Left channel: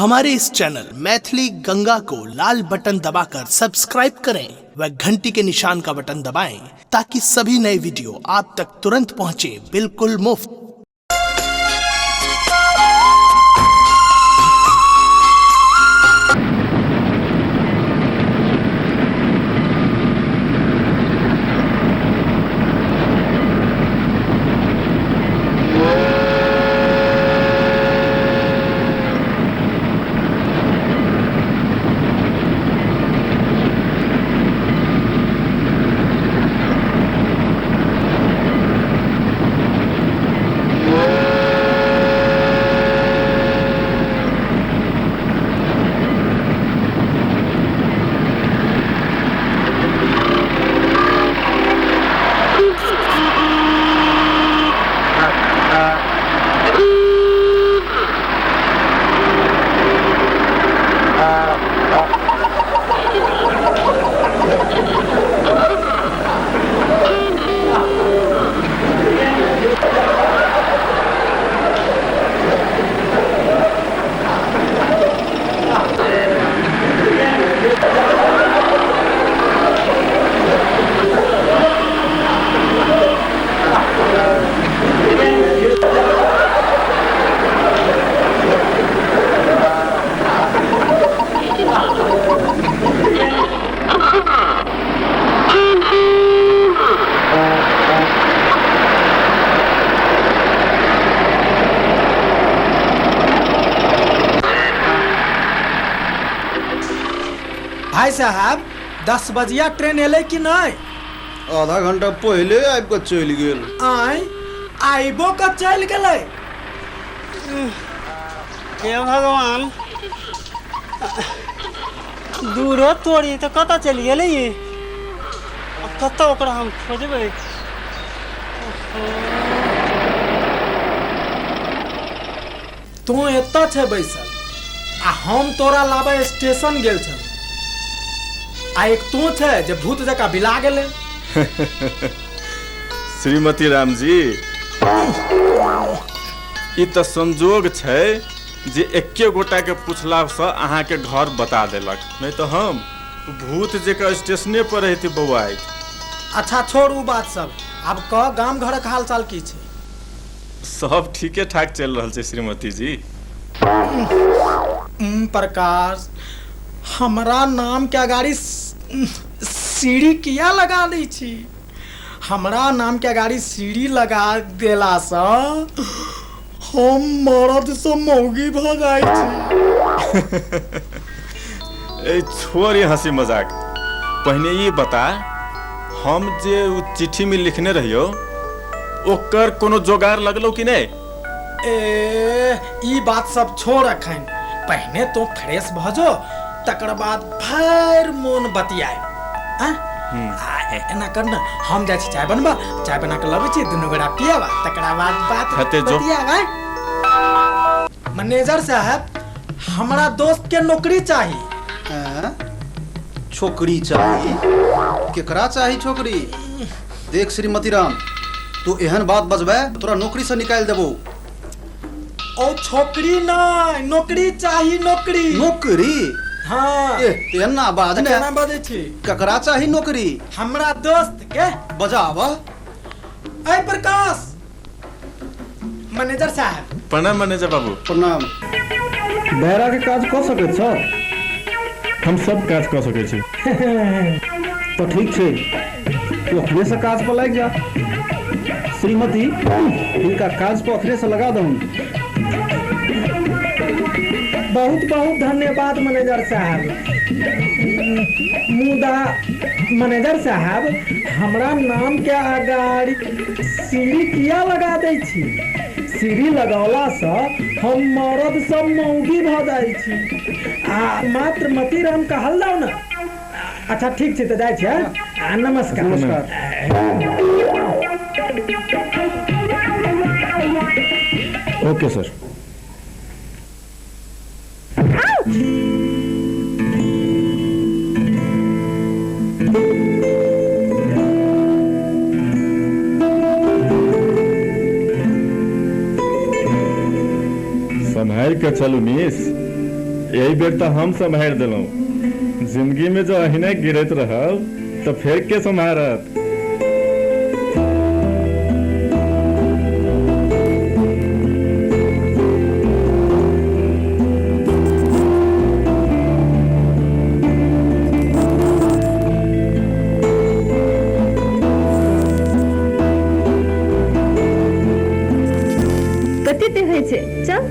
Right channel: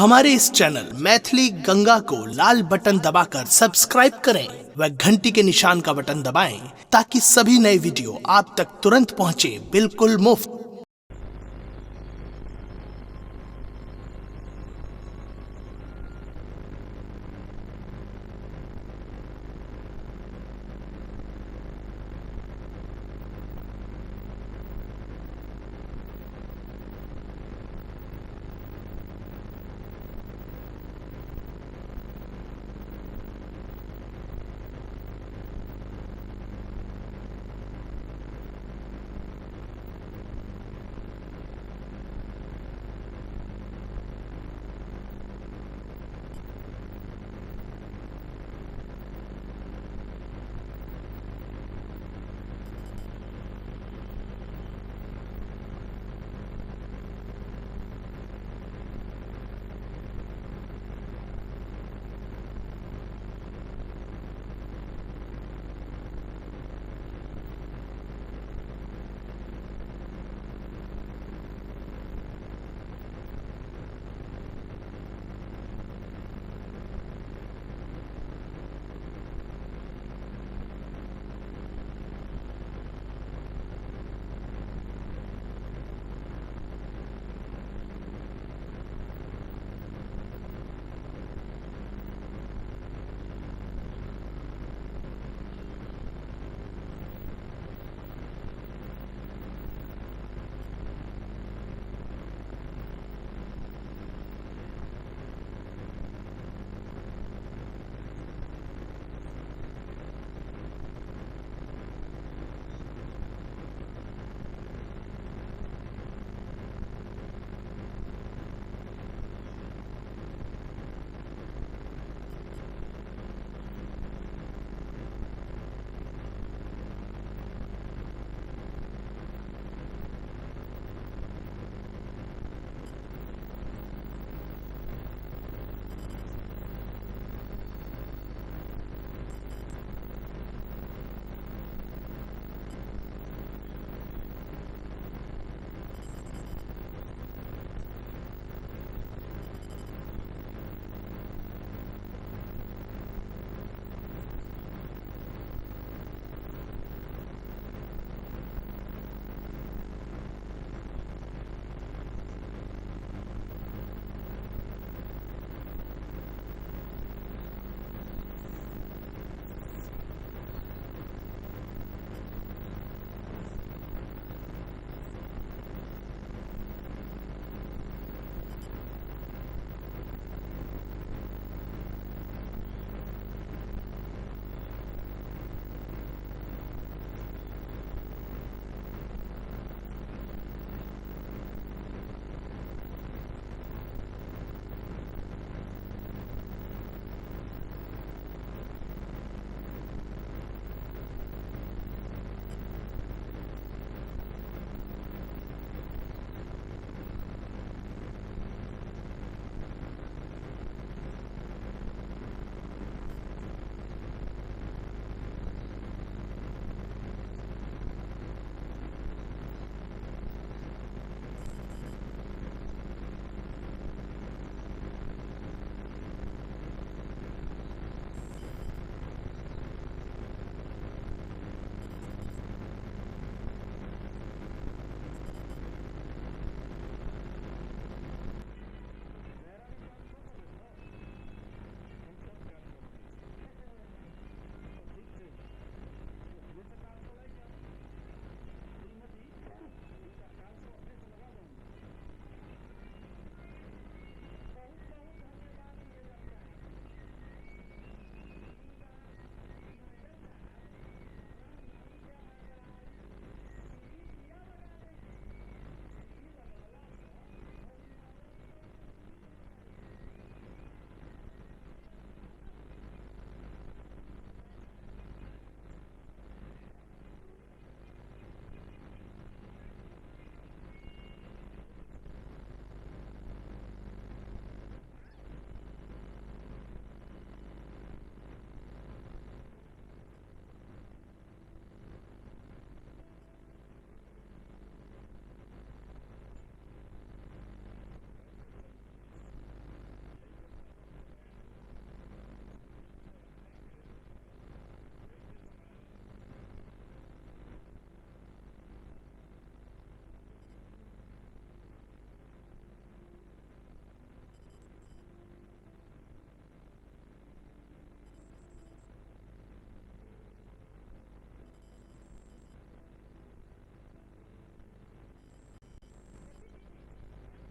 हमारे इस चैनल मैथिली गंगा को लाल बटन दबाकर सब्सक्राइब करें व घंटी के निशान का बटन दबाएं ताकि सभी नए वीडियो आप तक तुरंत पहुंचे बिल्कुल मुफ्त। भाई साहब 10 बजिया ट्रेन एले कि नहीं? आधा घंटा पहले आबि कऽ चलि गेल। आइबो कऽ चलि गेलै। हे भगवान, दूरो तोड़ी तो कतऽ चलि गेलै ये? कतऽ ओकरा हम खोजबै? तू एतऽ छै बैसल आ हम तोरा लाबे स्टेशन गेल छ। आ एक तू छै जे भूत जकाँ बिला गेलै। श्रीमती राम जी, ई तऽ संजोग छै जे एके गोटा के पूछला से अहाँ के घर बता देलक, नहीं तो हम भूत जकाँ स्टेशने पर रहती बौआ। अच्छा छोड़ उ बात सब, अब कह गाम घरक हाल चाल की छै? सब ठीके ठाक चल रहल छै श्रीमती जी। प्रकाश, हमरा नाम के गाड़ी सीढ़ी किया लगा दै छी? हमरा नाम के गाड़ी सीढ़ी लगा देला सँ हम मरद से मौगी भ जाइ छी। ए छोड़ ये हंसी मजाक, पहले ये बता, हम जे चिट्ठी में लिखने रहियो ओकर कोनो जोगार लगलो कि नहीं? ई बात सब छोड़ अखन, पहले तो फ्रेश भ जो, तकर बाद फिर मोन बतियाए। एना कर न, हम जाइ छी चाय बनबा, चाय बना के लबै छी, दुनू गोरा पियाबा, तकरा बाद बात बतियाबा। मैनेजर साहब, हमरा दोस्त के नौकरी चाहिए। छोकरी चाहिए? केकरा चाहिए छोकरी? देख श्रीमती राम, तू एहन बात बजबे तोरा नौकरी से निकाल देबो। ओ छोकरी नहीं, नौकरी चाहिए। नौकरी? नौकरी? हाँ। एना बाज ने। केना बजै छी? ककरा चाहिए नौकरी? हमरा दोस्त के। बजावा। ऐ प्रकाश। मैनेजर साहब। प्रणाम मैनेजर बाबू। प्रणाम। दायरा के काज कऽ सकैत छ? हम सब काज कऽ सकै छी। तो ठीक छै, तू अखने से काज पर लग जा। श्रीमती, इनका काज पर अखने से लगा दहूँ। बहुत बहुत धन्यवाद मैनेजर साहब। मुदा मैनेजर साहब, हमरा नाम के अगाड़ी सीढ़ी किया लगा दै छी? सीढ़ी लगौला से हम मरद सब मौगी भ जाइ छी। आ मात्र मती राम कहल जाओ ना। अच्छा ठीक छै, तो जाइ छी। नमस्कार। नमस्कार। Okay sir. संभाल के चलू मिस। यही बेर तो हम संभाल दिलों। जिंदगी में जो अहिने गिरत रहल तो फिर के संभारत। कते होइ छै चल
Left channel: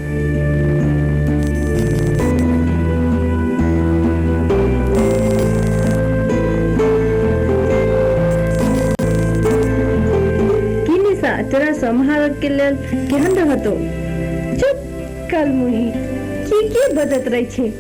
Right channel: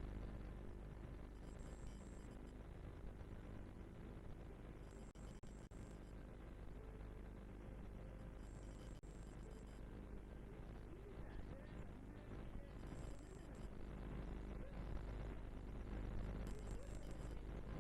की निशा तेरा संभाल के लेल केहन रहतो चुप कल मुही की बदत रही छै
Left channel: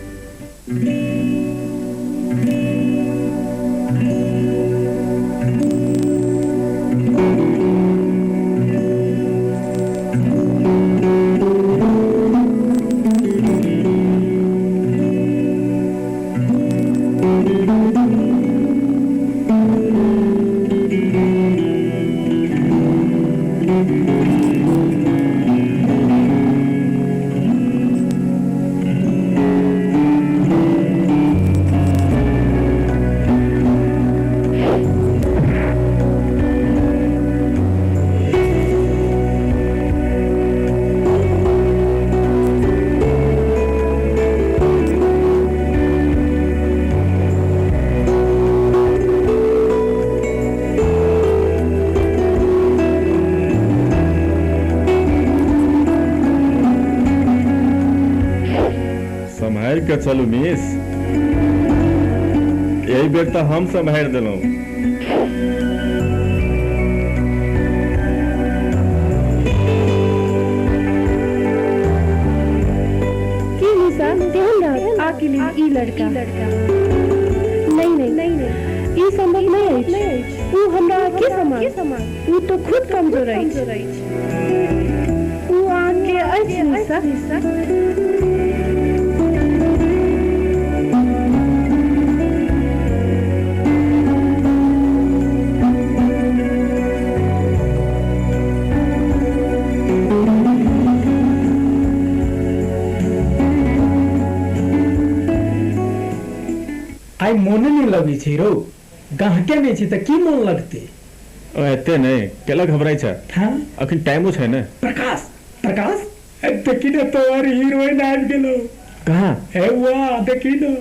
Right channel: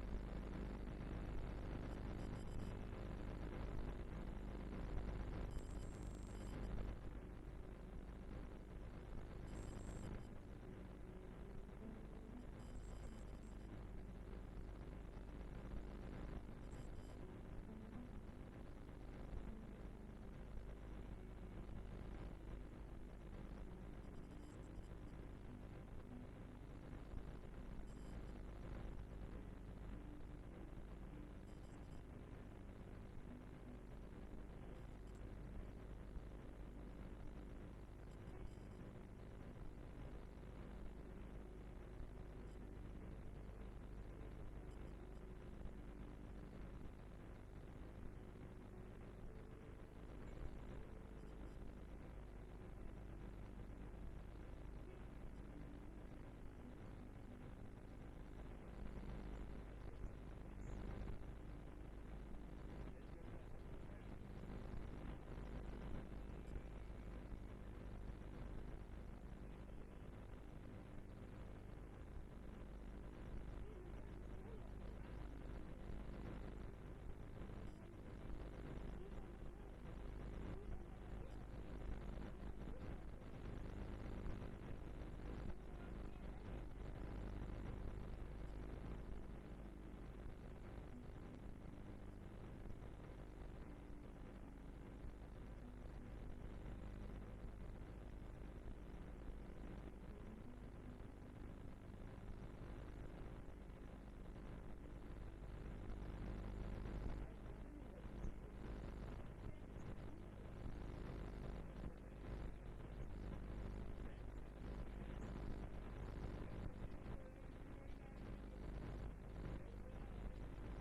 संभाल के चलू मिस। यही बेर तो हम संभाल दिलों। की निशा ध्यान रख आके लिए ई लड़का नहीं ई संभव नहीं है तू हमरा के समान तू तो खुद कमजोर है तू आके अछि निशा आई मोने नहीं लगी छी रो गाहके नहीं छी त की मन लगते एते नहीं केला घबराई छ। हां अखन टाइमो छै ने। प्रकाश देखी ने तोर हीरोइन आ गेलो। कहां ए वाह देखी न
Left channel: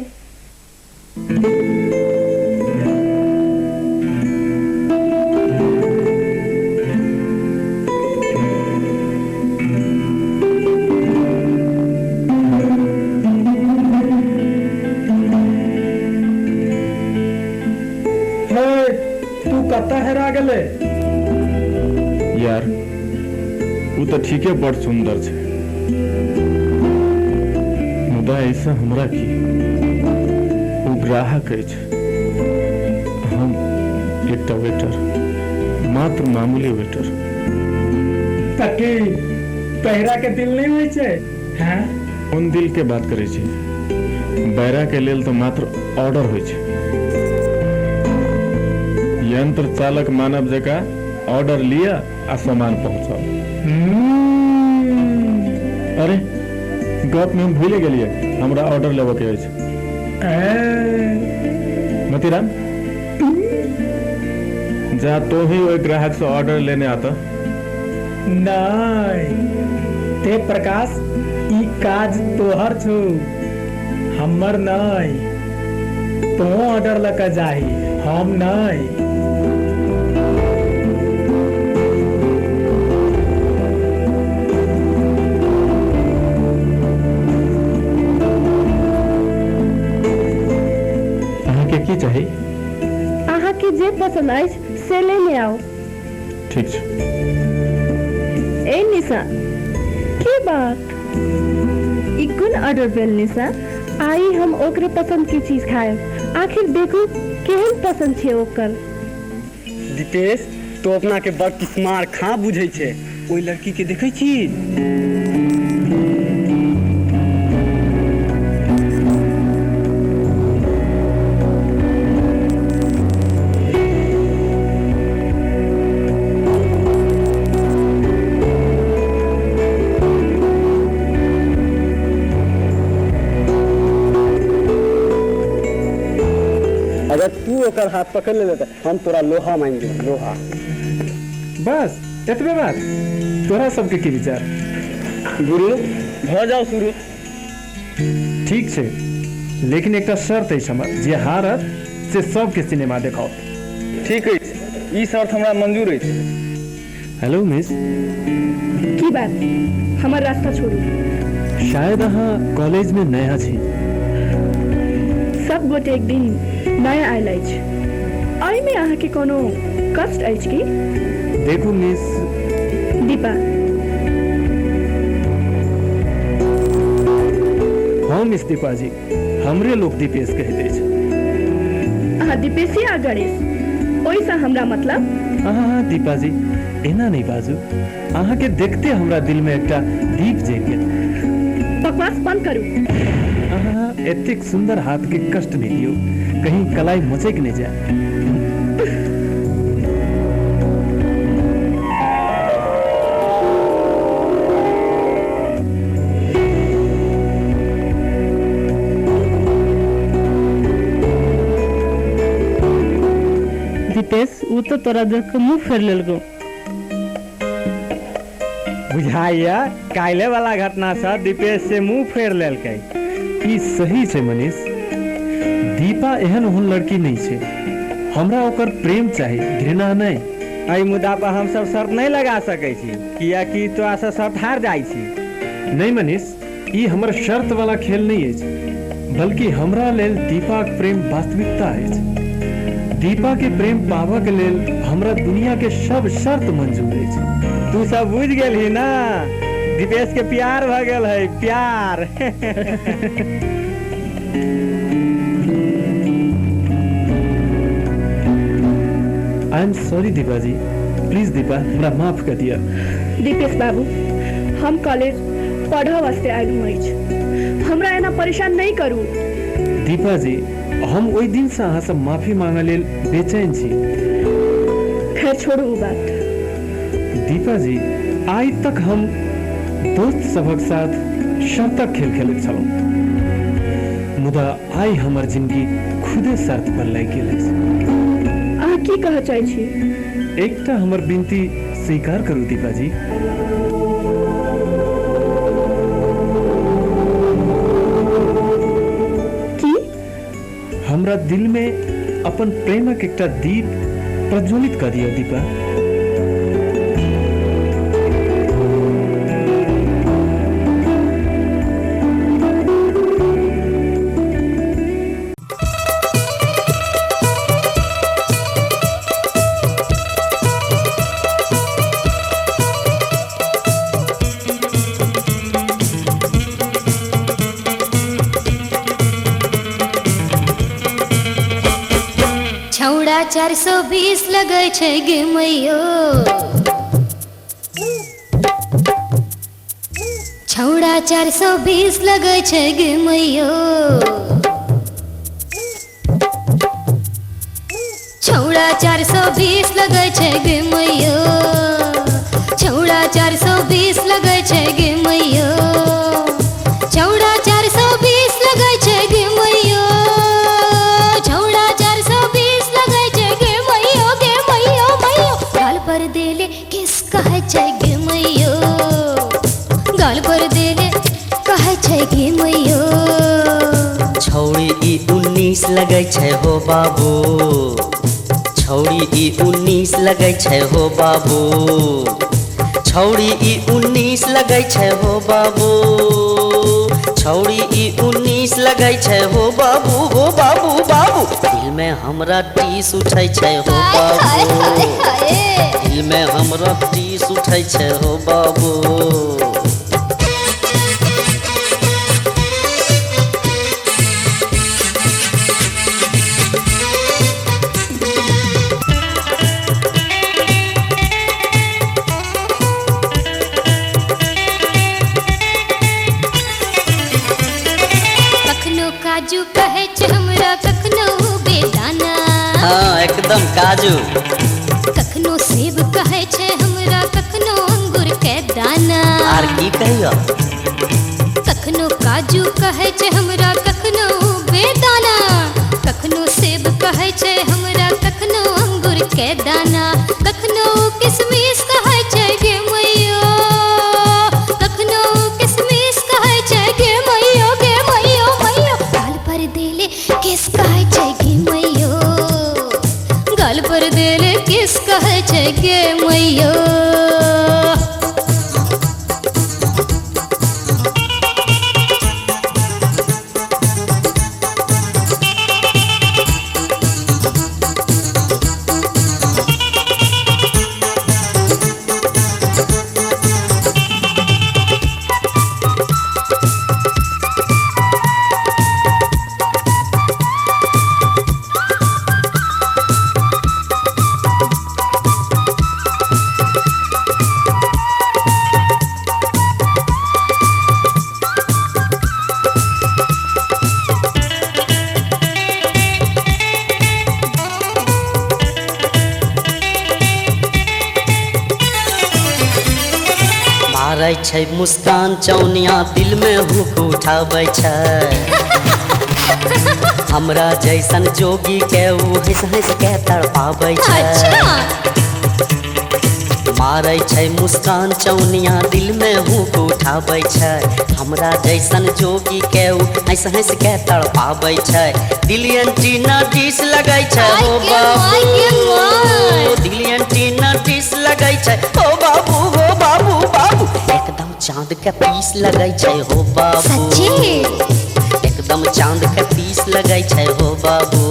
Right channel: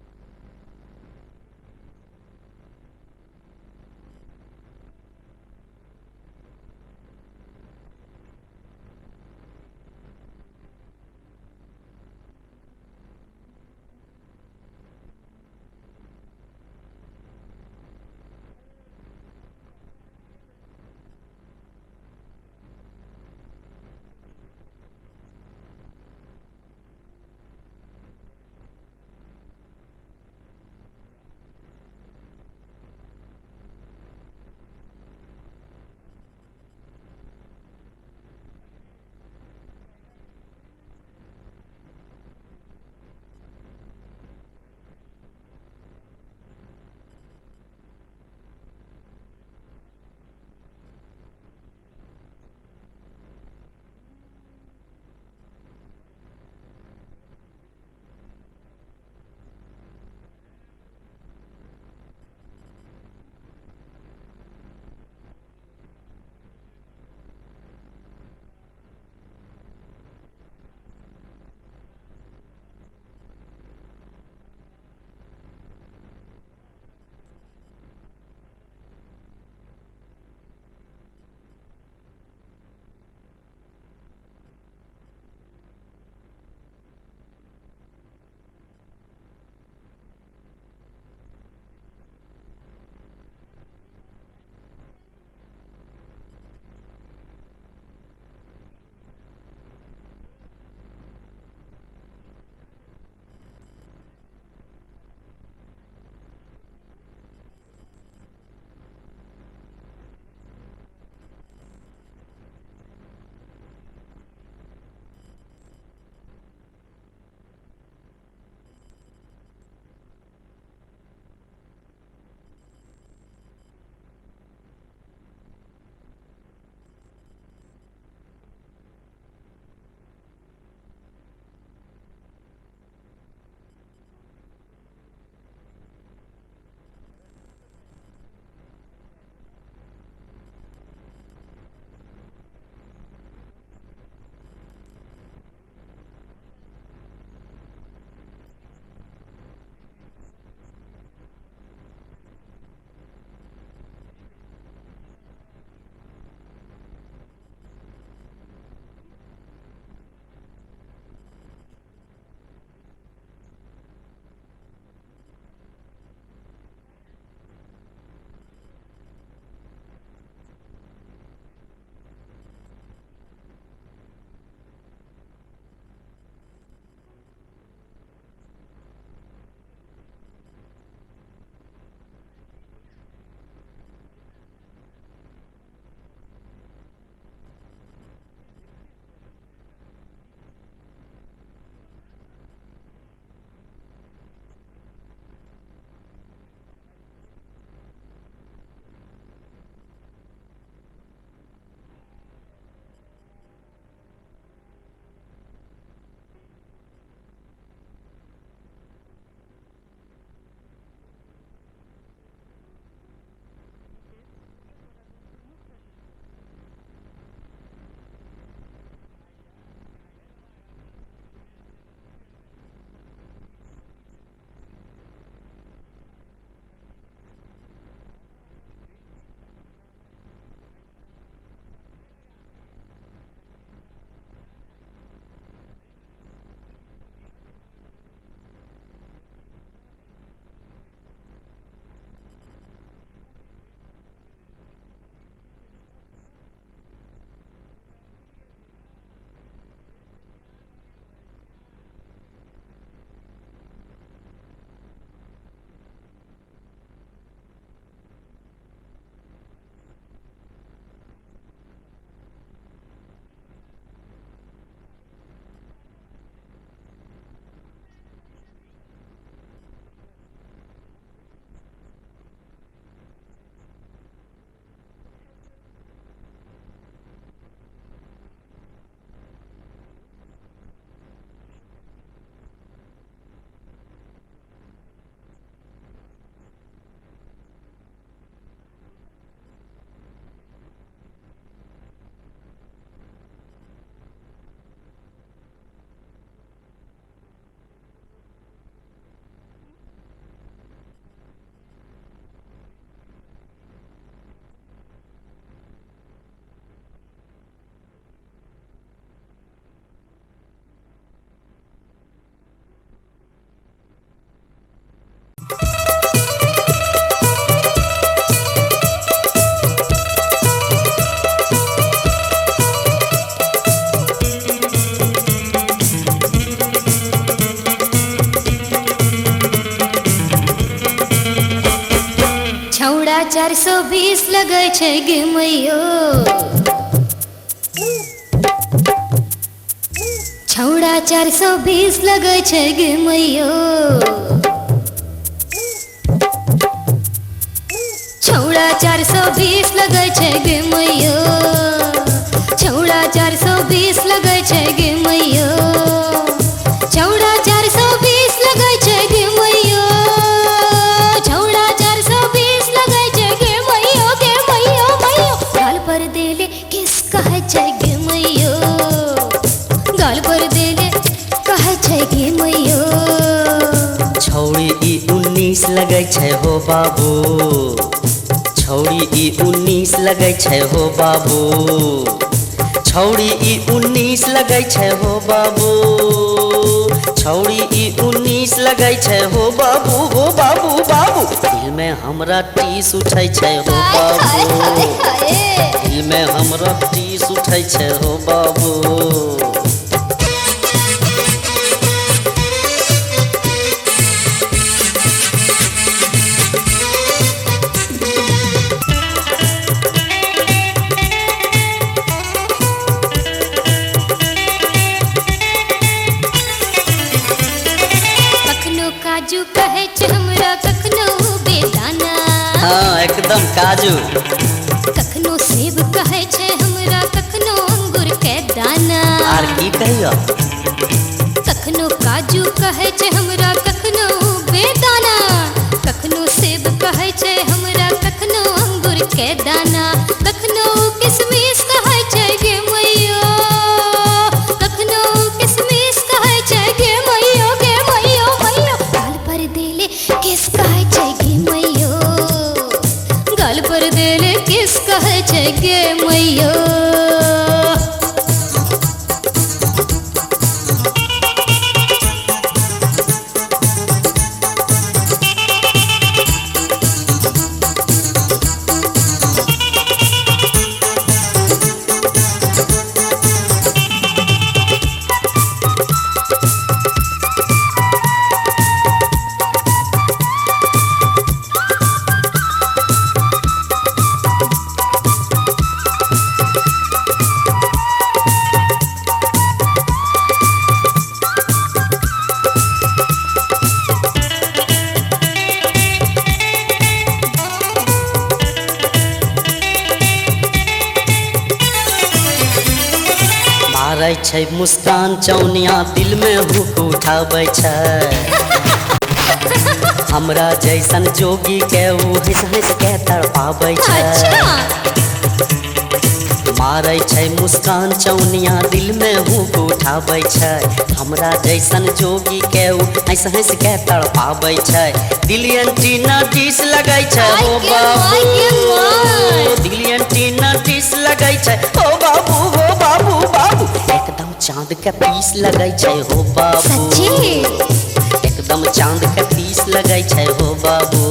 हेरा गेले यार वो तो ठीके बड़ सुंदर छे मुदा ऐसा हमरा की वो ग्राहक अछि हम एकटा वेटर मात्र मामूली वेटर तकी पहिरा के दिल नहीं होय छै हां उन दिल के बात करे छी बैरा के लेल तो मात्र ऑर्डर होय छै यंत्र चालक मानव जका ऑर्डर लिया आ सामान पहुंचाओ। अरे गप में हम भूले गेलिए हमरा ऑर्डर लेबे के अछि मतीराम जा तो ही ओइ ग्राहक से ऑर्डर लेने आता नहीं ते प्रकाश ई काज तोहर छौ हमर नहीं तो ऑर्डर लका जाही हम नहीं की चाही आहा के जे पसंद अछि से लेने आओ। ठीक छै ए निशा की बात ई कोन ऑर्डर भेल निशा आई हम ओकरे पसंद की चीज खाएब आखिर देखू केहन पसंद छै ओकर। दीपेश तो अपना के बड़ किस्मार खा बुझै छै ओइ लड़की के देखै छी अगर तू ओकर हाथ पकड़ ले तो हम तोरा लोहा मान दे लोहा। बस एतबे बात। तोरा सबके की विचार? गुरु भ जाओ शुरू। ठीक छै, लेकिन एक शर्त है हमर, जे हारत से सबके सिनेमा देखाओ। ठीक है, ई शर्त हमरा मंजूर है। हेलो मिस, की बात? हमर रास्ता छोड़ू। शायद अहाँ कॉलेज में नया छी। सब गोटे एक दिन नया आयल अछि। एहि में अहाँ के कोनो कष्ट अछि की? देखू मिस, दीपा, हाँ मिस दीपा जी, हमरे लोग दीपेश कहते छै। अहाँ दीपेशी आ गणेश, ओहिसँ हमरा मतलब? हाँ दीपा जी, एना नहीं बाजू। अहाँ के देखते हमरा दिल में एकटा दीप जग गेल। बकवास बंद करू। अहाँ एतेक सुंदर हाथ के कष्ट नहीं दियो, कहीं कलाई मचक नहीं जाए। दीपेश, वो तो तोरा देख के मुंह फेर लेलको। बुझाइया काल्हे वाला घटना से दीपेश से मुंह फेर लेलकै। ई सही छै मनीष, दीपा एहन ओहन लड़की नहीं छै। हमरा ओकर प्रेम चाही, घृणा नहीं। एहि मुद्दा पर हम सब शर्त नहीं लगा सकै छी, कियाकि तोरा से शर्त हार जाइ छी। नहीं मनीष, ई हमर शर्त वाला खेल नहीं अछि, बल्कि हमरा लेल दीपाक प्रेम वास्तविकता अछि। दीपा के प्रेम पाबऽ के लेल हमरा दुनिया के सब शर्त मंजूर अछि। तू सब बुझ गेलही ना, दीपेश के प्यार भ गेल है, प्यार। I am sorry Deepa ji, please Deepa हमरा माफ कर दिया। दीपेश बाबू, हम कॉलेज पढ़ऽ वास्ते आयल अछि, हमरा एना परेशान नहीं करू। दीपा जी, हम ओहि दिन से अहाँ सब माफी मांगे लेल बेचैन छी। खैर छोड़ू वो बात। दीपा जी, आइ तक हम दोस्त सबक साथ शर्तक खेल खेलैत छलहुँ, मुदा आइ हमर जिंदगी खुदे शर्त पर लागि गेल अछि। अहाँ की कहऽ चाहै छी? एकटा हमर विनती स्वीकार करू दीपा जी। हमरा दिल में अपन प्रेमक एकटा दीप प्रज्वलित कर दियो दीपा। छौड़ा 420 लगै छै गे मैयो, छौड़ा 420 लगै छै गे मैयो, छौड़ा 420 लगै छै गे मैयो, छौड़ा 420 लगै छै गे मैयो, छौड़ा 420 लगै छै गे मैयो, छौड़ा 420 लगै छै गे मैयो, गे मैयो मैयो। गाल पर देले किस कहै छै गे मैयो, गाल पर देले कहै छै गे मैयो। छौड़ी ई 19 लगै छै हो बाबू, छौड़ी ई 19 लगै छै हो बाबू, छौड़ी ई 19 लगै छै हो बाबू, छौड़ी ई 19 लगै छै हो बाबू, हो बाबू बाबू। दिल में हमरा टीस उठै छै हो बाबू, दिल में हमरा टीस उठै छै हो बाबू। काजू कहे छै हमरा, कखनो बेदाना। हाँ एकदम काजू। कखनो सेब कहे छै हमरा, कखनो अंगूर के दाना। आर की कहियो? कखनो काजू कहे छै हमरा, कखनो बेदाना, कखनो सेब कहे के दाना कखनो किसमिस कहै छै गे मैयो कखनो किसमिस कहै छै गे मैयो मैयो गाल पर देले किस कहै छै गे मैयो गाल पर देले किस कहै छै गे मैयो मारै छै मुस्कान चौनिया दिल में हुक उठाबै छै हमरा जैसन जोगी के ऊ हंस हंस के तड़पाबै छै मारै छै मुस्कान चौनिया दिल में हुक उठाबै छै हमरा जैसन जोगी के ऊ हंस हंस के तड़पाबै छै दिल एंटीना डिश लगै छै हो बाबू दिल एंटीना डिश लगै छै हो बाबू बाबू एकदम चांद के पीस लगै छै हो बाबू एकदम चांद के पीस लगै छै हो बाबू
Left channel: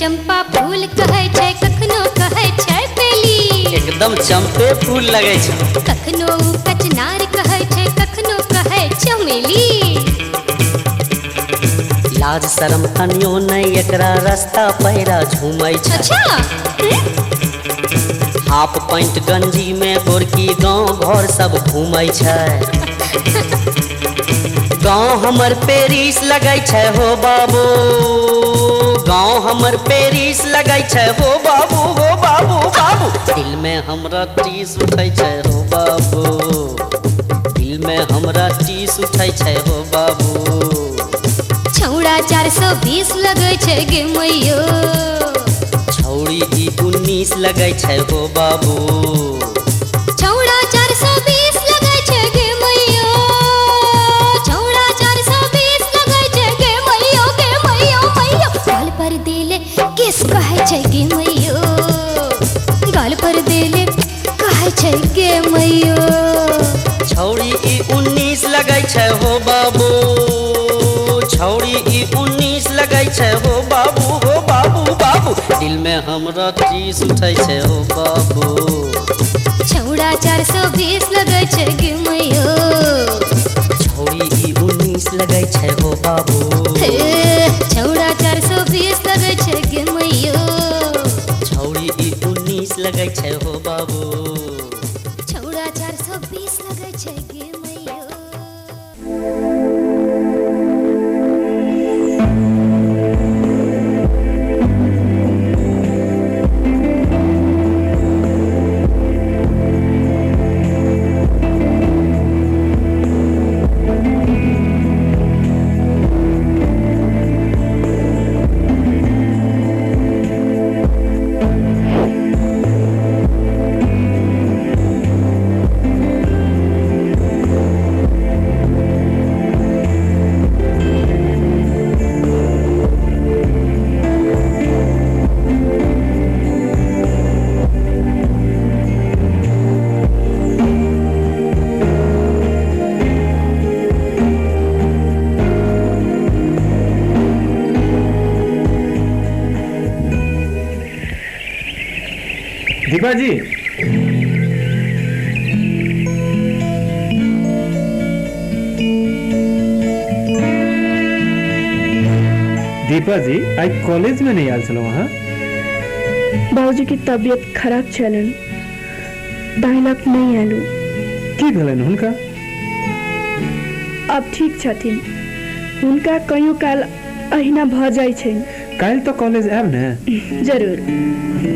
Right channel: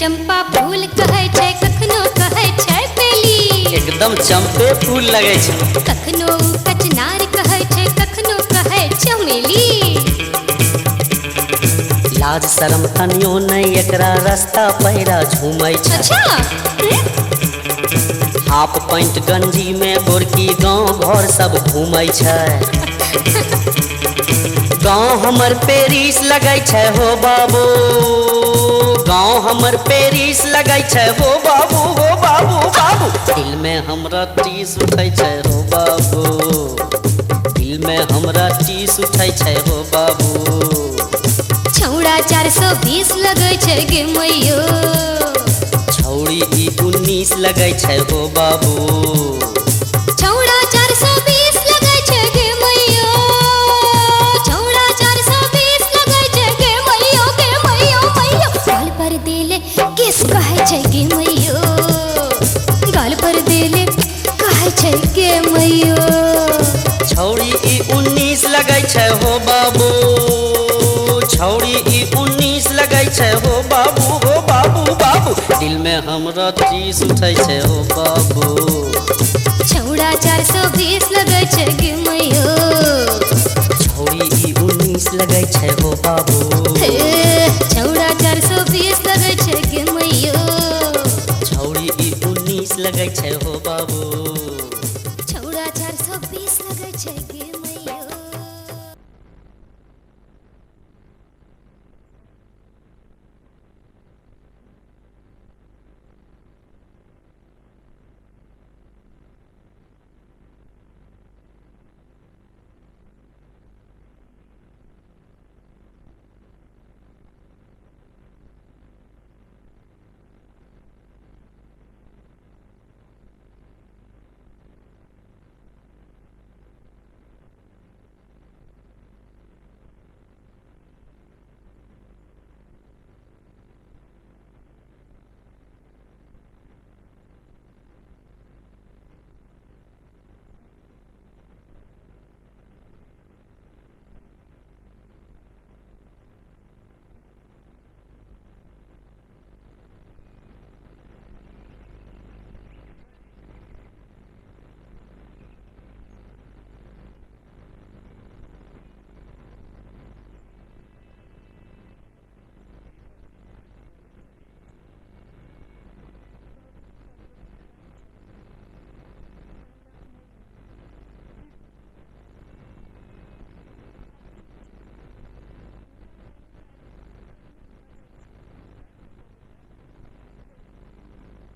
चंपा फूल कहै छै कखनो कहै छै बेली एकदम चंपे फूल लगै छै कखनो कचनार कहै छै कखनो कहै चमेली लाज शरम तनियो नहीं एकरा रास्ता पैरा झूमै छै हाफ पैंट गंजी में गोरकी गांव घर सब घूमै छै गांव हमर पेरिस लगै छै हो बाबू गांव हमर पेरिस लगै छै हो बाबू दिल में हमरा टीस उठै छै हो बाबू दिल में हमरा टीस उठै छै हो बाबू छौड़ा 420 लगै छै गे मैयो छौड़ी ई 19 लगै छै हो बाबू छौड़ा 420 लगै छै गे मैयो छौड़ा 420 लगै छै गे मैयो गाल पर देले किस कहै छै गे मैयो गाल पर देले कहै छै गे मैयो छौड़ी ई 19 लगै छै हो बाबू छौड़ी ई 19 लगै छै हो बाबू दिल में हमरा टीस उठै छै हो बाबू छौड़ा 420 लगै छै गे मैयो छौड़ी ई 19 लगै छै हो बाबू छौड़ा 420 लगै छै गे मैयो छौड़ी ई 19 लगै छै हो बाबू छौड़ा 420 लगै छै गे मैयो दीपा जी दीपा जी आई कॉलेज में नहीं आयल छलहुँ अहाँ? बाबूजी की तबियत खराब छलन दाइलक नहीं आलू। की भेलनि हुनका? अब ठीक छथिन। हुनका कहियो काल अहिना भ जाइ छै। काल्हि तो कॉलेज आयब ने? जरूर।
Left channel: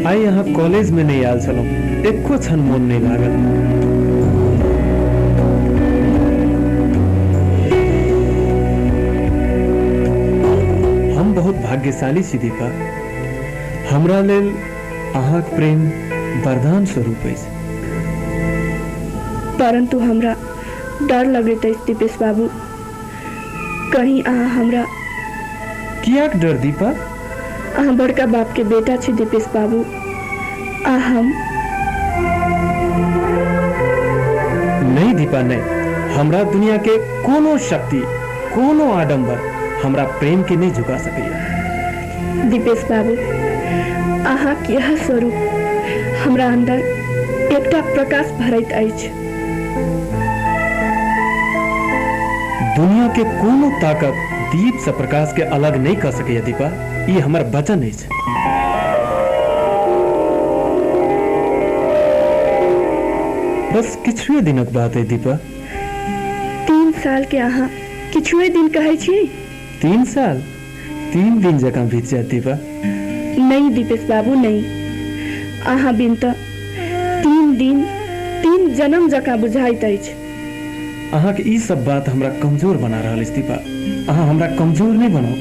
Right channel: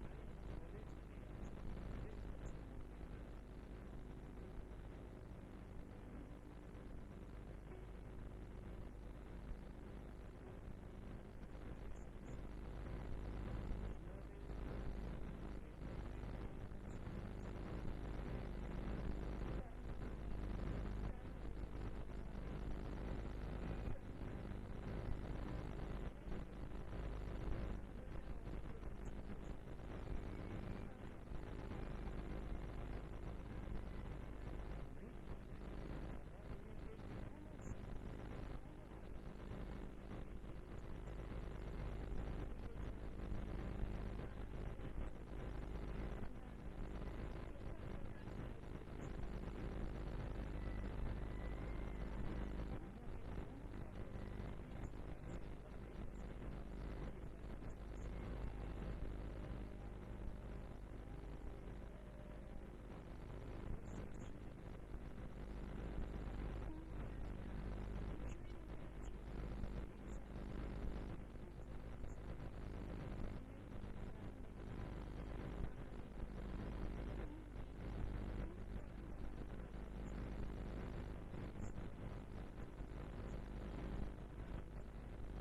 आई अहाँ कॉलेज में नहीं आयल छलहुँ, एको क्षण मोन नहीं लागल। हम बहुत भाग्यशाली छी दीपा। हमरा लेल अहाँक प्रेम वरदान स्वरूप अछि। परंतु हमरा डर लगैत अछि दीपेश बाबू, कहीं अहाँ हमरा। कियाक डर दीपा? अहाँ बड़का बाप के बेटा छी दीपेश बाबू, आ हम नहीं दीपा नहीं। हमरा दुनिया के कोनो शक्ति कोनो आडंबर हमरा प्रेम के नहीं झुका सकैया। दीपेश बाबू, अहाँ के यह स्वरूप हमरा अंदर एकटा प्रकाश भरैत अछि। दुनिया के कोनो ताकत दीप से प्रकाश के अलग नहीं कर सके दीपा, ये हमार वचन है। बस किछुए दिनक बात है दीपा। 3 साल के अहाँ किछुए दिन कहै छी? 3 साल 3 दिन जकाँ बीत जाए दीपा। नहीं दीपेश बाबू नहीं, अहाँ बिन त 3 दिन 3 जन्म जकाँ बुझाइत अछि। अहाँ के ई सब बात हमरा कमजोर बना रहल अछि दीपा। अहाँ हमरा कमजोर नहीं बनाओ।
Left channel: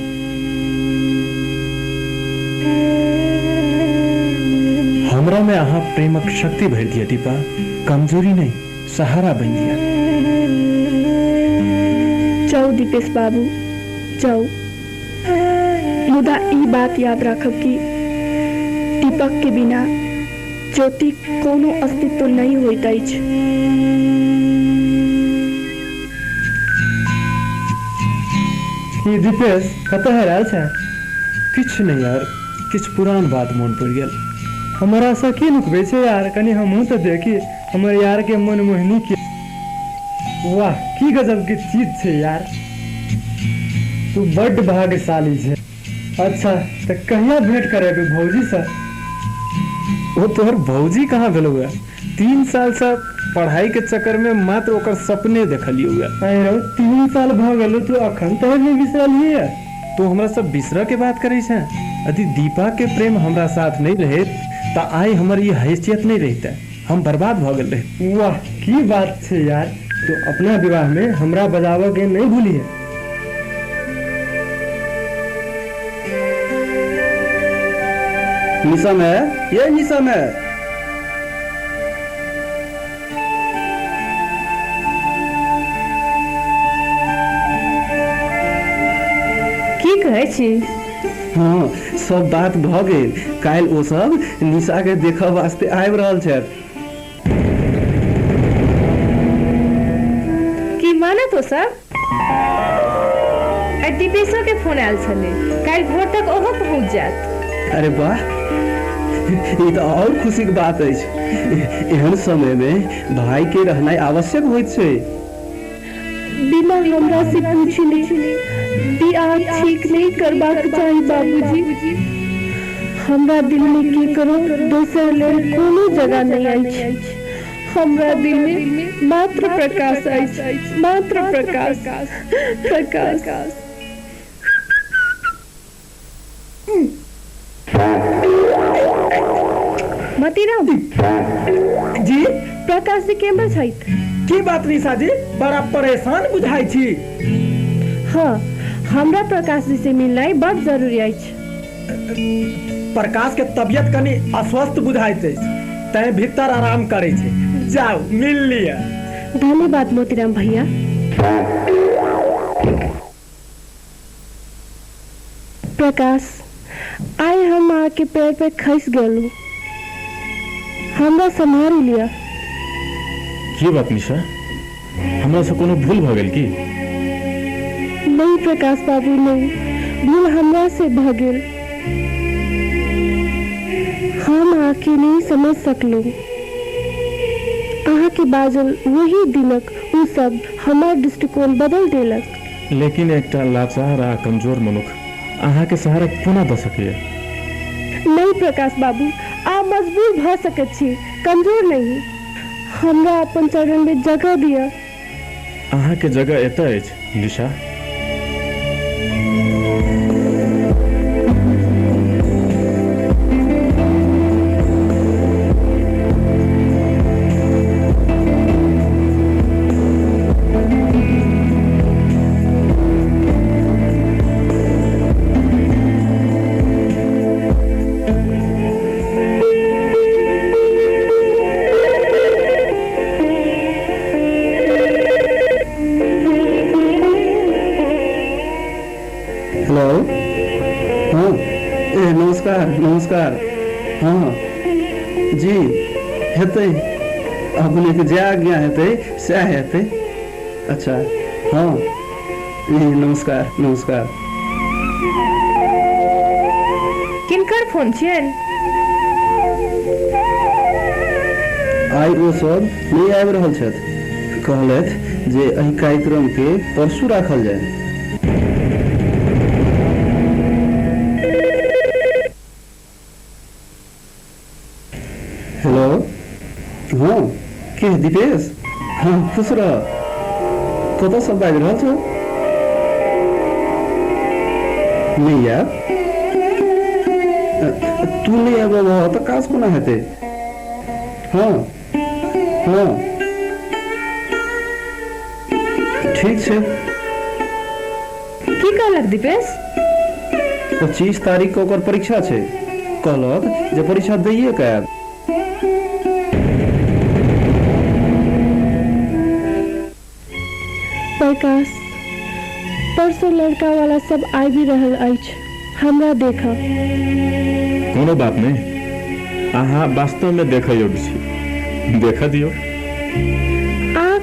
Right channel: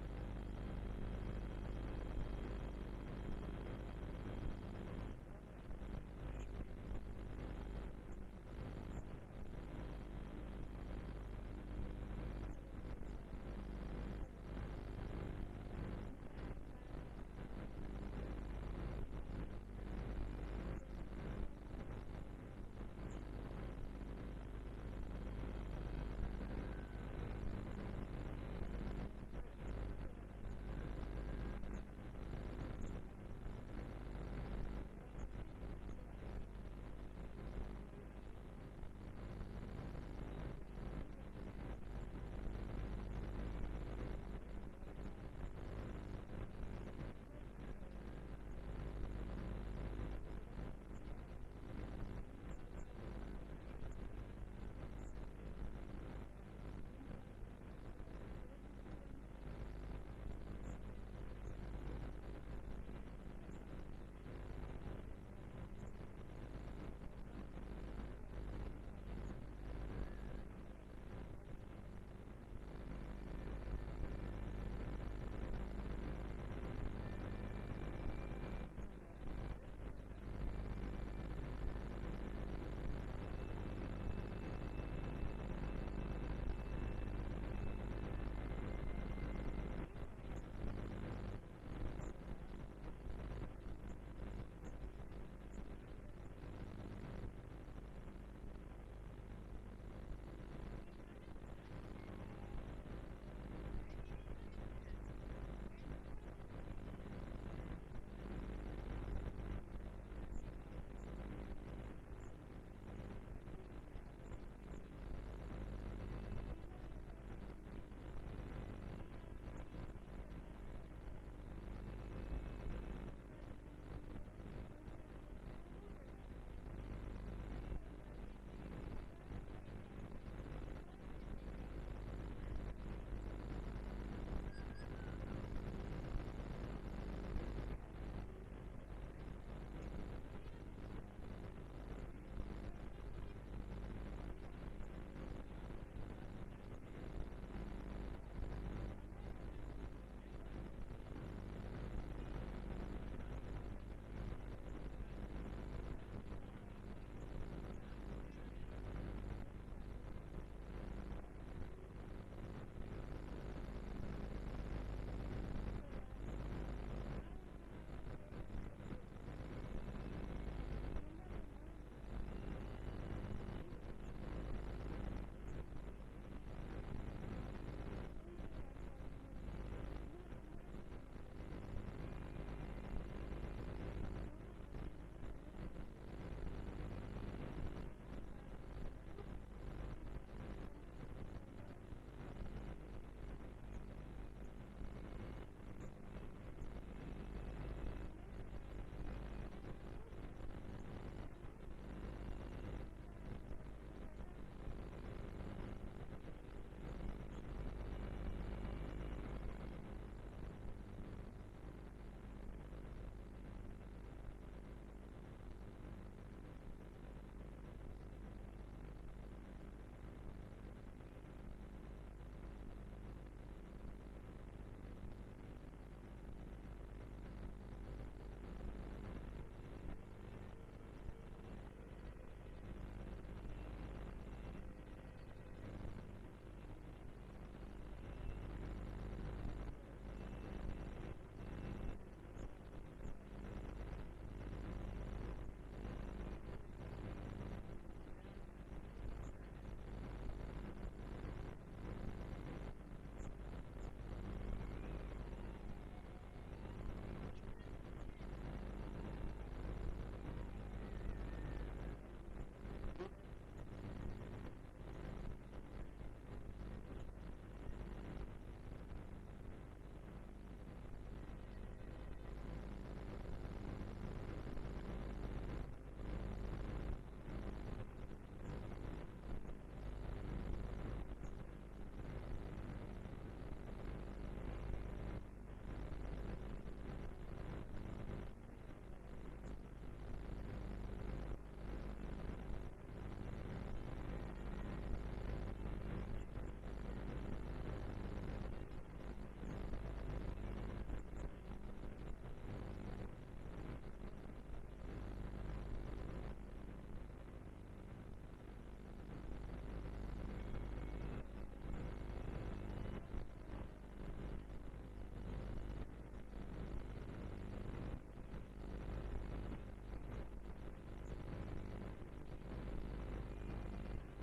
हमरा में अहाँ प्रेमक शक्ति भर दिया दीपा, कमजोरी नहीं सहारा बन दिया। जाओ दीपेश बाबू जाओ, मुदा ई बात याद राखब कि दीपक के बिना ज्योति कोनो अस्तित्व नहीं होइत अछि। ये दीपेश कतऽ हेरायल छै? किछ नहीं यार, किछ पुरान बात मोन पड़ गेल। हमारा सा की लुकबे छै यार, कनी हमहूँ तो देखी हमर यार के मन मोहिनी के। वाह की गजब की चीज छै यार, तू बड्ड भाग्यशाली छै। अच्छा तो कहिया भेंट करेबे भौजी से? वो तोहर भौजी कहाँ भेलो हुआ? 3 साल से पढ़ाई के चक्कर में मात्र ओकर सपने देखलियो हुआ। अरे 3 साल भ गेलो, तू अखन तक नहीं बिसरलिए है? तो हमरा सब बिसरा के बात करे छै। यदि दीपा के प्रेम हमरा साथ नहीं रहे तो आई हमर ये हैसियत नहीं रहते, हम बर्बाद भ गेल रहे। वाह की बात छै यार, तो अपना विवाह में हमरा बजावो के नहीं भूलिए। निशा में ये निशा में की कहै छी? हाँ सब बात भ गेल। काल ओ सब निशा के देखा वास्ते आबि रहल छथि। की मानत हो सब? दीपेशो के फोन आयल छले, काल भोर तक ओहो पहुंच जात। अरे वाह, ये तो और खुशी की बात है। एहन समय में भाई के रहनाई आवश्यक होइत छै। बिना हमरा से पूछले बियाह ठीक नहीं करबाक चाही बाबूजी। हमरा दिल में की करो दोसर लेल कोनो जगह नहीं अछि। हमरा दिल में मात्र प्रकाश अछि, मात्र प्रकाश प्रकाश। मतीराम जी प्रकाश जी केम्हर छथि? की बात निशा जी, बड़ा परेशान बुझाई छी। हाँ, हमरा प्रकाश जी से मिलनाइ बड़ जरूरी अछि। प्रकाश के तबियत कनी अस्वस्थ बुझाइत अछि, तैं भीतर आराम करे छै। जाओ मिल लिया। धन्यवाद मोतीराम भैया। प्रकाश, आइ हम आके पैर पे खस गेलू, हमरा संभाल लिया। की बात निशा, हमरा से कोनो भूल भ गेल की? नहीं प्रकाश बाबू नहीं, भूल हमरा से भ गेल। हम आके नहीं समझ सकलू। अहाँ के बाजल वही दिनक उ सब हमार दृष्टिकोण बदल देलक। लेकिन एकटा लाचार आ कमजोर मनुख अहाँ के सहारा कोना द सकिए। नहीं प्रकाश बाबू, आप मजबूर भ सकत छी, कमजोर नहीं। हमरा अपन चरण में जगह दिया। अहाँ के जगह एतऽ अछि निशा। हेलो, हाँ, नमस्कार नमस्कार। हाँ जी, हेतै अपने के जे आज्ञा हेतै सएह हेतै। अच्छा हाँ, नमस्कार नमस्कार। किनकर फोन छियन? आइ ओ सब नहीं आबि रहल छथि। कहलथि जे एहि कार्यक्रम के परसू राखल जाय। हेलो, हाँ के दीपेश? हाँ खुश रह। कतऽ सब बाजि रहल छौ? नहीं आब? तू नहीं आब तऽ काज कोना हेतै? हाँ हाँ ठीक छै। की कहलक दीपेश? 25 तारीख के ओकर परीक्षा छै। कहलक जे परीक्षा दैये के आयब। प्रकाश, परसों लड़का वाला सब आबि रहल अछि, हमरा देखब। कोनो बात नहीं, अहाँ वास्तव में देख योग्य छी, देख दियो।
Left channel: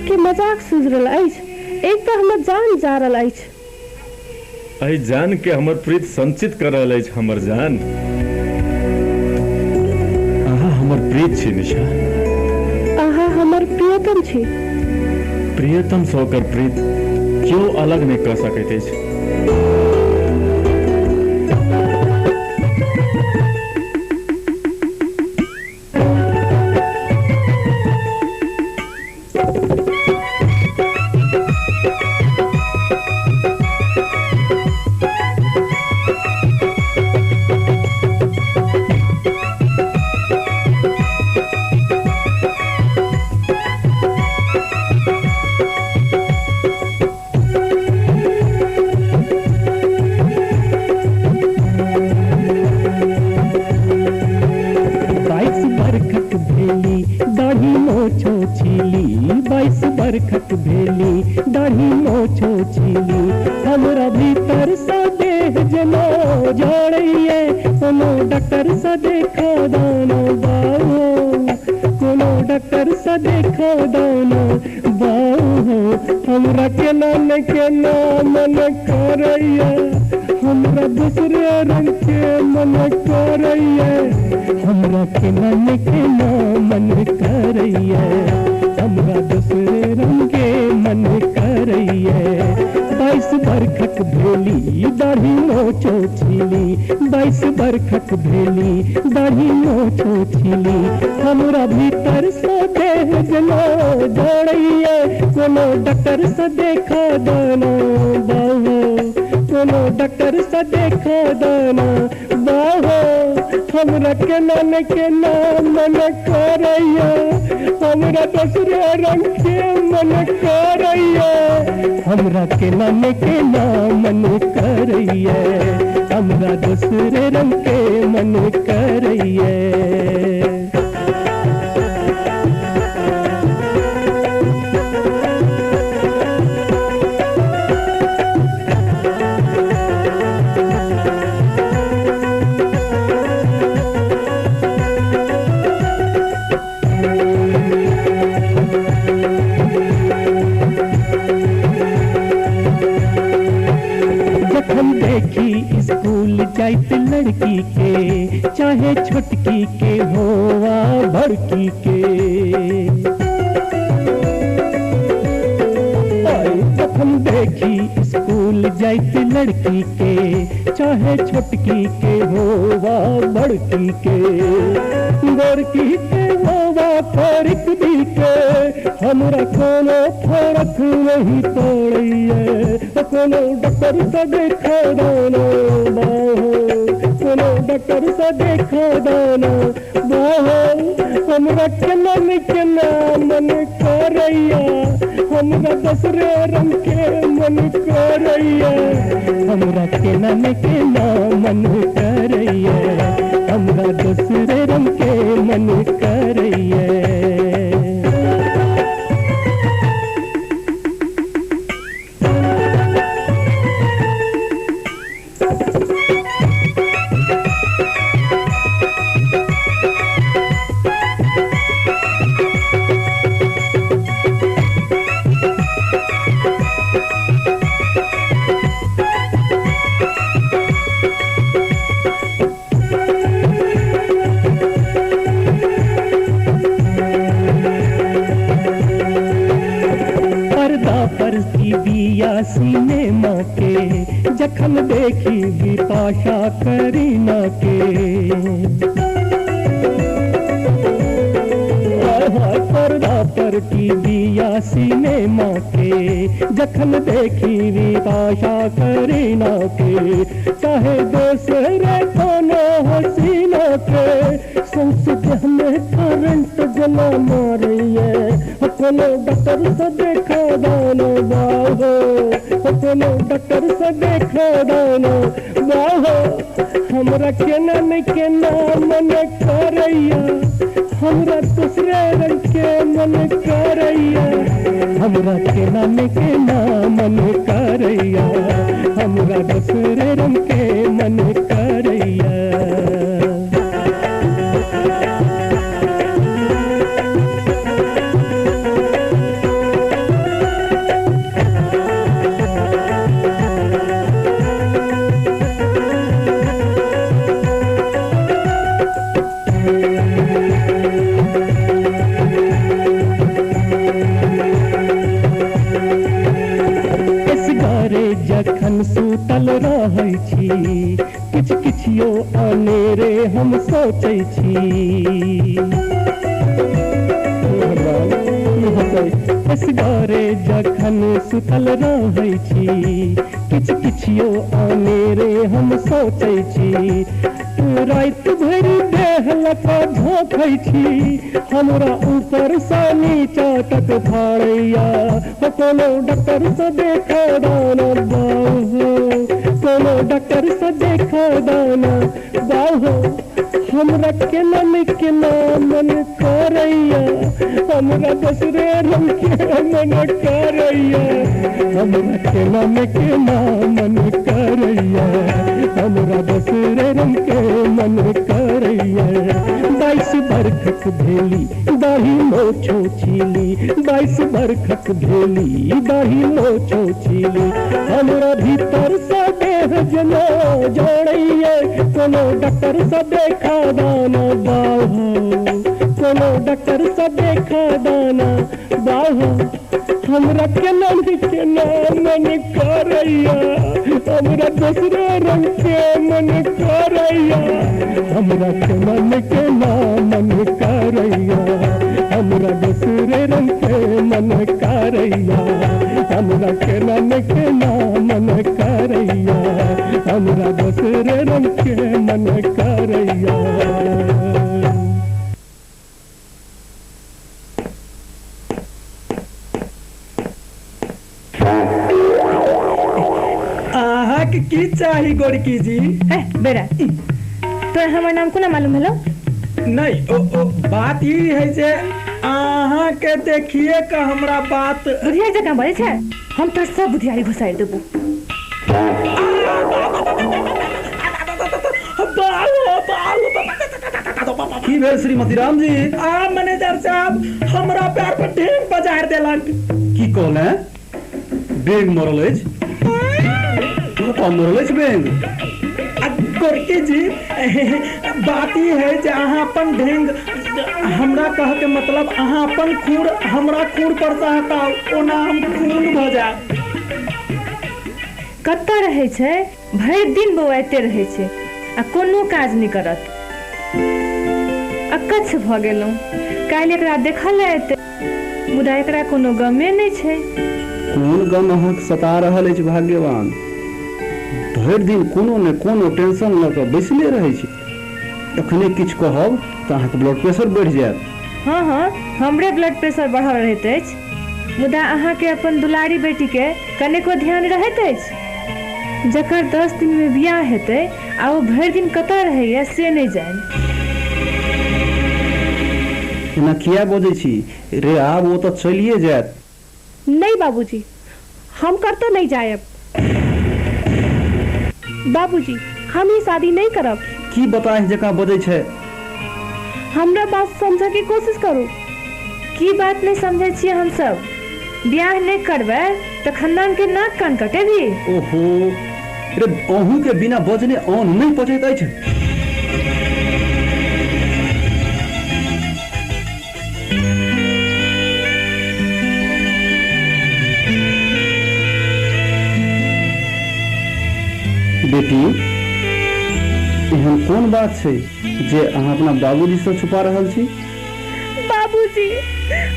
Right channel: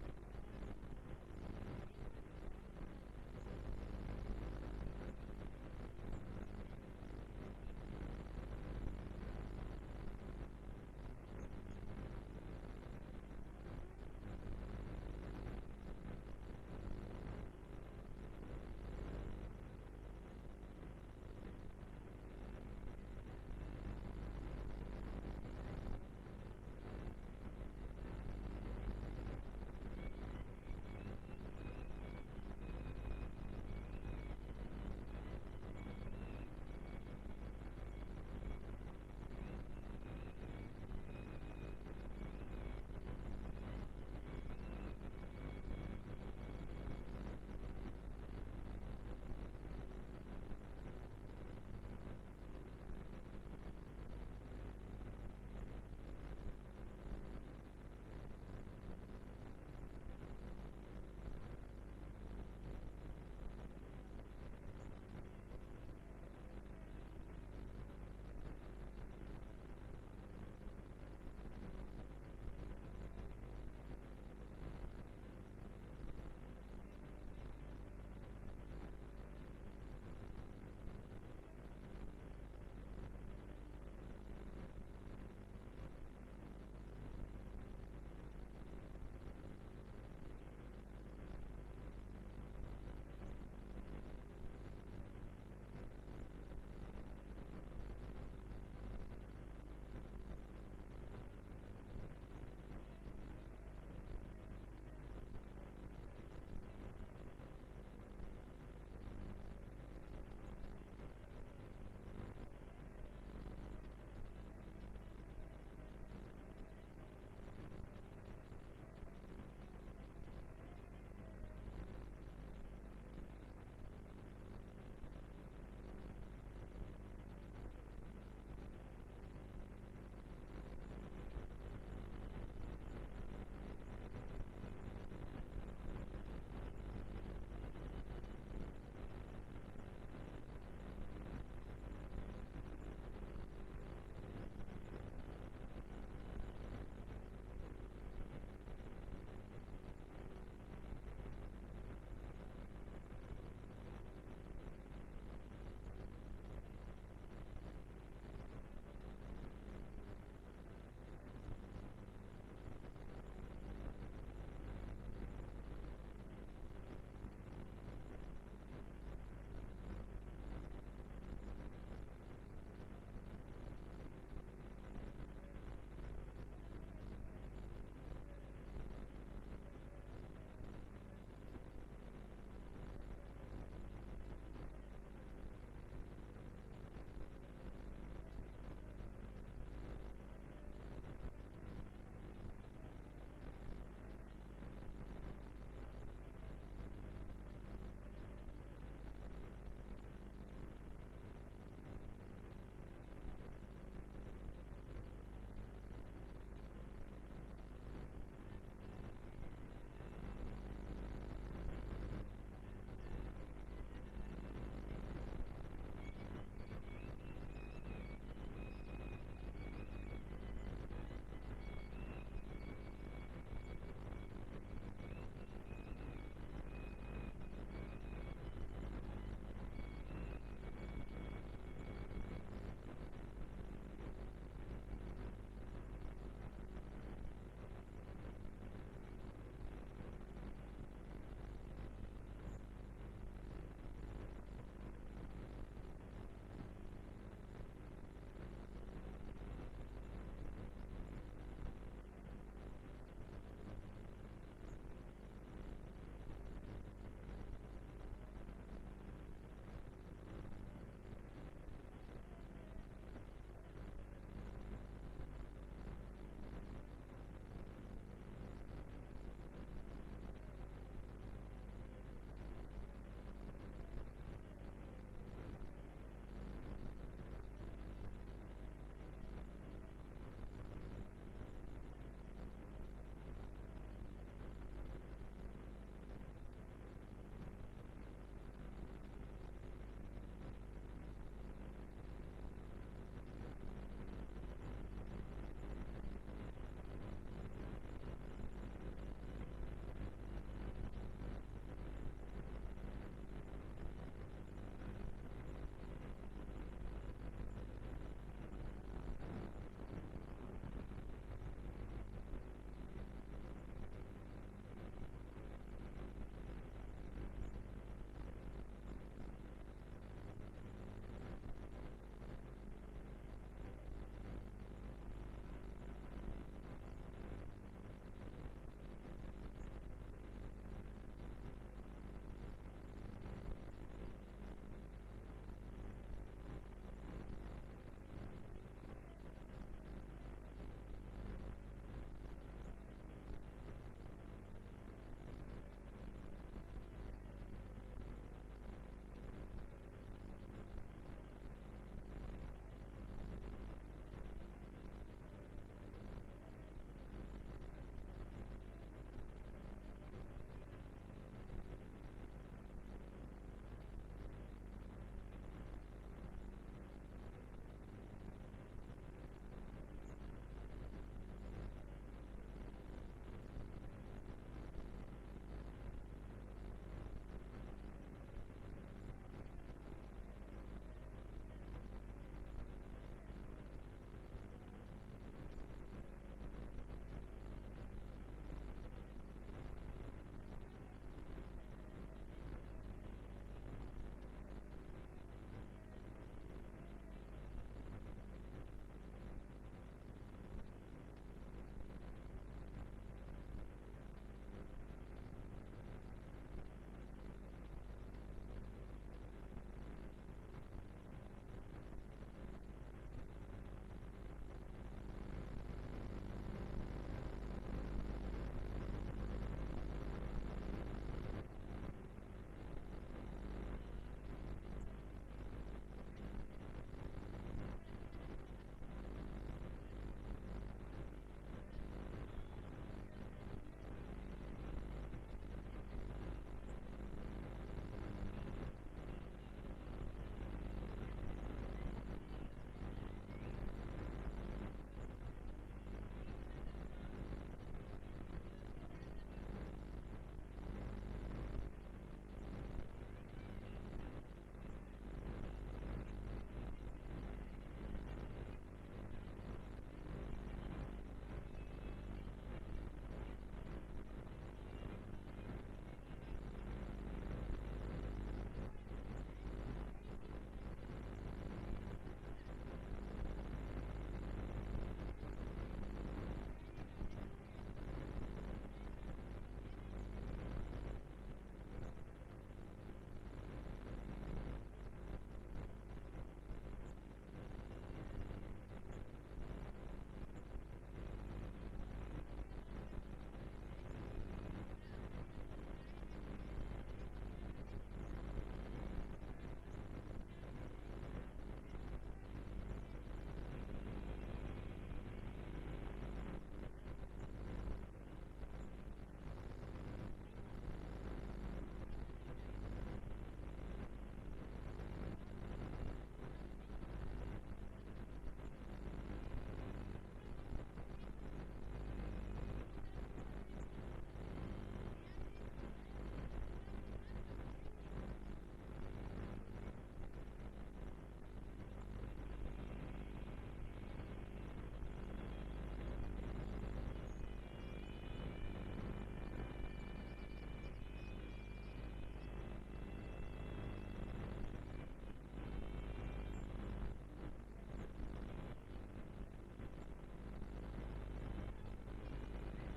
के मजाक सूझ रहल अछि। एक तो हमर जान जा रहल अछि। एहि जान के हमर प्रीत संचित कर रहल अछि। हमर जान, अहाँ हमर प्रीत छी निशा। अहाँ हमर प्रियतम छी। प्रियतम से ओकर प्रीत क्यों अलग नहीं कह सकैत अछि। बरखत भेली दाढ़ी मोछो छीली हमरा भीतर से देह जनो जोड़िए कोनो डॉक्टर से देखो दानो बाओ कोनो डॉक्टर से देखो दानो बाओ हमरा केना मन करैया हमरा दूसरे रंग के मन करैया हमरा केना मन करैया हमरा दूसरे रंग के मन करैया 22 बरखक भेली दाढ़ी मोछो छीली 22 बरखक भेली दाढ़ी मोछो छीली हमरा भीतर से देह जनो दौड़ैया कोनो डॉक्टर से देखो दानो बाहो कोनो डॉक्टर से देखो दानो बाहो हमरा केना मन करैया हमरा दूसरे रंग के मन करैया हमरा केना मन करैया हमरा दूसरे रंग के मन करैया स्कूल जाइत लड़की के चाहे छोटकी के होवा बड़की के जखन देखी स्कूल जाइत लड़की के, चाहे छोटकी के हो वा बड़की के, गोरकी के हो वा फरक दी के, हमरा कोनो फरक नहीं पड़िए। कोनो डॉक्टर से देखा दाना बाहो, कोनो डॉक्टर से देखा दाना बाहो, हमरा केना मन करैया, हमरा दूसरे रंग के मन करैया, हमरा केना मन करैया, हमरा दूसरे रंग के मन करैया। सिनेमा के जखन देखी बिपाशा करीना के, पर्दा पर टीवी या सिनेमा के जखन देखी बिपाशा करीना के, चाहे दूसरे कोनो हसीना के, संसद हमें करंट जला मारिए। कोनो डॉक्टर से देखा दाना बाहो, कोनो डॉक्टर से देखा दाना बाहो, हमरा केना मन करैया, हमरा दूसरे रंग के मन करैया, हमरा केना मन करैया, हमरा दूसरे रंग के मन करैया। जखन सुतल रहै छी, किछ किछियो अनेरे हम सोचै छी। असगरे जखन सुतल रहै छी, किछ किछियो अनेरे हम सोचै छी। रात भरि देह लका झोंकै छी, हमरा ऊपर से नीचा तक फाड़ैया। कोनो डॉक्टर से देखा दाना बाहो, कोनो डॉक्टर से देखा दाना बाहो, हमरा केना मन करैया, हमरा दूसरे रंग के मन करैया, हमरा केना मन करैया, हमरा दूसरे रंग के मन करैया। 22 बरखक भेली दाढ़ी मोछो छीली, 22 बरखक भेली दाढ़ी मोछो छीली, हमरा भीतर से देह जना जोड़ैया। कोनो डॉक्टर से देखा दाना बाहो, कोनो डॉक्टर से देखा दाना बाहो, हमरा केना मन करैया, हमरा दूसरे रंग के मन करैया, हमरा केना मन करैया, हमरा दूसरे रंग के मन करैया, हमरा केना मन करैया, हमरा दूसरे रंग के मन करैया। की चाही गोरकी जी? बेरा तो हमार नाम कोना मालूम हलो? नहीं ओ बात ई है जे अहाँ के देखिए का हमरा बात बुधिया जका बोले छे, हम तो सब बुधियारी घुसाई देबो। की भेल श्रीमती राम जी? मैनेजर साहब हमरा पैर पर ढेर बजार देलक। की कहले? बेग मरल अछि? मरल अछि बेग? गोरकी जी बात ई है जे अहाँ अपन ढेंग हमरा कह के मतलब अहाँ अपन खूर हमरा खूर पर से हटाओ, ओना हम खून भ जाए। कतऽ रहै छै, भरि दिन बौआइते रहै छै आ कोनो काज नहि करत। अकच्छ भऽ गेलहुँ। काल्हि एकरा देखल एतै, मुदा एकरा कोनो गमे नहि छै। कोन गम अहाँके सता रहल अछि भाग्यवान? भरि दिन कोनो ने कोनो टेंशन लऽ कऽ बैसले रहै छी। एखने किछु कहब तऽ अहाँके ब्लड प्रेशर बढ़ि जायत। हाँ हाँ, हमरे ब्लड प्रेशर बढ़ल रहैत अछि, मुदा अहाँके अपन दुलारी बेटीके कनेको ध्यान रहैत अछि। जकर 10 दिनमे बियाह हेतै आ ओ भरि दिन कतऽ रहैए से नहि जानि। एना किया बजै छी रे? आब ओ तऽ चलिए जायत। नहीं बाबूजी, हम कतौ नहीं जायब। बाबूजी, हम ही शादी नहीं करब। की बताएं जकाँ बजै छै? हमरा बात समझे की कोशिश करू। की बात नहीं समझे छियै हम सब? ब्याह नहीं करबै तो खानदान के नाक कान कटेबी। ओहो रे, अहूँ के बिना बजने अन्न नहीं पचैत अछि। बेटी, एहन कोन बात छै जे अहाँ अपना बाबूजी से छुपा रहल छी? बाबूजी,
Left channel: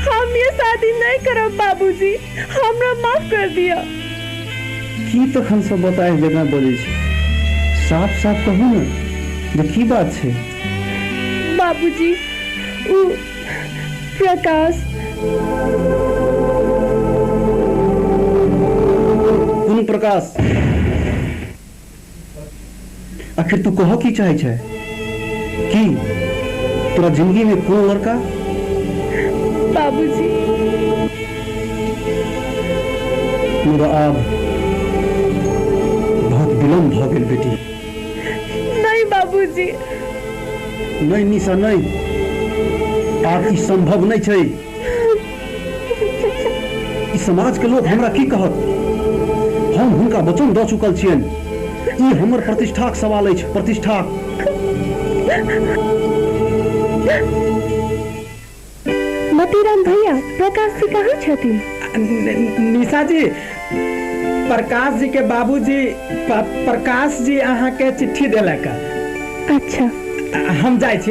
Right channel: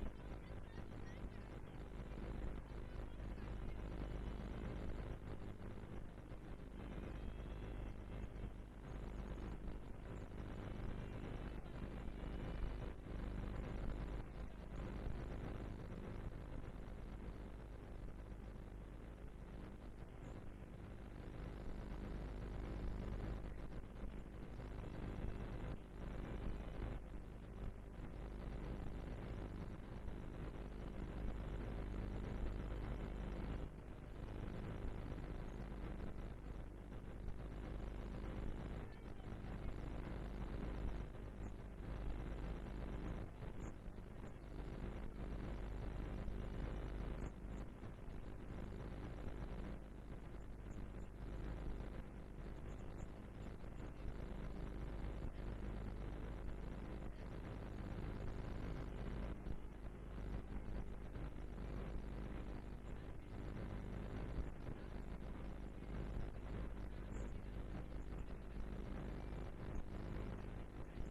हम ये शादी नहीं करब। बाबूजी, हमरा माफ कर दिया। की तखन सब बताए जगह बजै छी? साफ साफ कहू ने जे की बात छै। बाबूजी, उ प्रकाश। कोन प्रकाश? आखिर तू कह की चाहे छै? की तोरा जिंदगी में कोन लड़का? बाबूजी, मेरा आब बहुत विलम्ब भ गेल बेटी। नहीं बाबूजी। नहीं निशा, नहीं, आब ई संभव नहीं छै। ई समाज के लोग हमरा की कहत? हम हुनका वचन दऽ चुकल छियनि। ई हमर प्रतिष्ठाक सवाल अछि, प्रतिष्ठाक। मतीराम भैया, प्रकाश जी कहाँ छथिन? निशा जी, प्रकाश जी के बाबूजी प्रकाश जी अहाँ के चिट्ठी देलक। अच्छा, हम जाइ छी।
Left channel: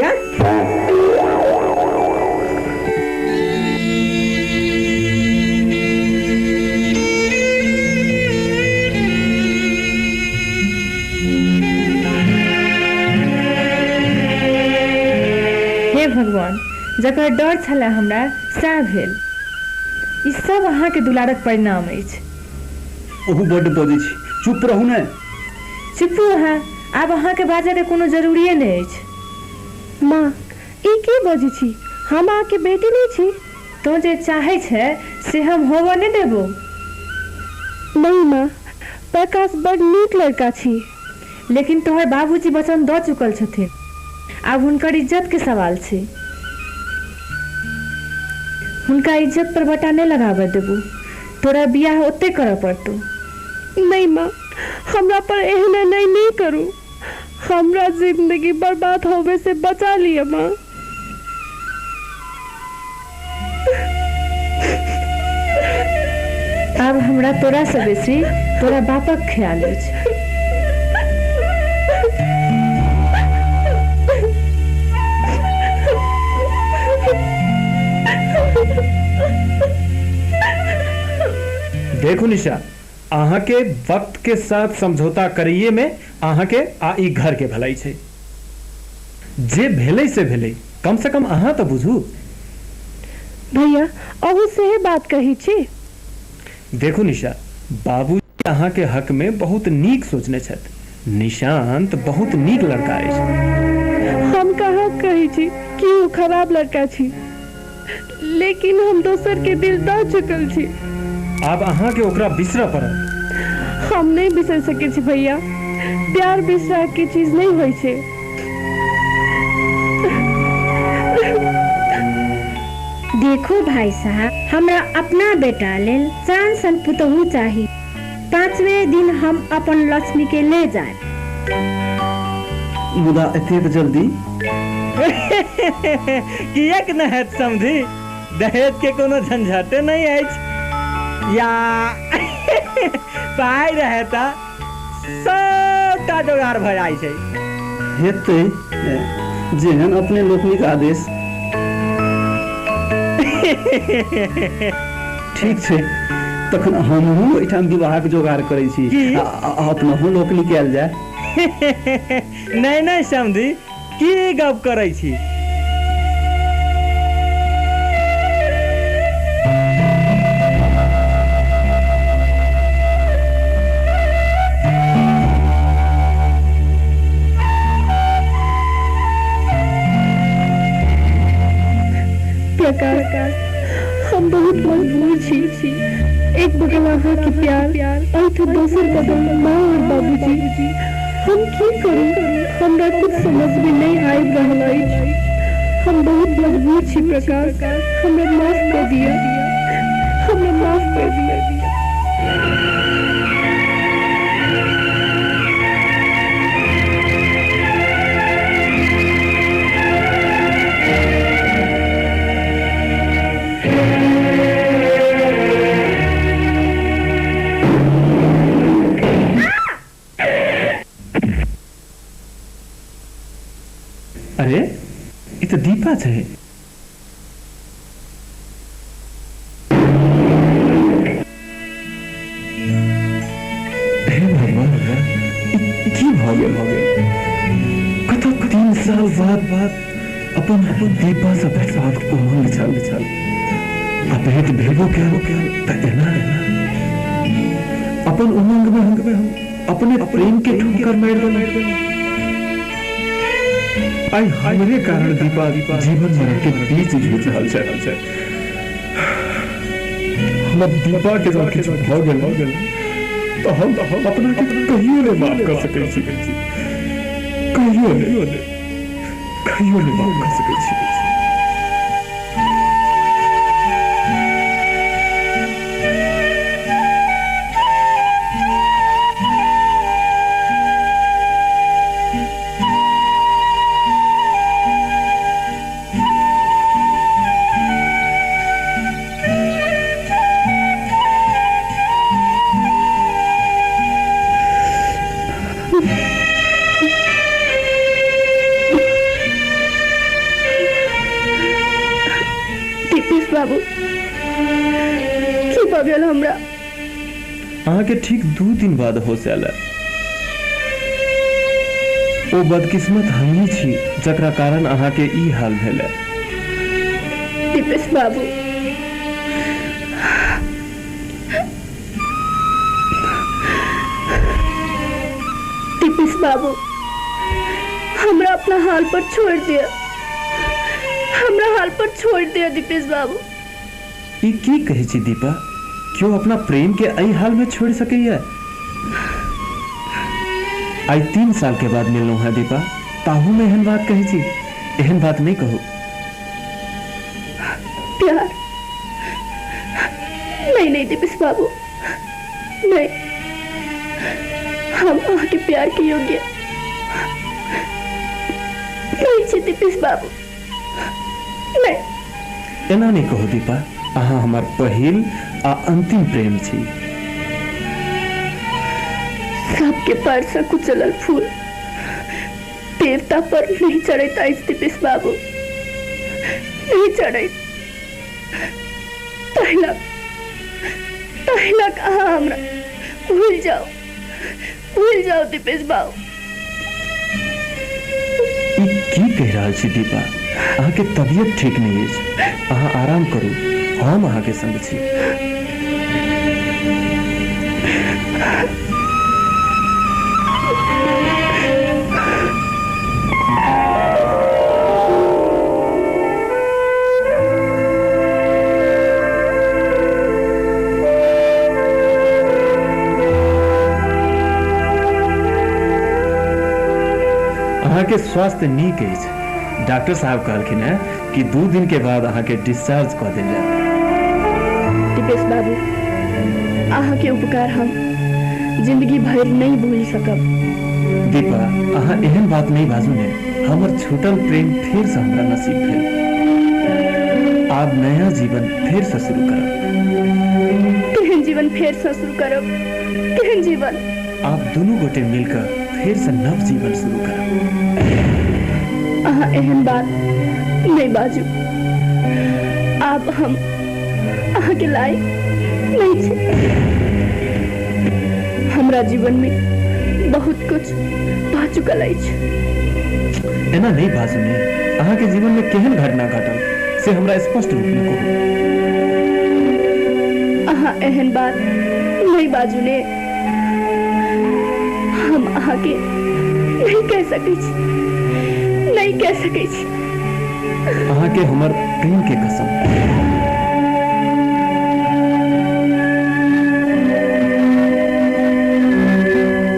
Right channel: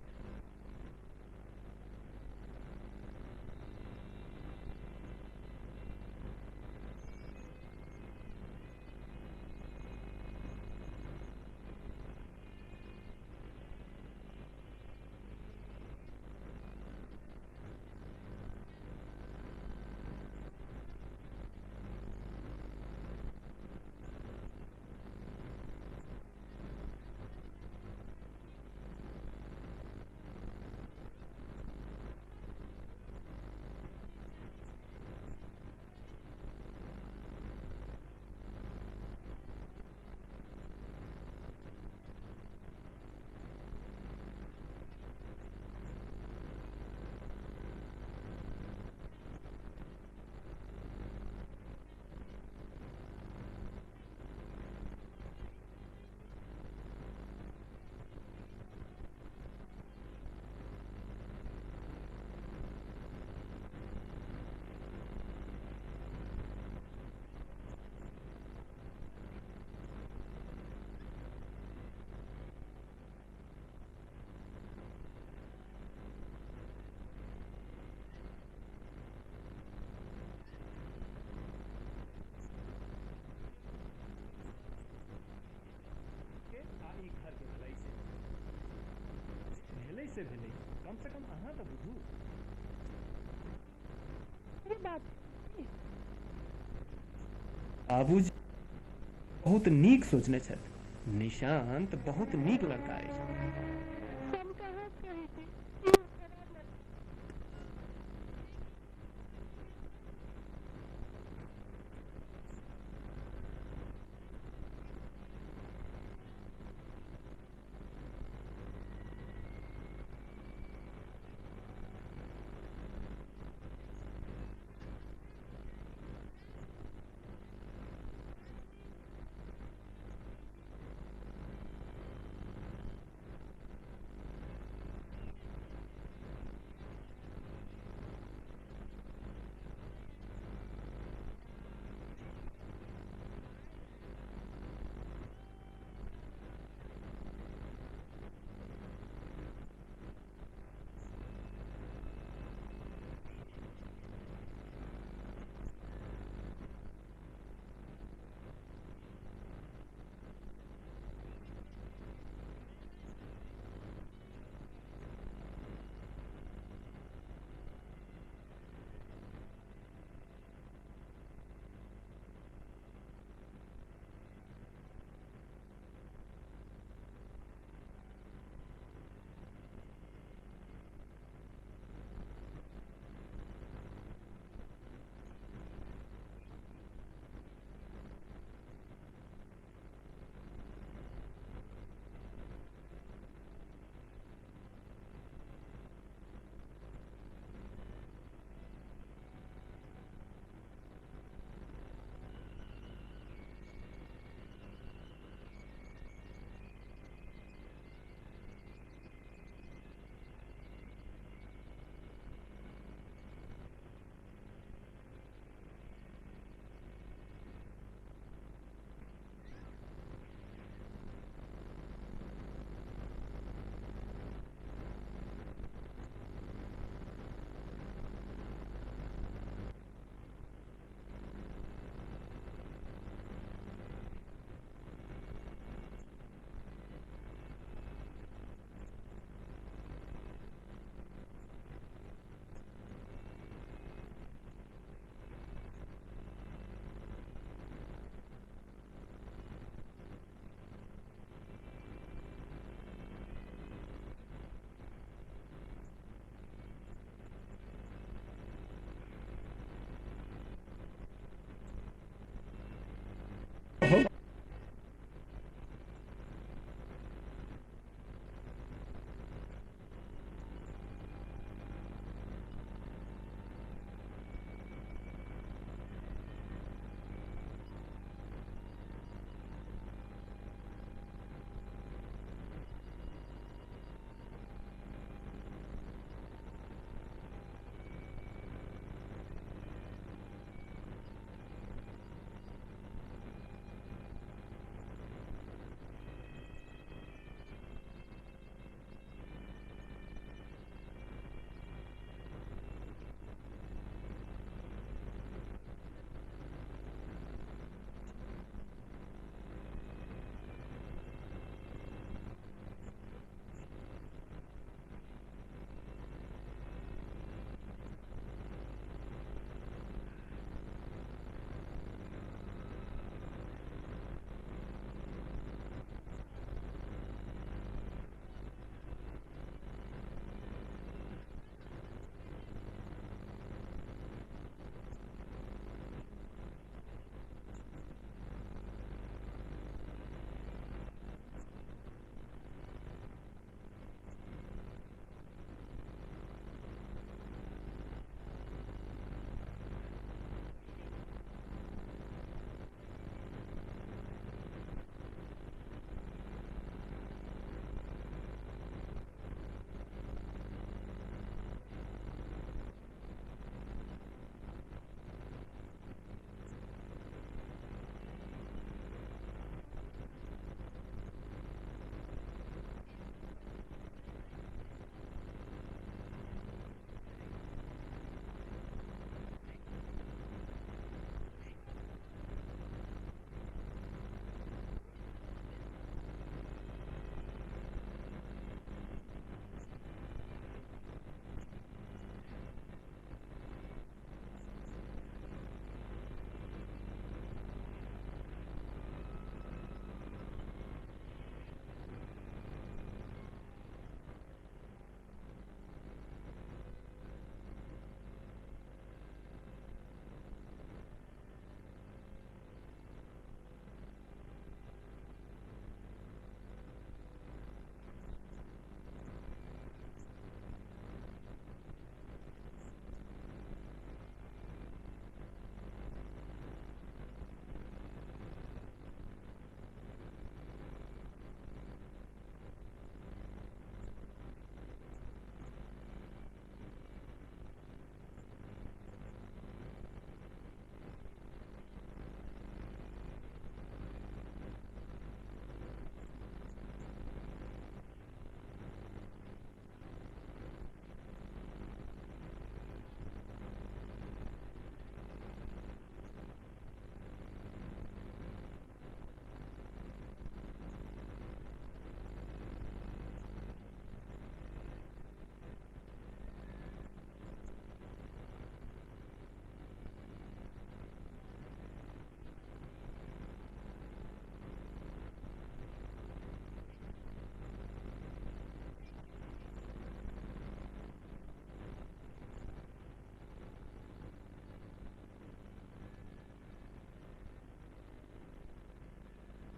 हे भगवान, जकर डर छलै हमरा सएह भेल। ई सब अहाँ के दुलारक परिणाम अछि। ओहू बड्ड बजै छी, चुप रहू ने। चुप है, आब अहाँ के बाजे के कोनो जरूरिये नहीं अछि। माँ, ई की बजै छी? हम अहाँ के बेटी नहीं छी। तो जे चाहे छै से हम होबो नहीं देबो। नहीं माँ, प्रकाश बड़ नीक लड़का छी। लेकिन तोहर बाबूजी वचन दऽ चुकल छथिन। आब हुनकर इज्जत के सवाल छै। हुनका इज्जत पर बटा नहीं लगाबे देबू। तोरा बियाह ओते करऽ पड़तौ। नहीं माँ, हमरा पर एहन नहीं करू। हमरा जिंदगी बर्बाद होवे से बचा लिया माँ। अब हमरा तोरा से बेसी तोरा बापक ख्याल अछि। देखो निशा, अहाँ के वक्त के साथ समझौता करिए में अहाँ के आ ई घर के भलाई छै। जे भेलै से भेलै, कम से कम अहाँ तो बुझू। भैया, अहू से बात कही छी। देखो निशा, बाबूजी अहाँ के हक में बहुत नीक सोचने छथि। निशांत बहुत नीक लड़का अछि। हम कहाँ कही छी कि वो खराब लड़का छी, लेकिन हम दोसर के दिल दऽ चुकल छी। आब अहाँ के ओकरा बिसरऽ पड़त। हम नहीं बिसर सके छी भैया। प्यार बिसरा के चीज नहीं होय छै। देखो भाई साहब, हमरा अपना बेटा लेल चान सन पुतहु चाही। 5वें दिन हम अपन लक्ष्मी के ले जाए। मुदा एतेक जल्दी किएक न हैत समझी? दहेज के कोनो झंझटे नहीं अछि। या पाई रहे तो सबटा जोगाड़ भऽ जाइ छै। हेतै जेहन अपने लोकनिक आदेश। ठीक छै, तखन हमहूँ एहिठाम विवाहक जोगाड़ करै छी। अपनहु लोकनि कयल जाय। नहीं नहीं समझी, की गप करै छी? प्रकाश, हम बहुत मजबूर छी। एक बगल अहाँ के प्यार और तो दोसर बगल माँ और बाबूजी। हम की करूं? हमरा कुछ समझ में नहीं आबि रहल अछि। हम बहुत मजबूर छी प्रकाश, हमरा माफ कर दिया, हमरा माफ कर दिया। अरे ये तो दीपा है। हे भगवान, की भऽ गेल? कतौ 3 साल बाद अपन दीपा से भेटबाक उमंग छल। आ भेट भेबो कयल त एना अपन उमंग में हम अपने प्रेम के ठोकर मारि देलहुं। आई हमरे कारण दीपा जीवन मरण के बीच जूझ रहल छै। हम दीपा के साथ किछु भऽ गेल तो हम अपना के कहियो नहीं माफ कर सकै छी। कहियो नहीं माफ कर सकै छी। बाबू की भऽ गेल हमरा? अहाँ के ठीक 2 दिन बाद होश आयल। ओ बदकिस्मत हमही छी जकरा कारण अहाँ के ई हाल भेल। दीपेश बाबू, दीपेश बाबू, हमरा अपना हाल पर छोड़ दिया। हमरा हाल पर छोड़ दिया दीपेश बाबू। ई की कहै छी दीपा? क्यों अपना प्रेम के एहि हाल में छोड़ सकैया? आई 3 साल के बाद मिललहुं है दीपा, ताहू में एहन बात कहै छी? एहन बात नहीं कहू। प्यार नहीं दीपेश बाबू, नहीं। हम अहाँ के प्यार के योग्य नहीं छी दीपेश बाबू, नहीं। एना नहीं कहो दीपा, अहाँ हमार पहिल आ अंतिम प्रेम छी। सबके पैर से कुचलल फूल देवता पर नहीं चढ़ता दीपेश बाबू, नहीं चढ़। तहलक अहाँ हमरा भूल जाओ दीपेश बाबू। ई की कह रहल छी दीपा? अहाँ के तबियत ठीक नहीं है, अहाँ आराम करू, हम अहाँ के संग छी। अहाँ के स्वास्थ्य नीक अछि। डॉक्टर साहब कहलखिन है कि 2 दिन के बाद अहाँ के डिस्चार्ज कर देल जाए। दीपेश बाबू, अहाँ के उपकार हम जिंदगी भर नहीं भूल सकब। दीपा, अहाँ एहन बात नहीं बाजू ने। हमर छूटल प्रेम फिर से हमरा नसीब भेल। आब नया जीवन फिर से शुरू करब। तेहन फेर से शुरू करब केहन जीवन। आप दोनों गोटे मिलकर फिर से नव जीवन शुरू करब। अहाँ एहन बात नहीं बाजू। आब हम अहाँ के लायक नहीं छी। हमरा जीवन में बहुत कुछ भा चुकल अछि। एना नहीं बाजू ने। अहाँ के जीवन में केहन घटना घटल से हमरा स्पष्ट रूप में कहू। अहाँ एहन बात नहीं बाजू ने। हम अहाँ के नहीं कह सकै छी, नहीं कह सकै छी। अहाँ के हमर प्रेम के कसम।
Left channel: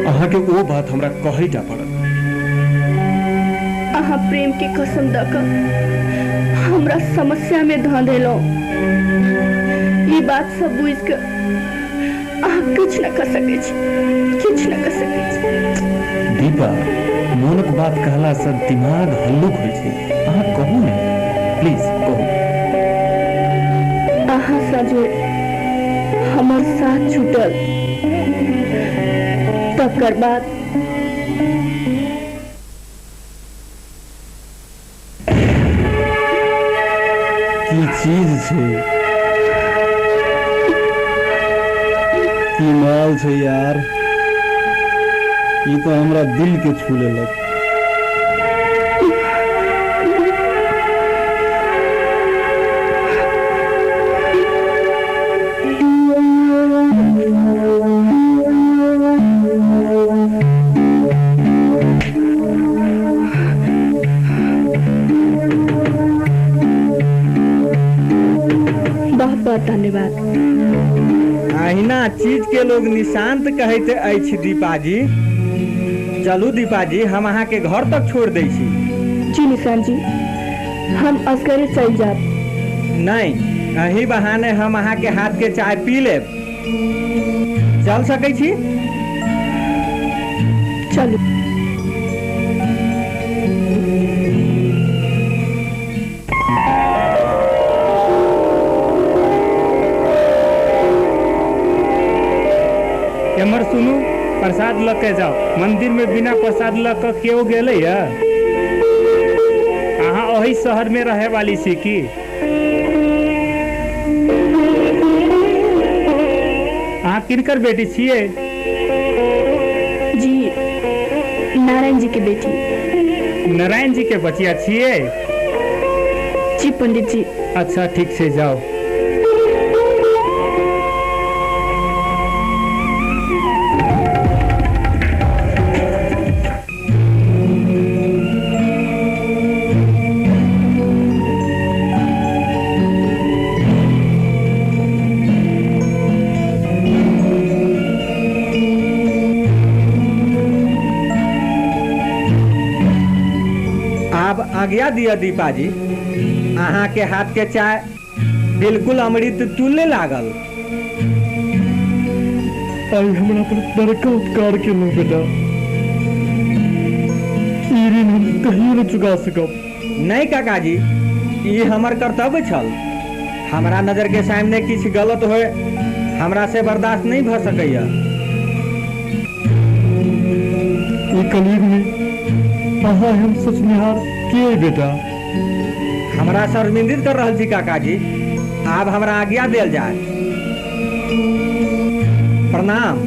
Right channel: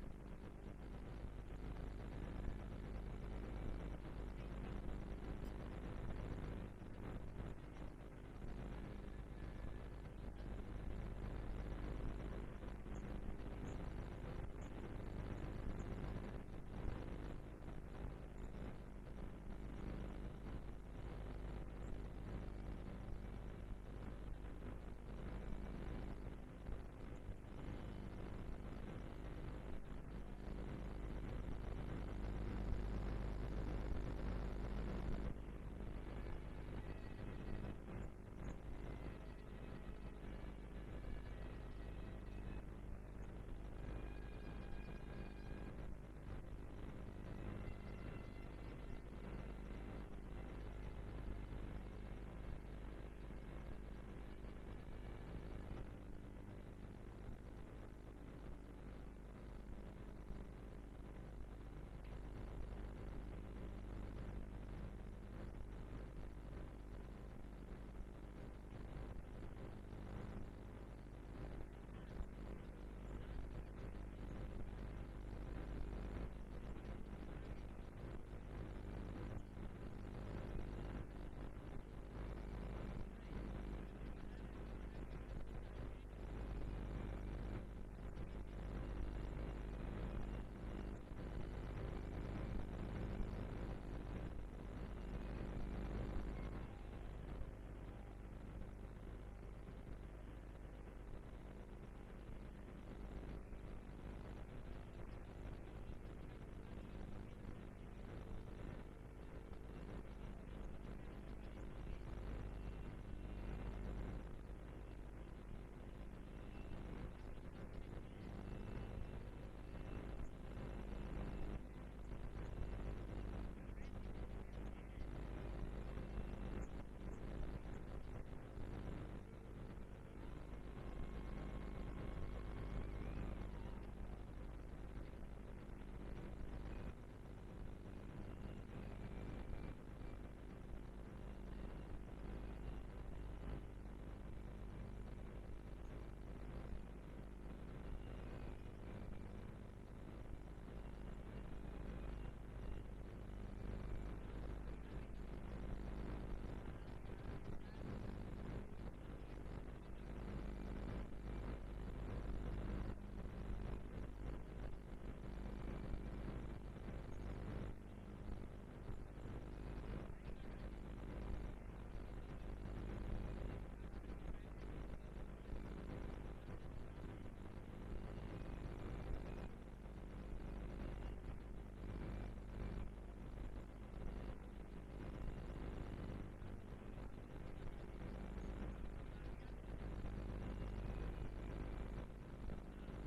अहाँ के वो बात हमरा कहै टा पड़त। अहाँ प्रेम के कसम द क हमरा समस्या में ध देलौ। ये बात सब बुझ के अहाँ कुछ न कर सकै छी, कुछ न कर सकै छी। दीपा, मोनक बात कहला से दिमाग हल्लुक होइ छै। अहाँ कहू ने, प्लीज कहू। अहाँ सा जो हमर साथ छूटल तकर बाद की चीज छै, की माल छै यार। ये तो हमरा दिल के छू लेलक। बहुत बहुत धन्यवाद। अहिना चीज के लोग निशांत कहते अछि दीपा जी। चलू दीपा जी, हम अहाँ के घर तक छोड़ दै छी। जी निशांत जी, हम असगरे चल जाब। नहीं, अही बहाने हम अहाँ के हाथ के चाय पी लेब। चल सकै छी? चलू। एमर सुनू, प्रसाद ल के जाओ। मंदिर में बिना प्रसाद ल के केओ गेले है? अहाँ ओही शहर में रहे वाली छी की? अहाँ किनकर बेटी छियै? जी, नारायण जी के बेटी। नारायण जी के बचिया छियै? जी पंडित जी। अच्छा, ठीक से जाओ। आज्ञा दिया दीपा जी। अहाँ के हाथ के चाय बिल्कुल अमृत तुल्य लागल। आई हमरा पर बड़का उपकार केलहुँ बेटा। ई ऋण हम कहियो न चुका सकब। नहीं काका जी, ये हमर कर्तव्य छल। हमरा नजर के सामने किछ गलत होए हमरा से बर्दाश्त नहीं भ सकैया। ई कलयुग में अहाँ हम सचनिहार के बेटा? हमरा शर्मिंदित कर रहल छी काका जी। आब हमरा आज्ञा देल जाए। प्रणाम।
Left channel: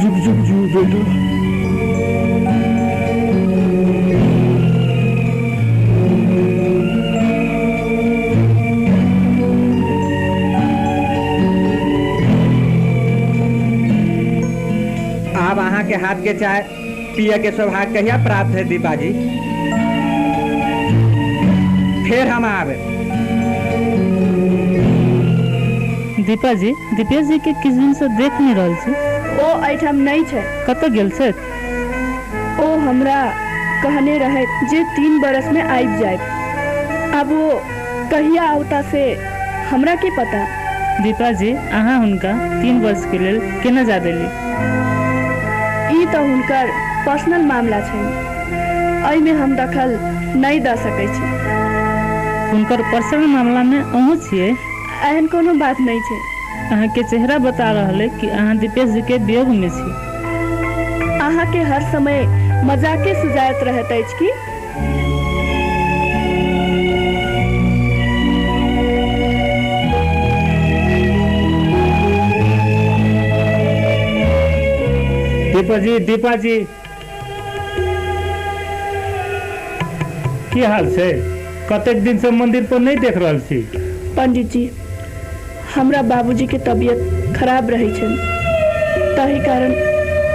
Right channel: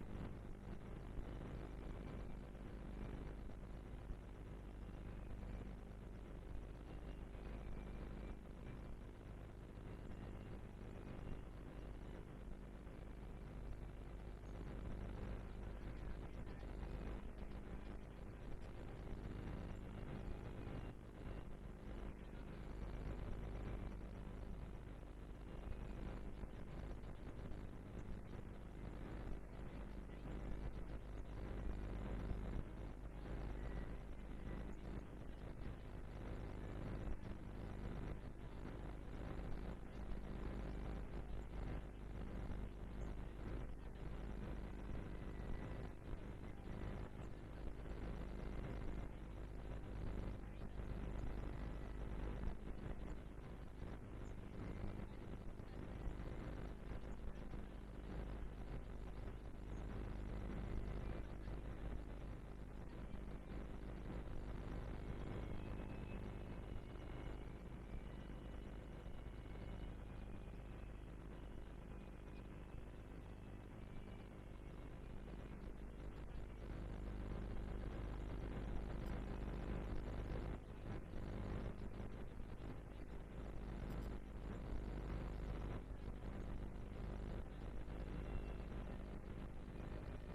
जुग जुग जू बेटा। अब अहाँ के हाथ के चाय पिए के सौभाग्य कहिया प्राप्त है दीपा जी? फिर हम आवे। दीपा जी, दीपेश जी के किस दिन से देख नहीं रहल छी। ओ एठाम नहीं छै। कतऽ गेल छै? ओ हमरा कहने रहे जे 3 बरस में आबि जाए। अब वो कहिया आवता से हमरा के पता। दीपा जी, अहाँ हुनका 3 वर्ष के लेल केना जा देली? ई तो हुनकर पर्सनल मामला छै, एहि में हम दखल नहीं द सकै छी। हुनकर पर्सनल मामला में अहूँ छियै? एहन कोनो बात नहीं छै। अहाँ के चेहरा बता रहले कि अहाँ दीपेश जी के वियोग में छी। अहाँ के हर समय मजाके सुजात रहत अछि की? दीपा जी की हाल छै? कतेक दिन से मंदिर पर नहीं देख रहल छी। पंडित जी, हमरा बाबूजी के तबीयत खराब रहे छन, ताहि कारण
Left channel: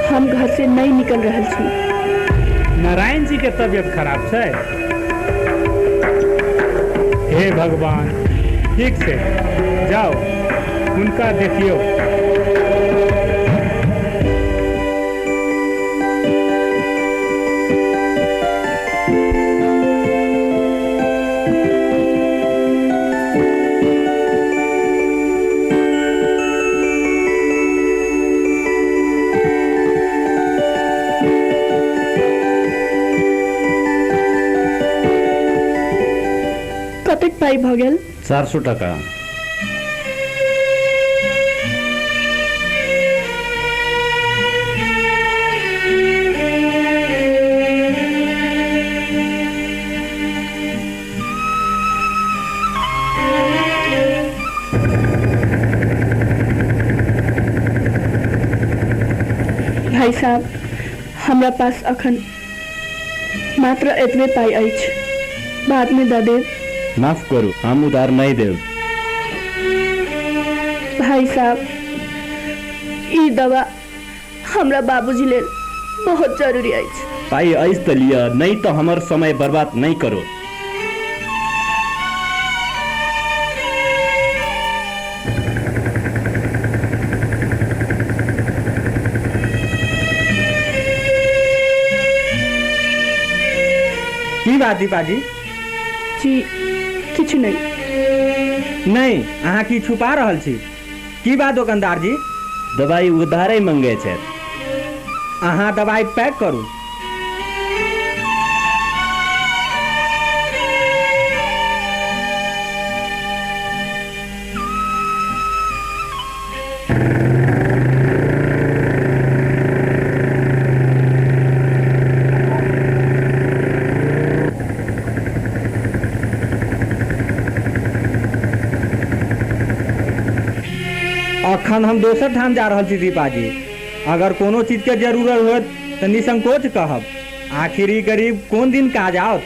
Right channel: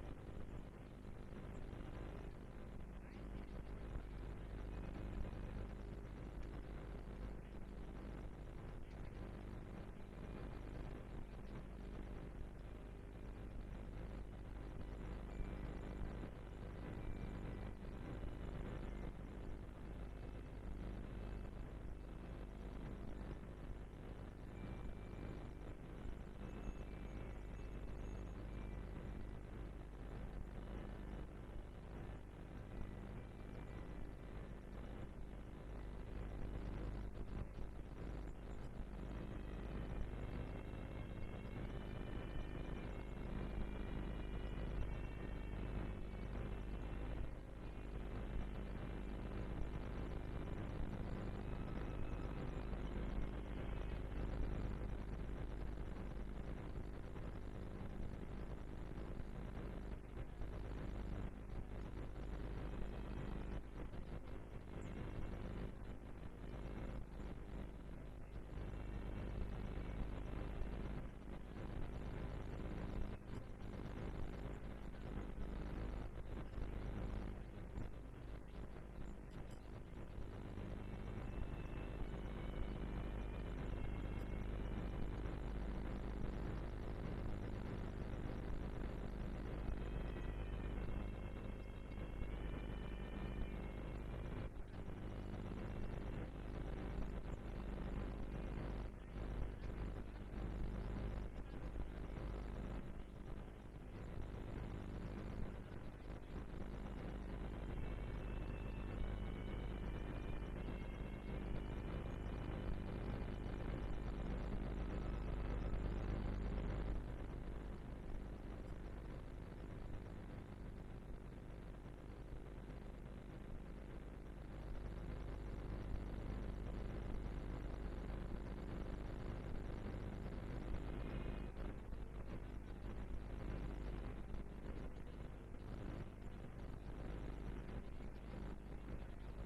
हम घर से नहीं निकल रहल छी। नारायण जी के तबीयत खराब छै? हे भगवान, ठीक छै, जाओ उनका देखियो। कतेक पाई भ गेल? 400 टका। भाई साहब, हमरा पास अखन मात्र एतबे पाई अछि, बाद में दऽ देब। माफ करू, हम उधार नहीं देव। भाई साहब, ई दवा हमरा बाबूजी लेल बहुत जरूरी अछि। पाई ऐस त लिया, नहीं तो हमर समय बर्बाद नहीं करो। की बात दीपा जी? जी किछु नहीं। नहीं, अहाँ की छुपा रहल छी? की बात दुकानदार जी? दवाई उधारे मंगे छै। अहाँ दवाई पैक करू। अखन हम दोसर ठाम जा रहल छी दीपा जी। अगर कोनो चीज के जरूरत होत तो निसंकोच कहब। आखिर ई गरीब कोन दिन काज आओत।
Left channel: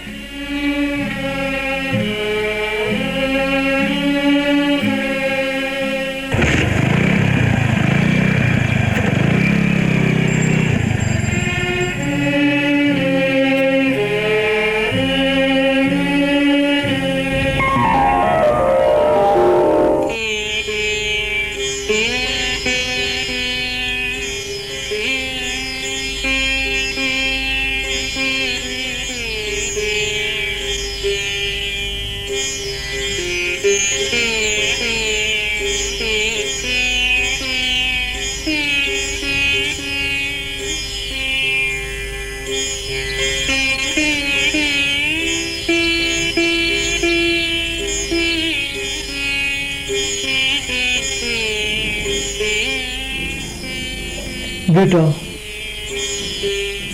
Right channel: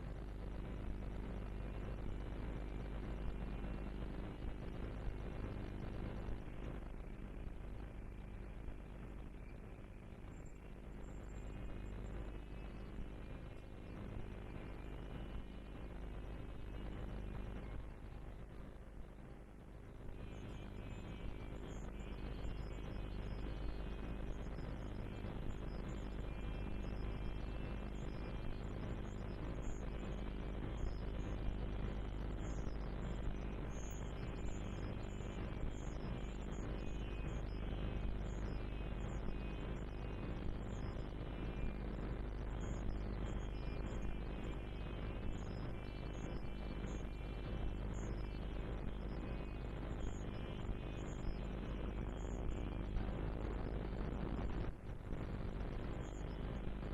बेटा,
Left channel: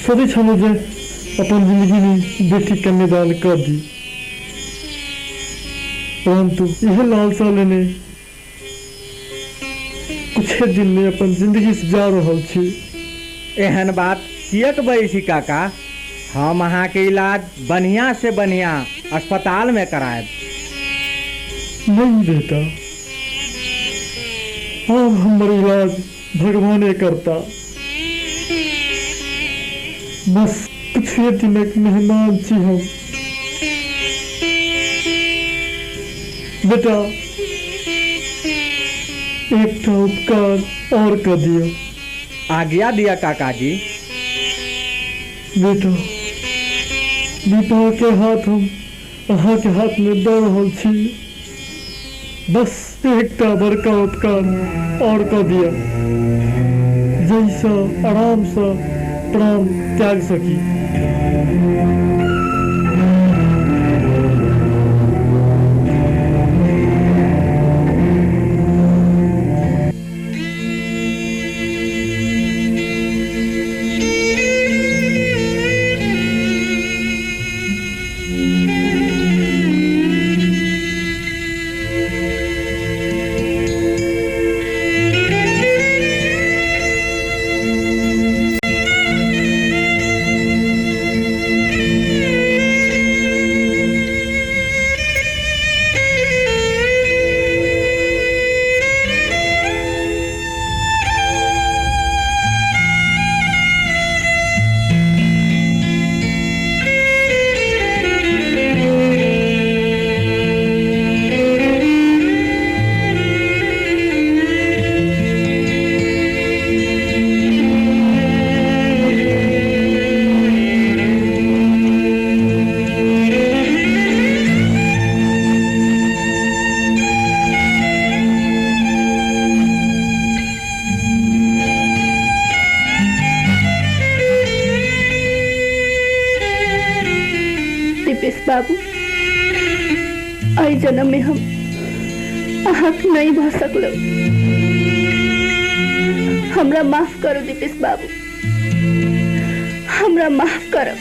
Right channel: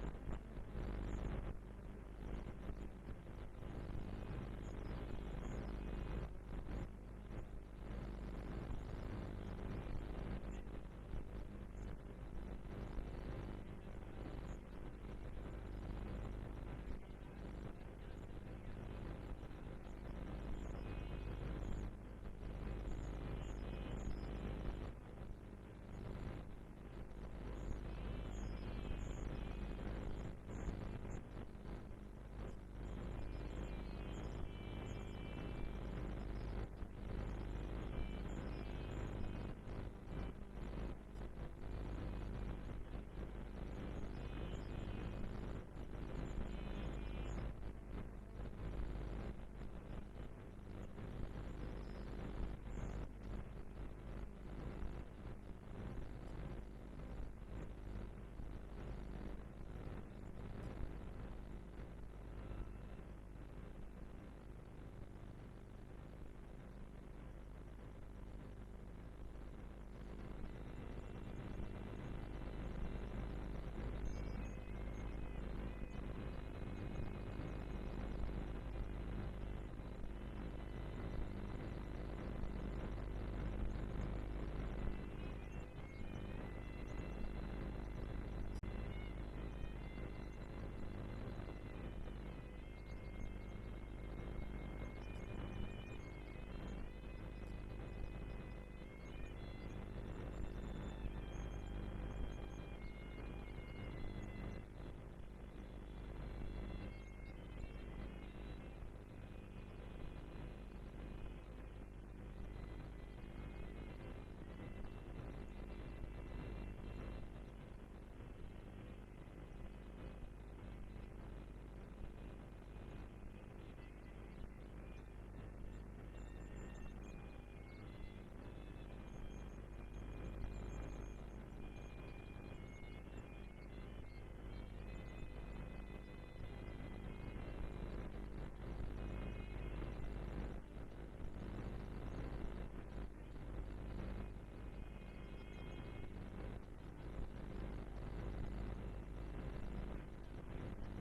सदी छलो जे अपन जिंदगी में बेटी कन्यादान कर दी, परंतु यह लालसा लेने कुछ दिन में अपन जिंदगी से जा रहल छी। एहन बात कियक बजै छी काका? हम अहाँ के इलाज बढ़िया से बढ़िया अस्पताल में करायब। नहीं बेटा, अब हमारे इलाज भगवाने करता। बस कुछ दिनक मेहमान छी हम। बेटा, एक उपकार और कर दियो। आज्ञा दिया काका जी। बेटा, दीपा के हाथ हम अहाँ के हाथ में दे रहल छी। बस एकटा बड़का उपकार और कर दिया, जैसा आराम से प्राण त्याग सकी। बाबू, आई जन्म में हम आहक नहीं भ सकलो। हमरा माफ करो दीपेश बाबू, हमरा माफ करो।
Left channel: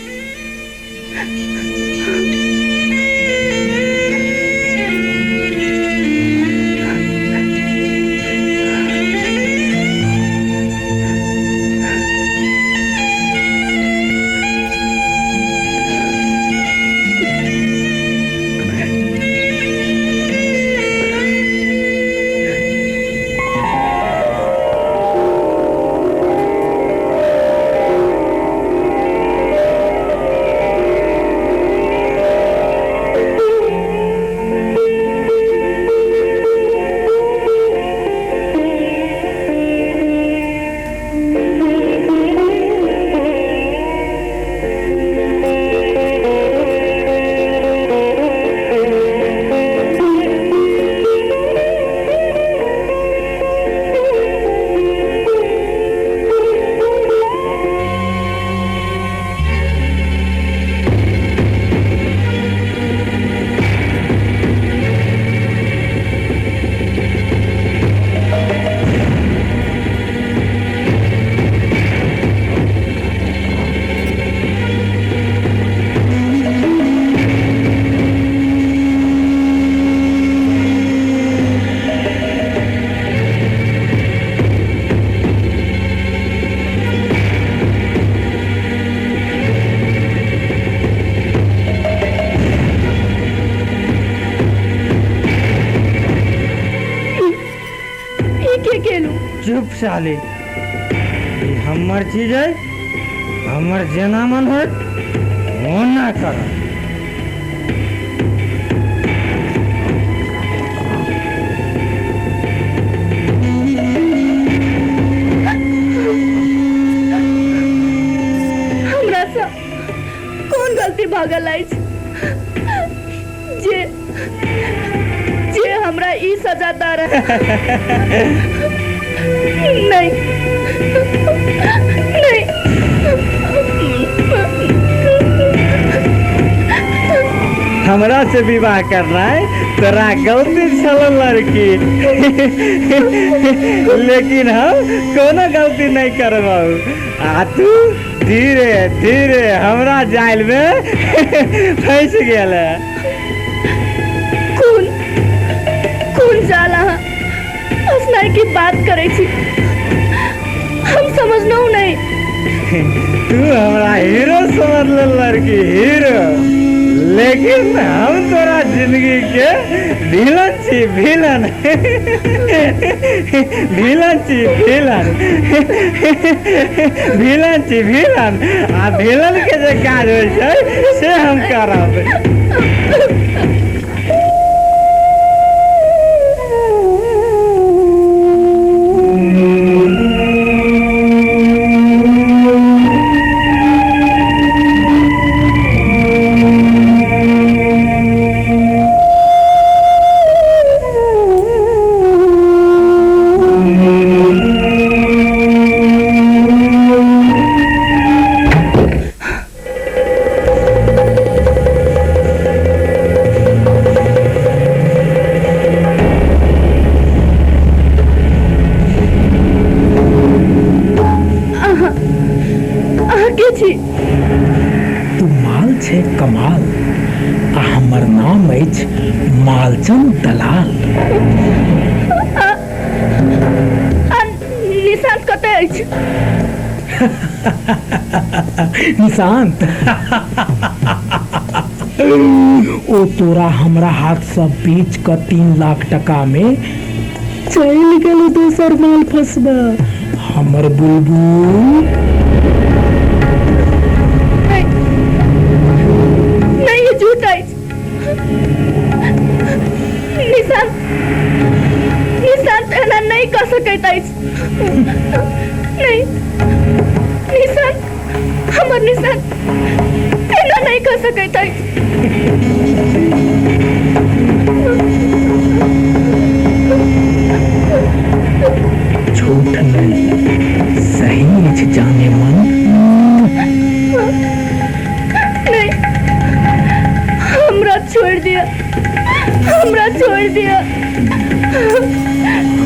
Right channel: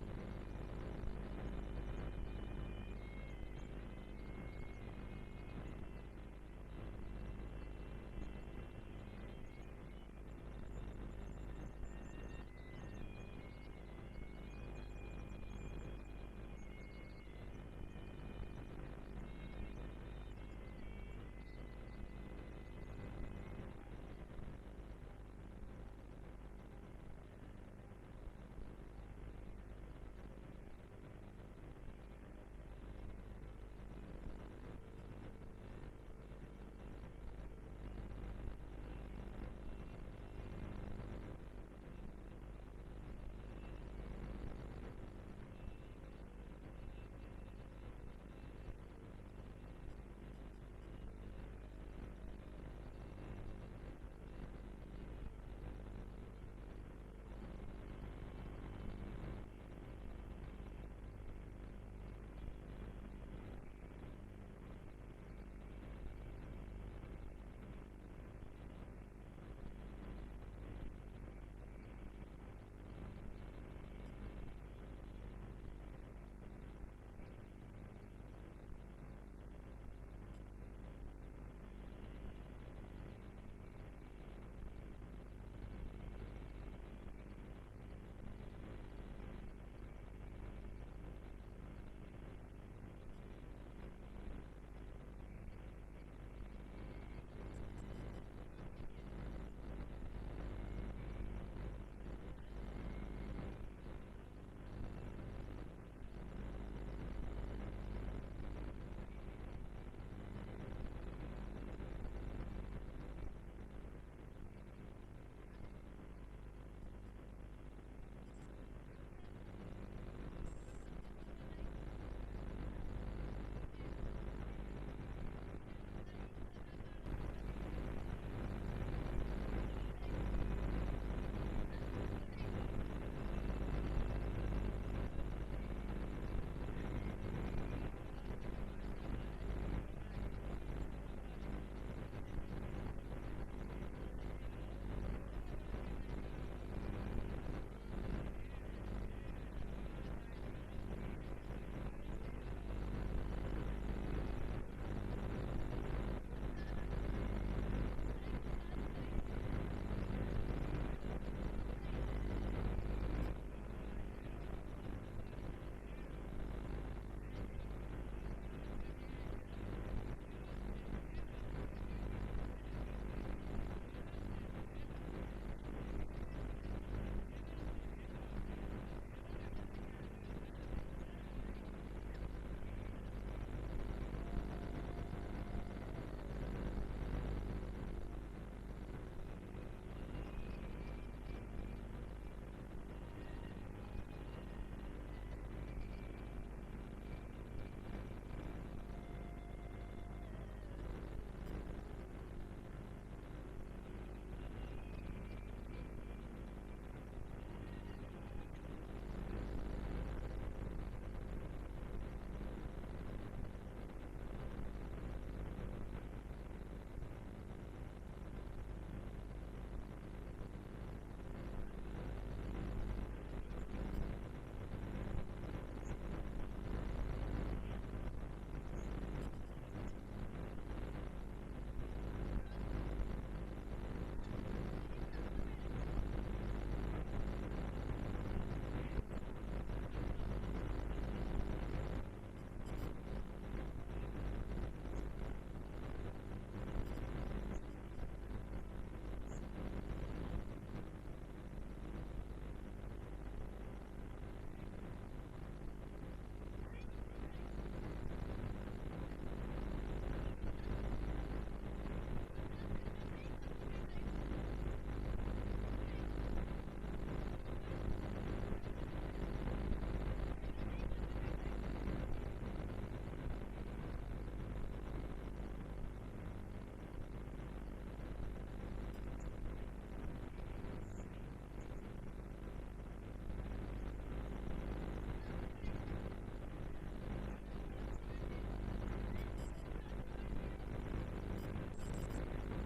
चुप साले, ये हमर चीज है, हमर जेना मन हो वो ना कर। हमरा से कौन गलती भागल अछि जे जे हमरा ई सजा द रहा। नहीं नहीं, हमरा से विवाह करना है तोरा गलती चलो लड़की, लेकिन हम कोनो गलती नहीं करबाऊ। आ तू धीरे धीरे हमरा जाल में फंस गेल। कौन कौन जाला असनाई की बात करे छी, हम समझना नहीं। तू हमरा हीरो समझ ले लड़की, हीरो, लेकिन हम तोरा जिंदगी के विलन छी, विलन। विलन छी, विलन। विलन छी, विलन। आ विलन के जे काज होइ छै से हम करब। कमाल, हमर नाम अछि मालचंद दलाल। निशांत कतऽ अछि? निशांत ओ तोरा हमरा हाथ से बेच कर 3 लाख टका में चल गेल दोसर माल फंसबा। हमर बुलबुल निशांत एना नहीं कर सकैत अछि। नहीं निशांत, हमर निशांत एना नहीं कर सकैत अछि। झूठ नहीं, सही अछि जाने मन। नहीं, छोड़ दिया, हमरा छोड़ दिया,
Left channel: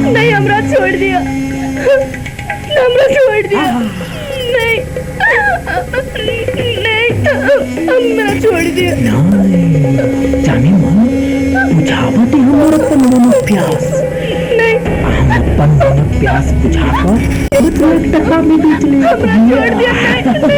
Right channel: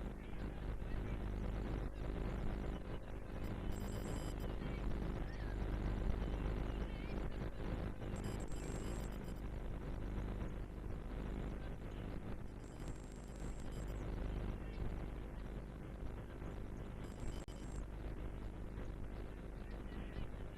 नहीं हमरा छोड़ दिया, हमरा छोड़ दिया, नहीं नहीं हमरा छोड़ दिया। जाने मन बुझावती हमर अपन मन प्यास, नहीं हम अपन मन प्यास बुझाकर तो 1 टका में बेच ले। हमरा छोड़ दिया, नहीं।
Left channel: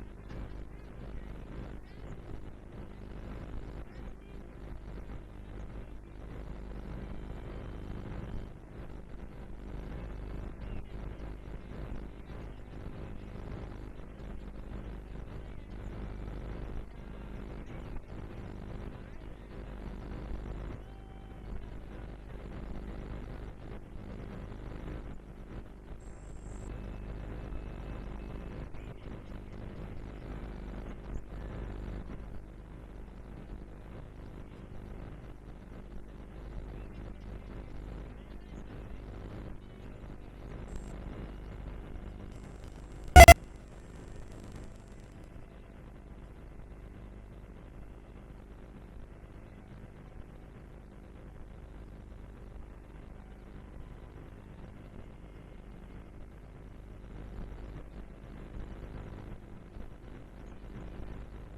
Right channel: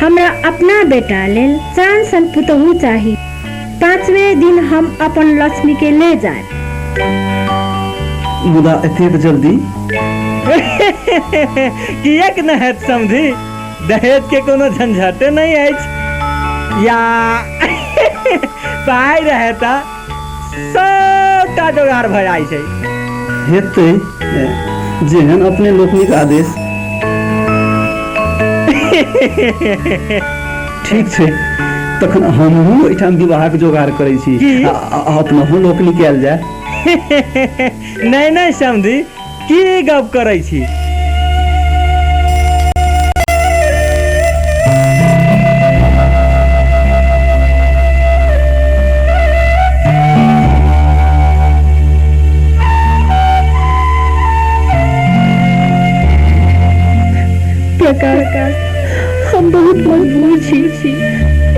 हमरा अपना बेटा लेल चान सन पुतहु चाही। 5वें दिन हम अपन लक्ष्मी के ले जाए। मुदा एतेक जल्दी किएक न हैत समझी, दहेज के कोनो झंझटे नहीं अछि, या पाई रहता सबटा जोगाड़ भऽ जाइ छै। हेतै जेहन अपने लोकनिक आदेश। ठीक छै, तखन हमहूँ एहिठाम विवाहक जोगाड़ करै छी। अपनहु लोकनि कयल जाय। नहीं नहीं समझी, की गप करै छी। प्रकाश, हम बहुत मजबूर छी।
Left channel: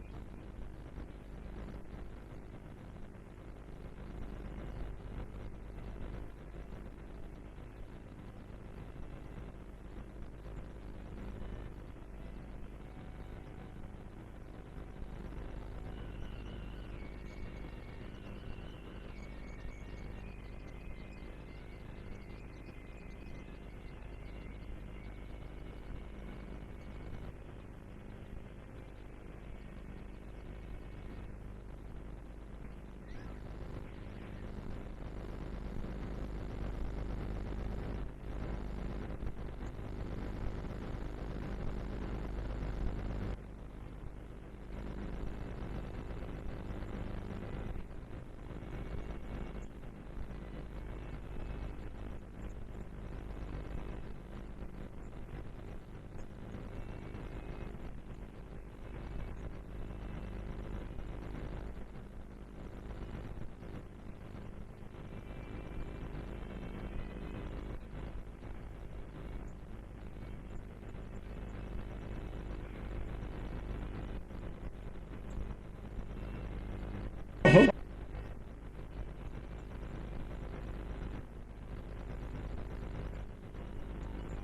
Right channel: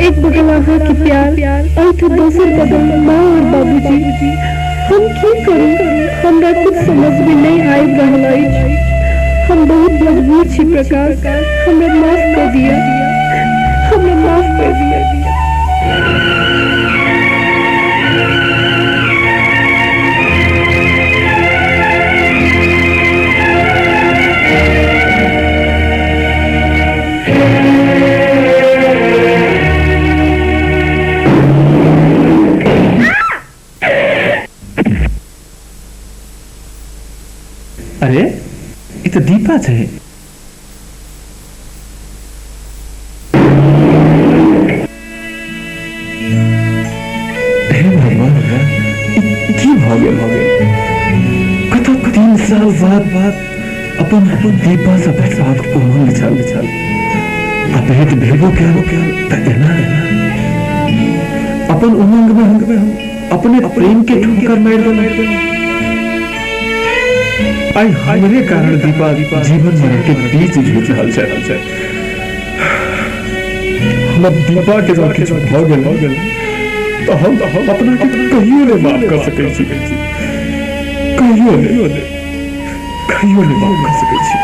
एक बगल अहाँ के प्यार और तो दोसर बगल माँ और बाबूजी। हम की करूं, हमरा कुछ समझ में नहीं आबि रहल अछि। हम बहुत मजबूर छी प्रकाश, हमरा माफ कर दिया, हमरा माफ कर दिया। अरे ये तो दीपा है। कतक 3 साल बाद अपन दीपा से भेटबाक उमंग छल। आ भेट भेबो कयल त एना अपन उमंग में हम अपने प्रेम के ठोकर मार देलहुं। आई हमरे कारण दीपा जीवन मरण के बीच जूझ रहल छै। हम दीपा के जब किछु भ गेल तो हम अपना के कहियो नहीं माफ कर सकै छी। कहियो नहीं माफ कर सकै छी।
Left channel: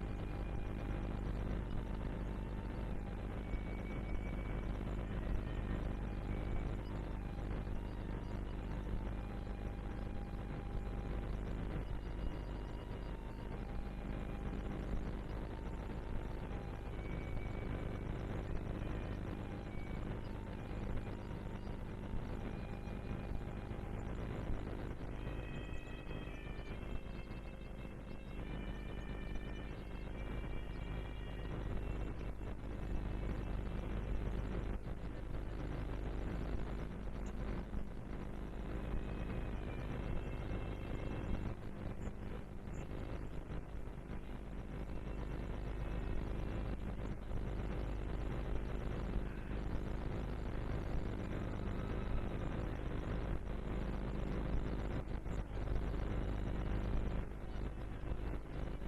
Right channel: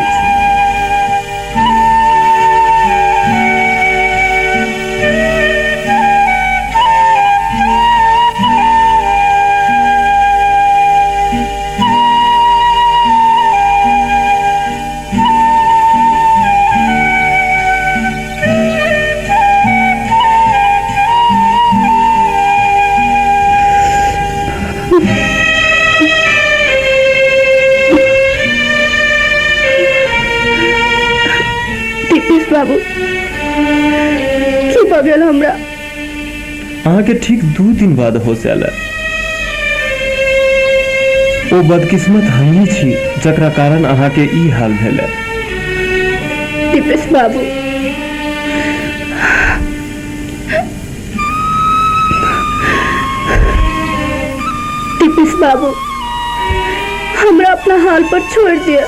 बाबू की भऽ गेल हमरा? अहाँ के ठीक 2 दिन बाद होश आयल। ओ बदकिस्मत हमही छी जकरा कारण अहाँ के ई हाल भेल। दीपेश बाबू, दीपेश बाबू, हमरा अपना हाल पर छोड़ दिया,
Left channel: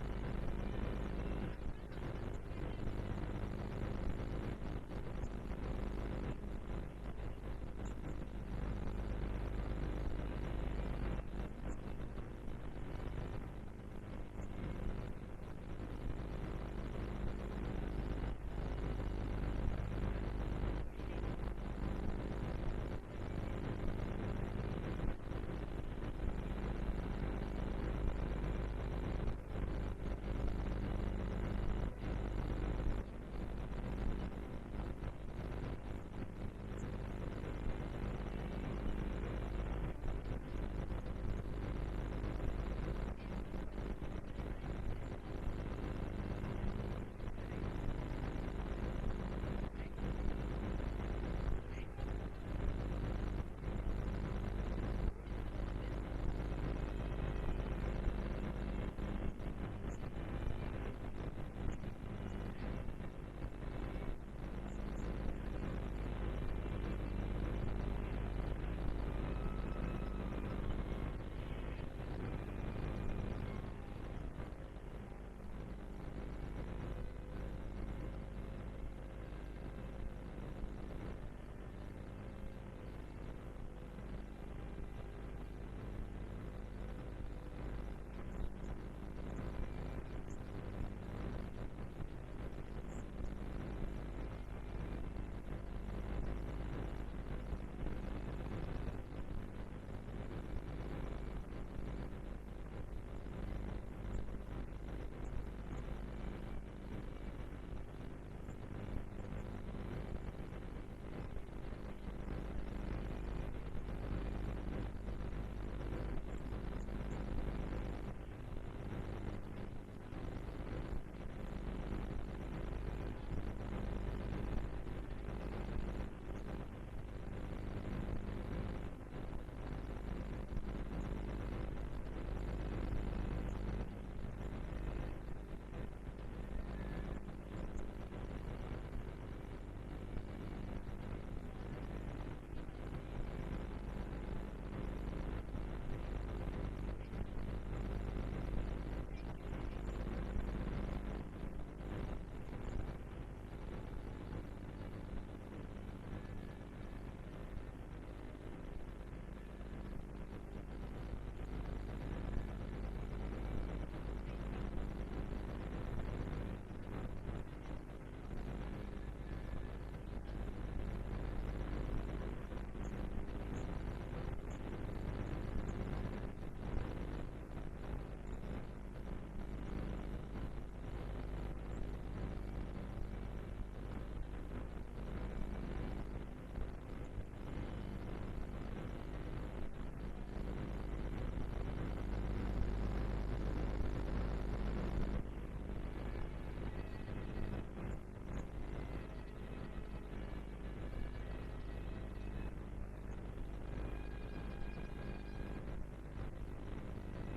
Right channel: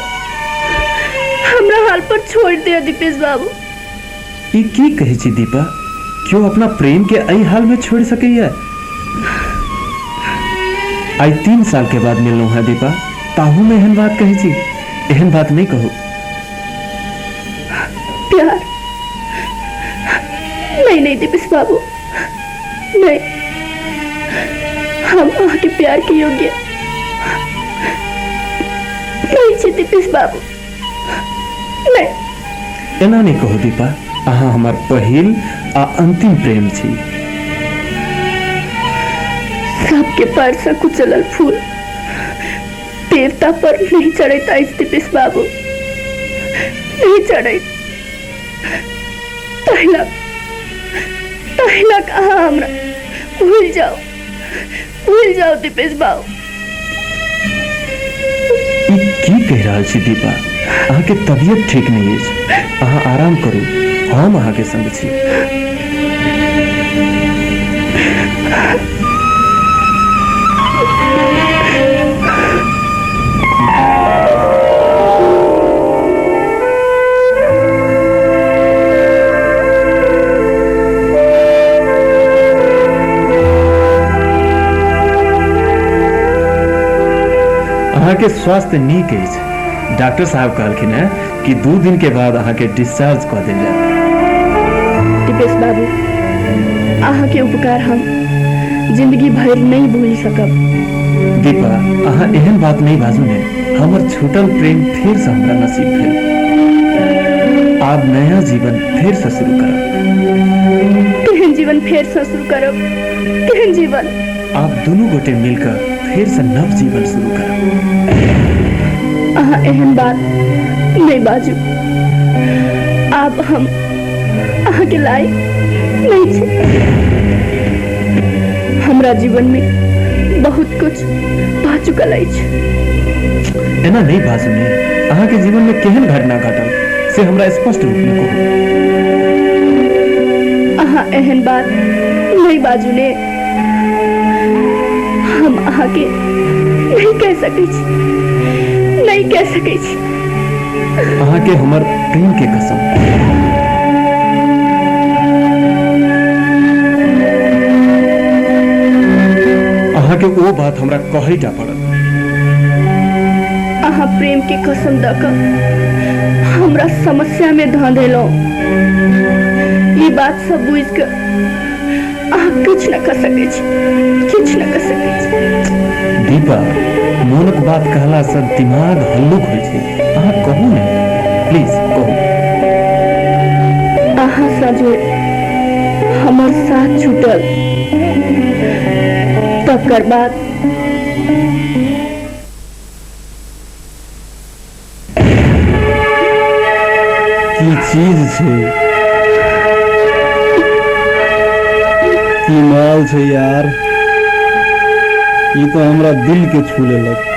हमरा हाल पर छोड़ दिया दीपेश बाबू। ई की कहै छी दीपा? क्यों अपना प्रेम के एहि हाल में छोड़ सकैया? आई 3 साल के बाद मिललहुं है दीपा, ताहू में एहन बात कहै छी? एहन बात नहीं कहू। प्यार नहीं दीपेश बाबू, नहीं, हम आपके प्यार के योग्य नहीं छी दीपेश बाबू, नहीं। एना नहीं कहो दीपा, अहाँ हमार पहिल आ अंतिम प्रेम छी। सबके पैर से कुचलल फूल देवता पर नहीं चढ़ता दीपेश बाबू, नहीं चढ़त। तहिला कहा हमरा भूल जाओ दीपेश बाबू। की कह रहा छी दीपा? अहाँ के तबियत ठीक नहीं है, अहाँ आराम करू, हम अहाँ के संग छी। अहाँ के स्वास्थ्य नीक है। डॉक्टर साहब कहलखिन है कि 2 दिन के बाद अहाँ के डिस्चार्ज कर देल जाए। दीपेश बाबू, अहाँ के उपकार हम जिंदगी भर नहीं भूल सकब। दीपा, अहाँ एहन बात नहीं बाजू ने। हमर छूटल प्रेम फिर से हमरा नसीब भेल। आप नया जीवन फिर से शुरू करब। केहन जीवन फिर से शुरू करब? केहन जीवन? आप दोनों गोटे मिलकर फिर से नव जीवन शुरू करब। अहाँ एहन बात नहीं बाजू। आप हम अहाँ के लायक नहीं छे। हमरा जीवन में बहुत कुछ भा चुकल अछि। एना नहीं बाजू ने। अहाँ के जीवन में केहन घटना घटल से हमरा स्पष्ट रूप में कहू। अहाँ एहन बात नहीं बाजू ने। हम अहाँ के नहीं कह सकै छी, नहीं कह सकै छी। अहाँ के हमर प्रेम के कसम। अहाँ के वो बात हमरा कहै टा पड़त। अहाँ प्रेम के कसम द क हमरा समस्या में ध देलौ। ये बात सब बुझ के अहाँ कुछ न कर सकै छी, कुछ न कर सकै छी। दीपा, मोनक बात कहला से दिमाग हल्लुक होइ छै। अहाँ कहू ने, प्लीज कहू। अहाँ सजे हमर साथ छूटल तकर बाद की चीज छै, की माल छै यार। ये तो हमरा दिल के छू लेलक।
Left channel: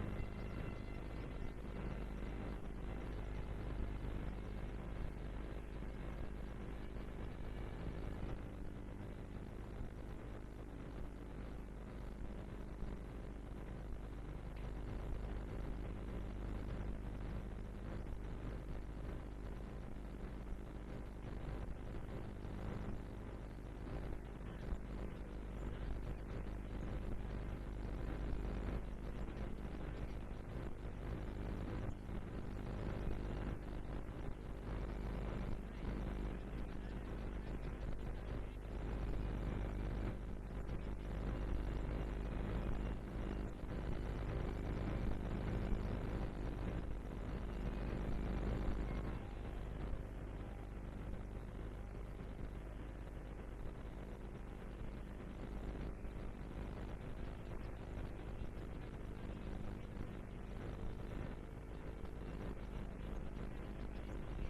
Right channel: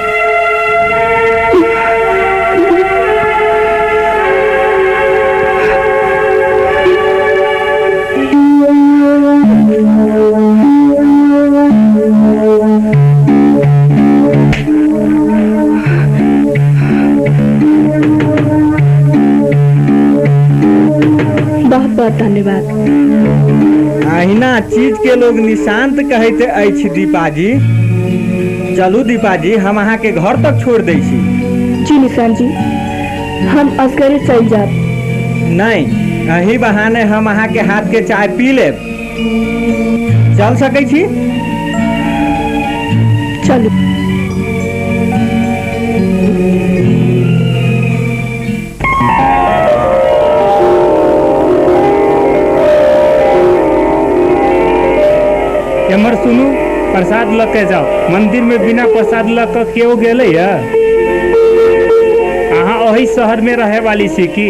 बहुत बहुत धन्यवाद। अहिना चीज के लोग निशांत कहते अछि दीपा जी। चलू दीपा जी, हम अहाँ के घर तक छोड़ दै छी। जी निशांत जी, हम असगरे चल जाब। नहीं, अही बहाने हम अहाँ के हाथ के चाय पी लेब। चल सकै छी? चलू। एमर सुनू, प्रसाद ल के जाओ। मंदिर में बिना प्रसाद ल के केओ गेले या? अहाँ ओही शहर में रहे वाली छी की?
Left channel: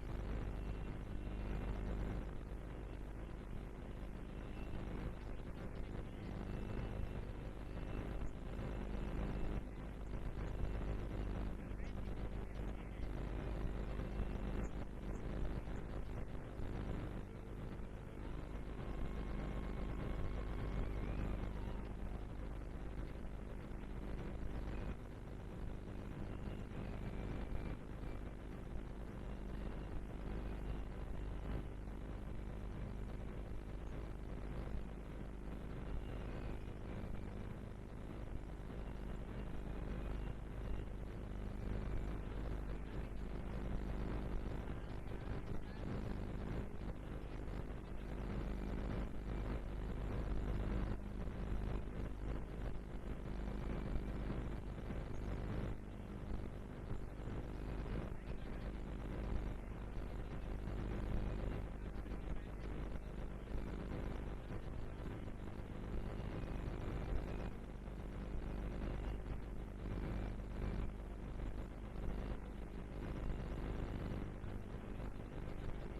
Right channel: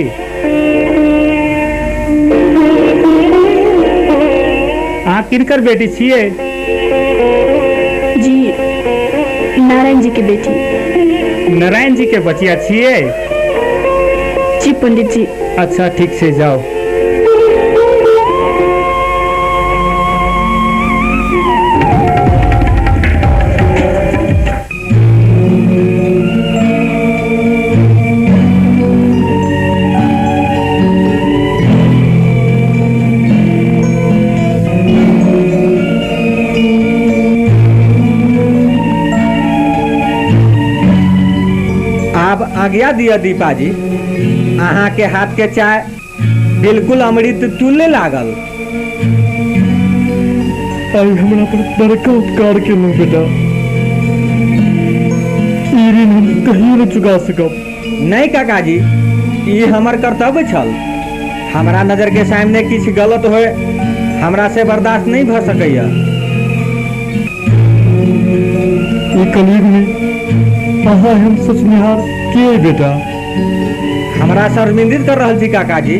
अहाँ किनकर बेटी छियै? जी, नारायण जी के बेटी। नारायण जी के बचिया छियै? जी पंडित जी। अच्छा, ठीक से जाओ। आज्ञा दिया दीपा जी। अहाँ के हाथ के चाय बिल्कुल अमृत तुल्य लागल। आई हमरा पर बड़का उपकार केलहुँ बेटा। ई ऋण हम कहियो न चुका सकब। नहीं काका जी, ये हमर कर्तव्य छल। हमरा नजर के सामने किछ गलत होए हमरा से बर्दाश्त नहीं भ सकैया। ई कलयुग में अहाँ हम सचनिहार के बेटा? हमरा शर्मिंदित कर रहल छी काका जी।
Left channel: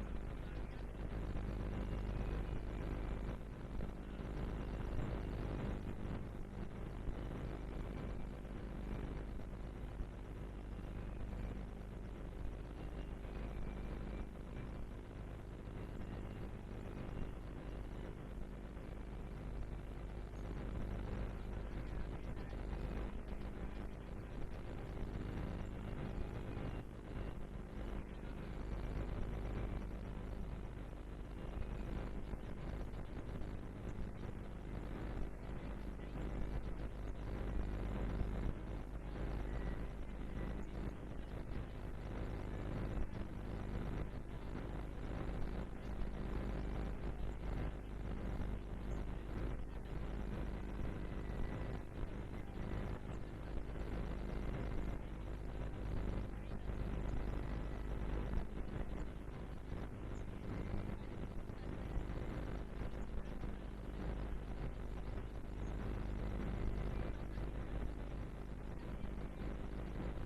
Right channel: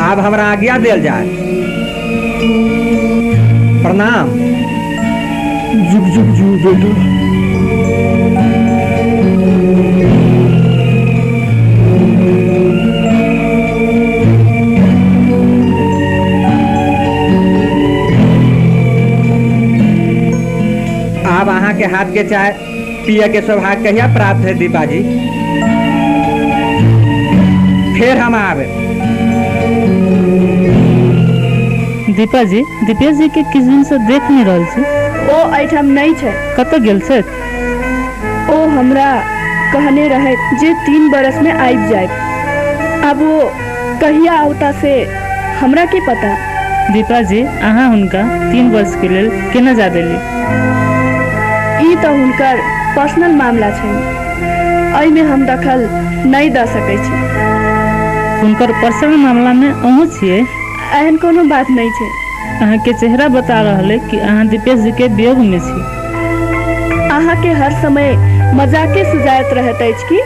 आब हमरा आज्ञा देल जाए। प्रणाम। जुग जुग जू बेटा। अब अहाँ के हाथ के चाय पिए के सौभाग्य कहिया प्राप्त है दीपा जी? फिर हम आवे। दीपा जी, दीपेश जी के किस दिन से देख नहीं रहल छी। ओ एठाम नहीं छै। कतऽ गेल छै? ओ हमरा कहने रहे जे 3 बरस में आबि जाए। अब वो कहिया आवता से हमरा के पता। दीपा जी, अहाँ हुनका 3 वर्ष के लेल केना जा देली? ई तो हुनकर पर्सनल मामला छै, एहि में हम दखल नहीं द सकै छी। हुनकर पर्सनल मामला में अहूँ छियै? एहन कोनो बात नहीं छै। अहाँ के चेहरा बता रहल है कि अहाँ दीपेश जी के वियोग में छी। अहाँ के हर समय मजाके सुझायत रहत अछि की?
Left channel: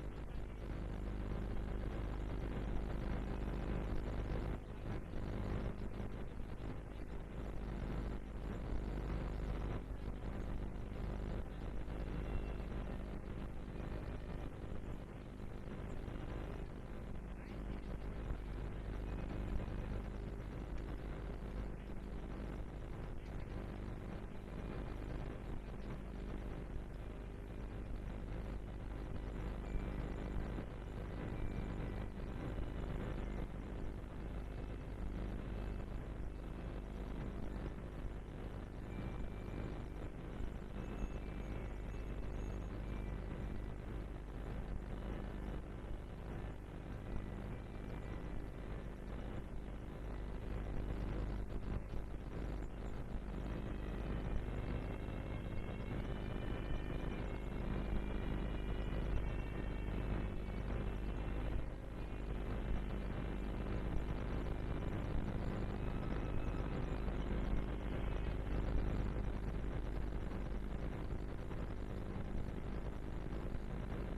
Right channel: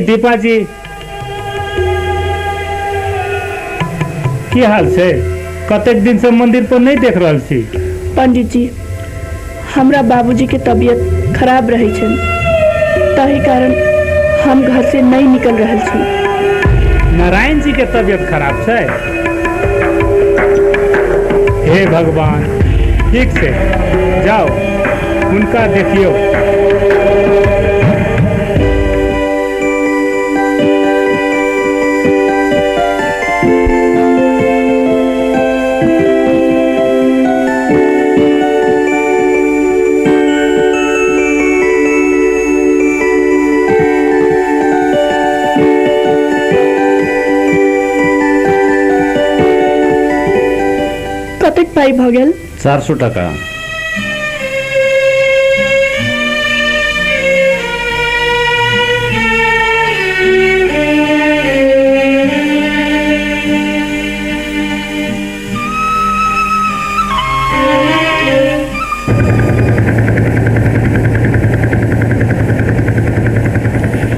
दीपा जी की हाल छै? कतेक दिन से मंदिर पर नहीं देख रहल छी। पंडित जी, हमरा बाबूजी के तबीयत खराब रहे छै, ताहि कारण हम घर से नहीं निकल रहल छी। नारायण जी के तबीयत खराब छै? हे भगवान, ठीक से जाओ उनका देखियो। कतेक पाई भ गेल? 400 टका।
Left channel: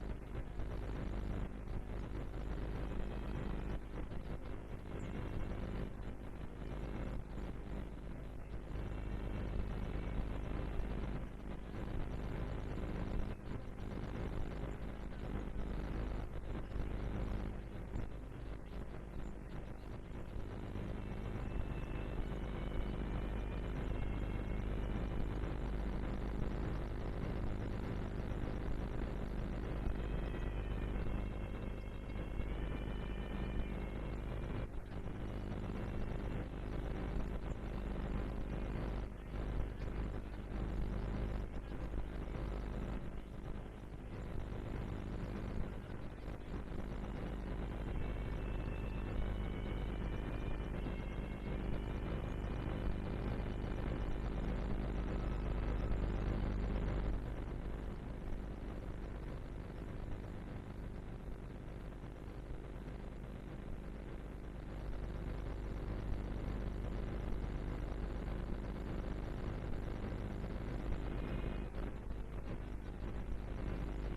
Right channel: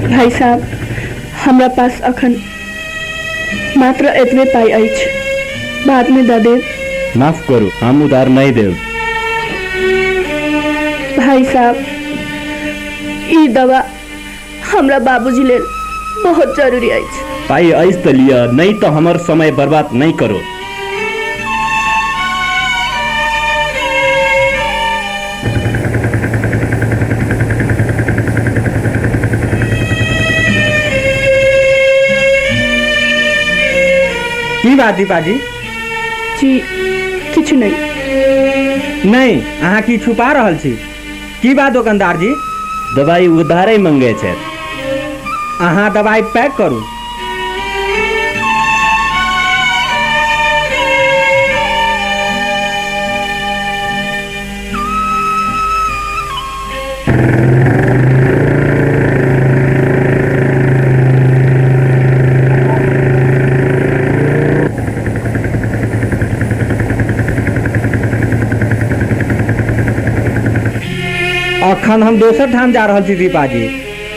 भाई साहब, हमरा पास अखन मात्र एतबे पाई अछि, बाद में द देब। माफ करू, हम उधार नहीं देव। भाई साहब, ई दवा हमरा बाबूजी लेल बहुत जरूरी अछि। पाई ऐस तो लिया, नहीं तो हमार समय बर्बाद नहीं करो। की बात दीपा जी? जी किछु नहीं। नहीं, अहाँ की छुपा रहल छी? की बात दुकानदार जी? दवाई उधारे मंगे छै। अहाँ दवाई पैक करू। अखन हम दोसर ठाम जा रहल छी दीपा जी।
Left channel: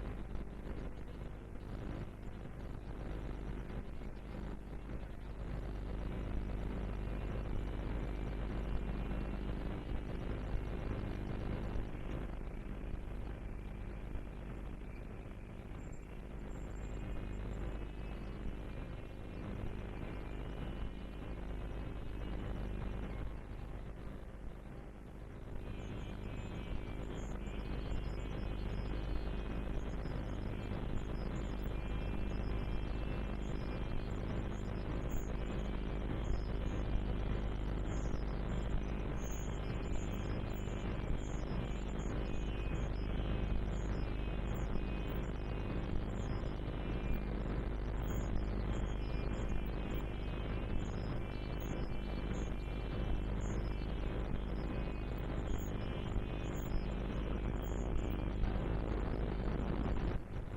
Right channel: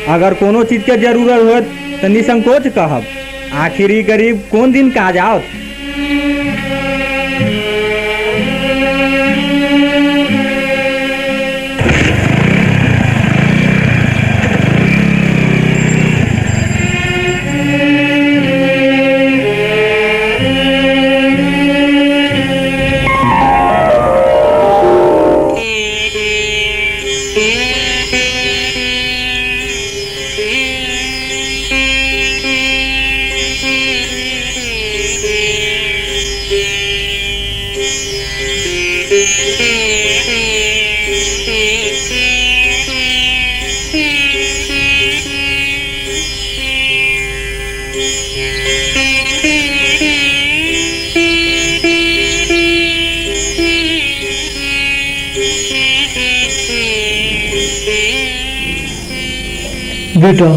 अगर कोनो चीज के जरूरत होत तो निसंकोच कहब। आखिर ई गरीब कोन दिन काज आओत। बेटा,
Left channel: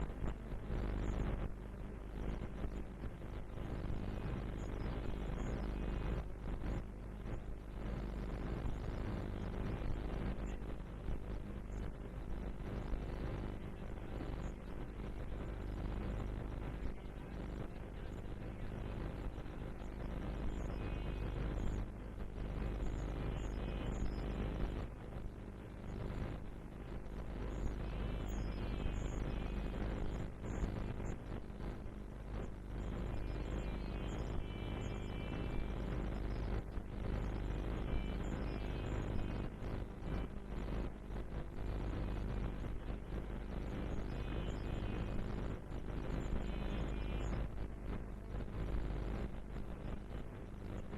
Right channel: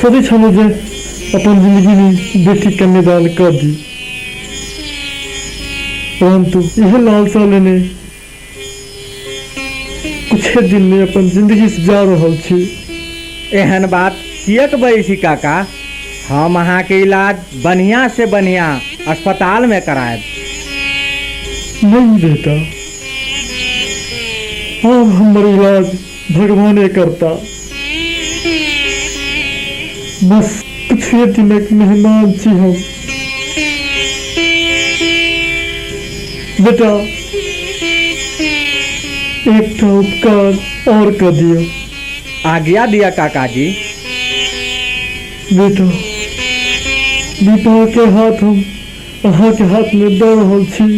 सभी छनु जे अपन जिंदगी में बेटी कन्यादान कर दी, परंतु यह लालसा लेने कुछ दिन में अपन जिंदगी से जा रहल छी। एहन बात किएक बैसी काका, हम अहाँ के इलाज बढ़िया से बढ़िया अस्पताल में कराएब। नहीं बेटा, अब हमारा इलाज भगवाने करता। बस कुछ दिनक मेहमान छी हम। बेटा एक उपकार और कर दियो। आज्ञा दिया काका जी। बेटा विवाह के हाथ हम अहाँ के हाथ में दे रहल छी।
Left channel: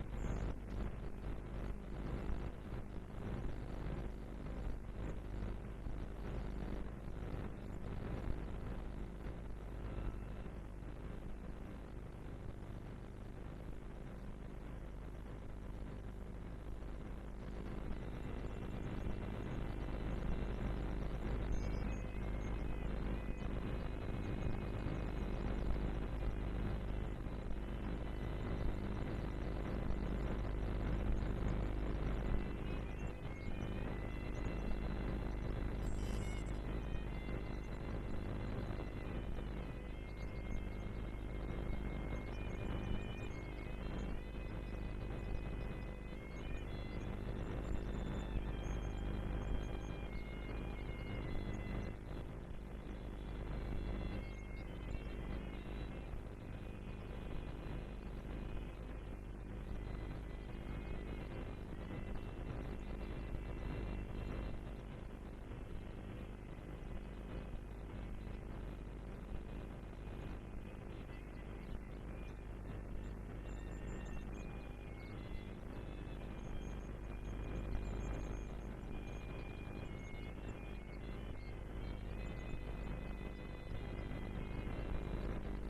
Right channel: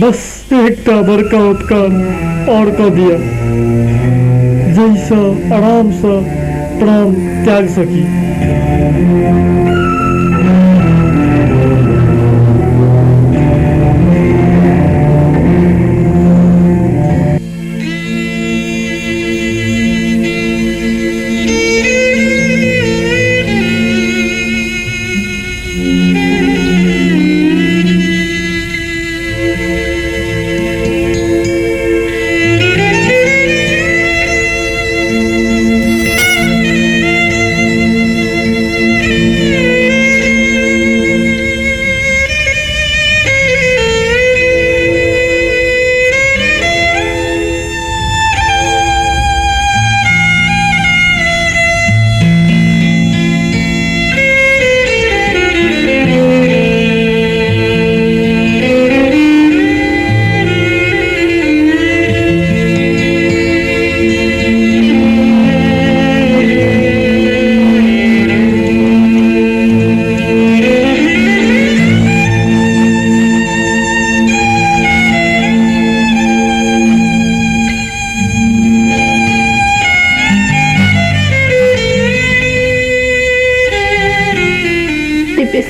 बस एकटा बड़का उपकार और कर दिया, जैसा आराम से प्राण त्याग सकी।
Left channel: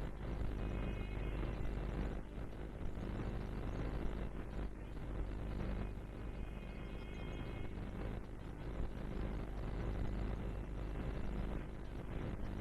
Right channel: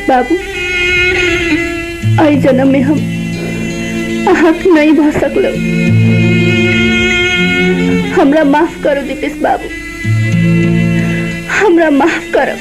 बाबू, आई जन्म में हम अहक नहीं भ सकलो। हमरा माफ करो दीपेश बाबू, हमरा माफ करो।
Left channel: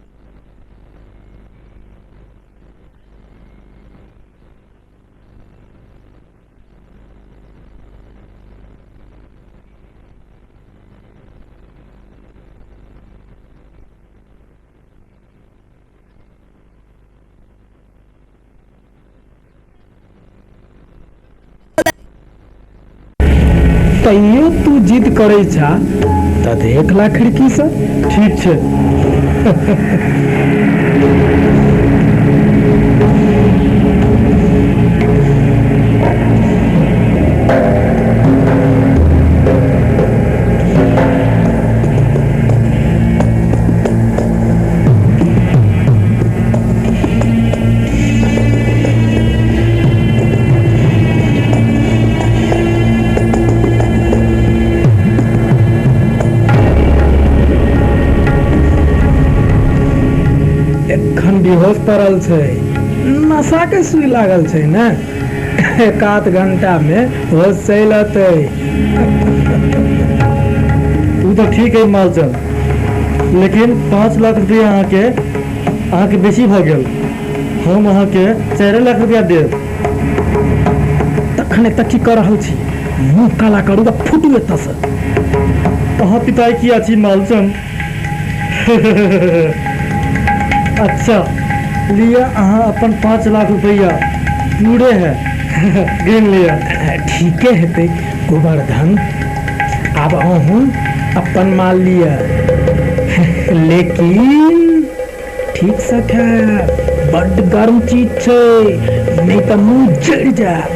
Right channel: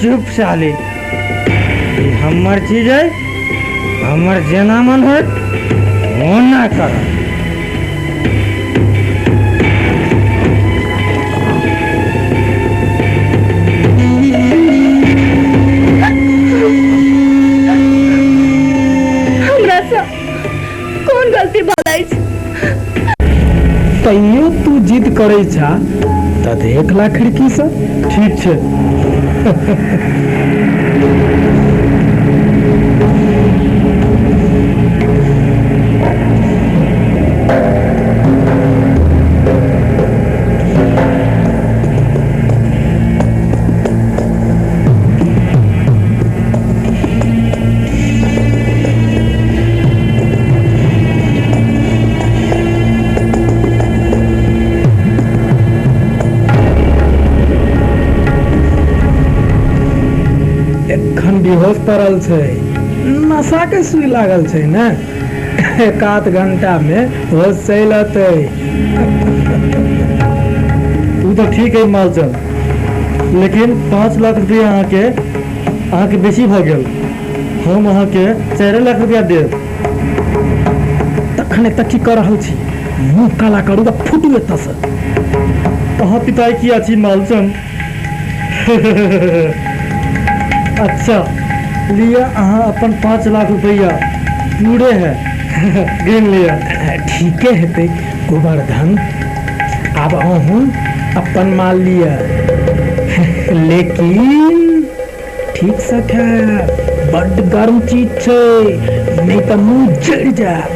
चुप साले, ये हमर चीज है, हमर जेना मन है होना कर। हमरा से कौन गलती भलाई? तैयो तू जिद करे छा त देख ला खिड़की से। ठीक छे। बेहोश पड़ल छै। नशा के सुई लागल छै ने, एक आध घंटा में होश चल अतै। तू तो ठीक है मालचंद, लेकिन 5 लाख रुपया अहाँ के बेसी भ गेल। हम अहाँ के 4 लाख रुपया देब। तखने तक की कर रहल छी, मुंह काला करू त फुटू एतऽ से। अहाँ पिताई की अछि मालचंद। अच्छा लिया, अहाँ अपन 5 लाख रुपया पूरे है गिन लिया। ठीके हेतै गोवर्धन, आब अहूँ अपन माल लिया, लेकिन ठीक से खायब, बड्ड गर्म चीज छै, नहीं तो मुंह जड़ जाए।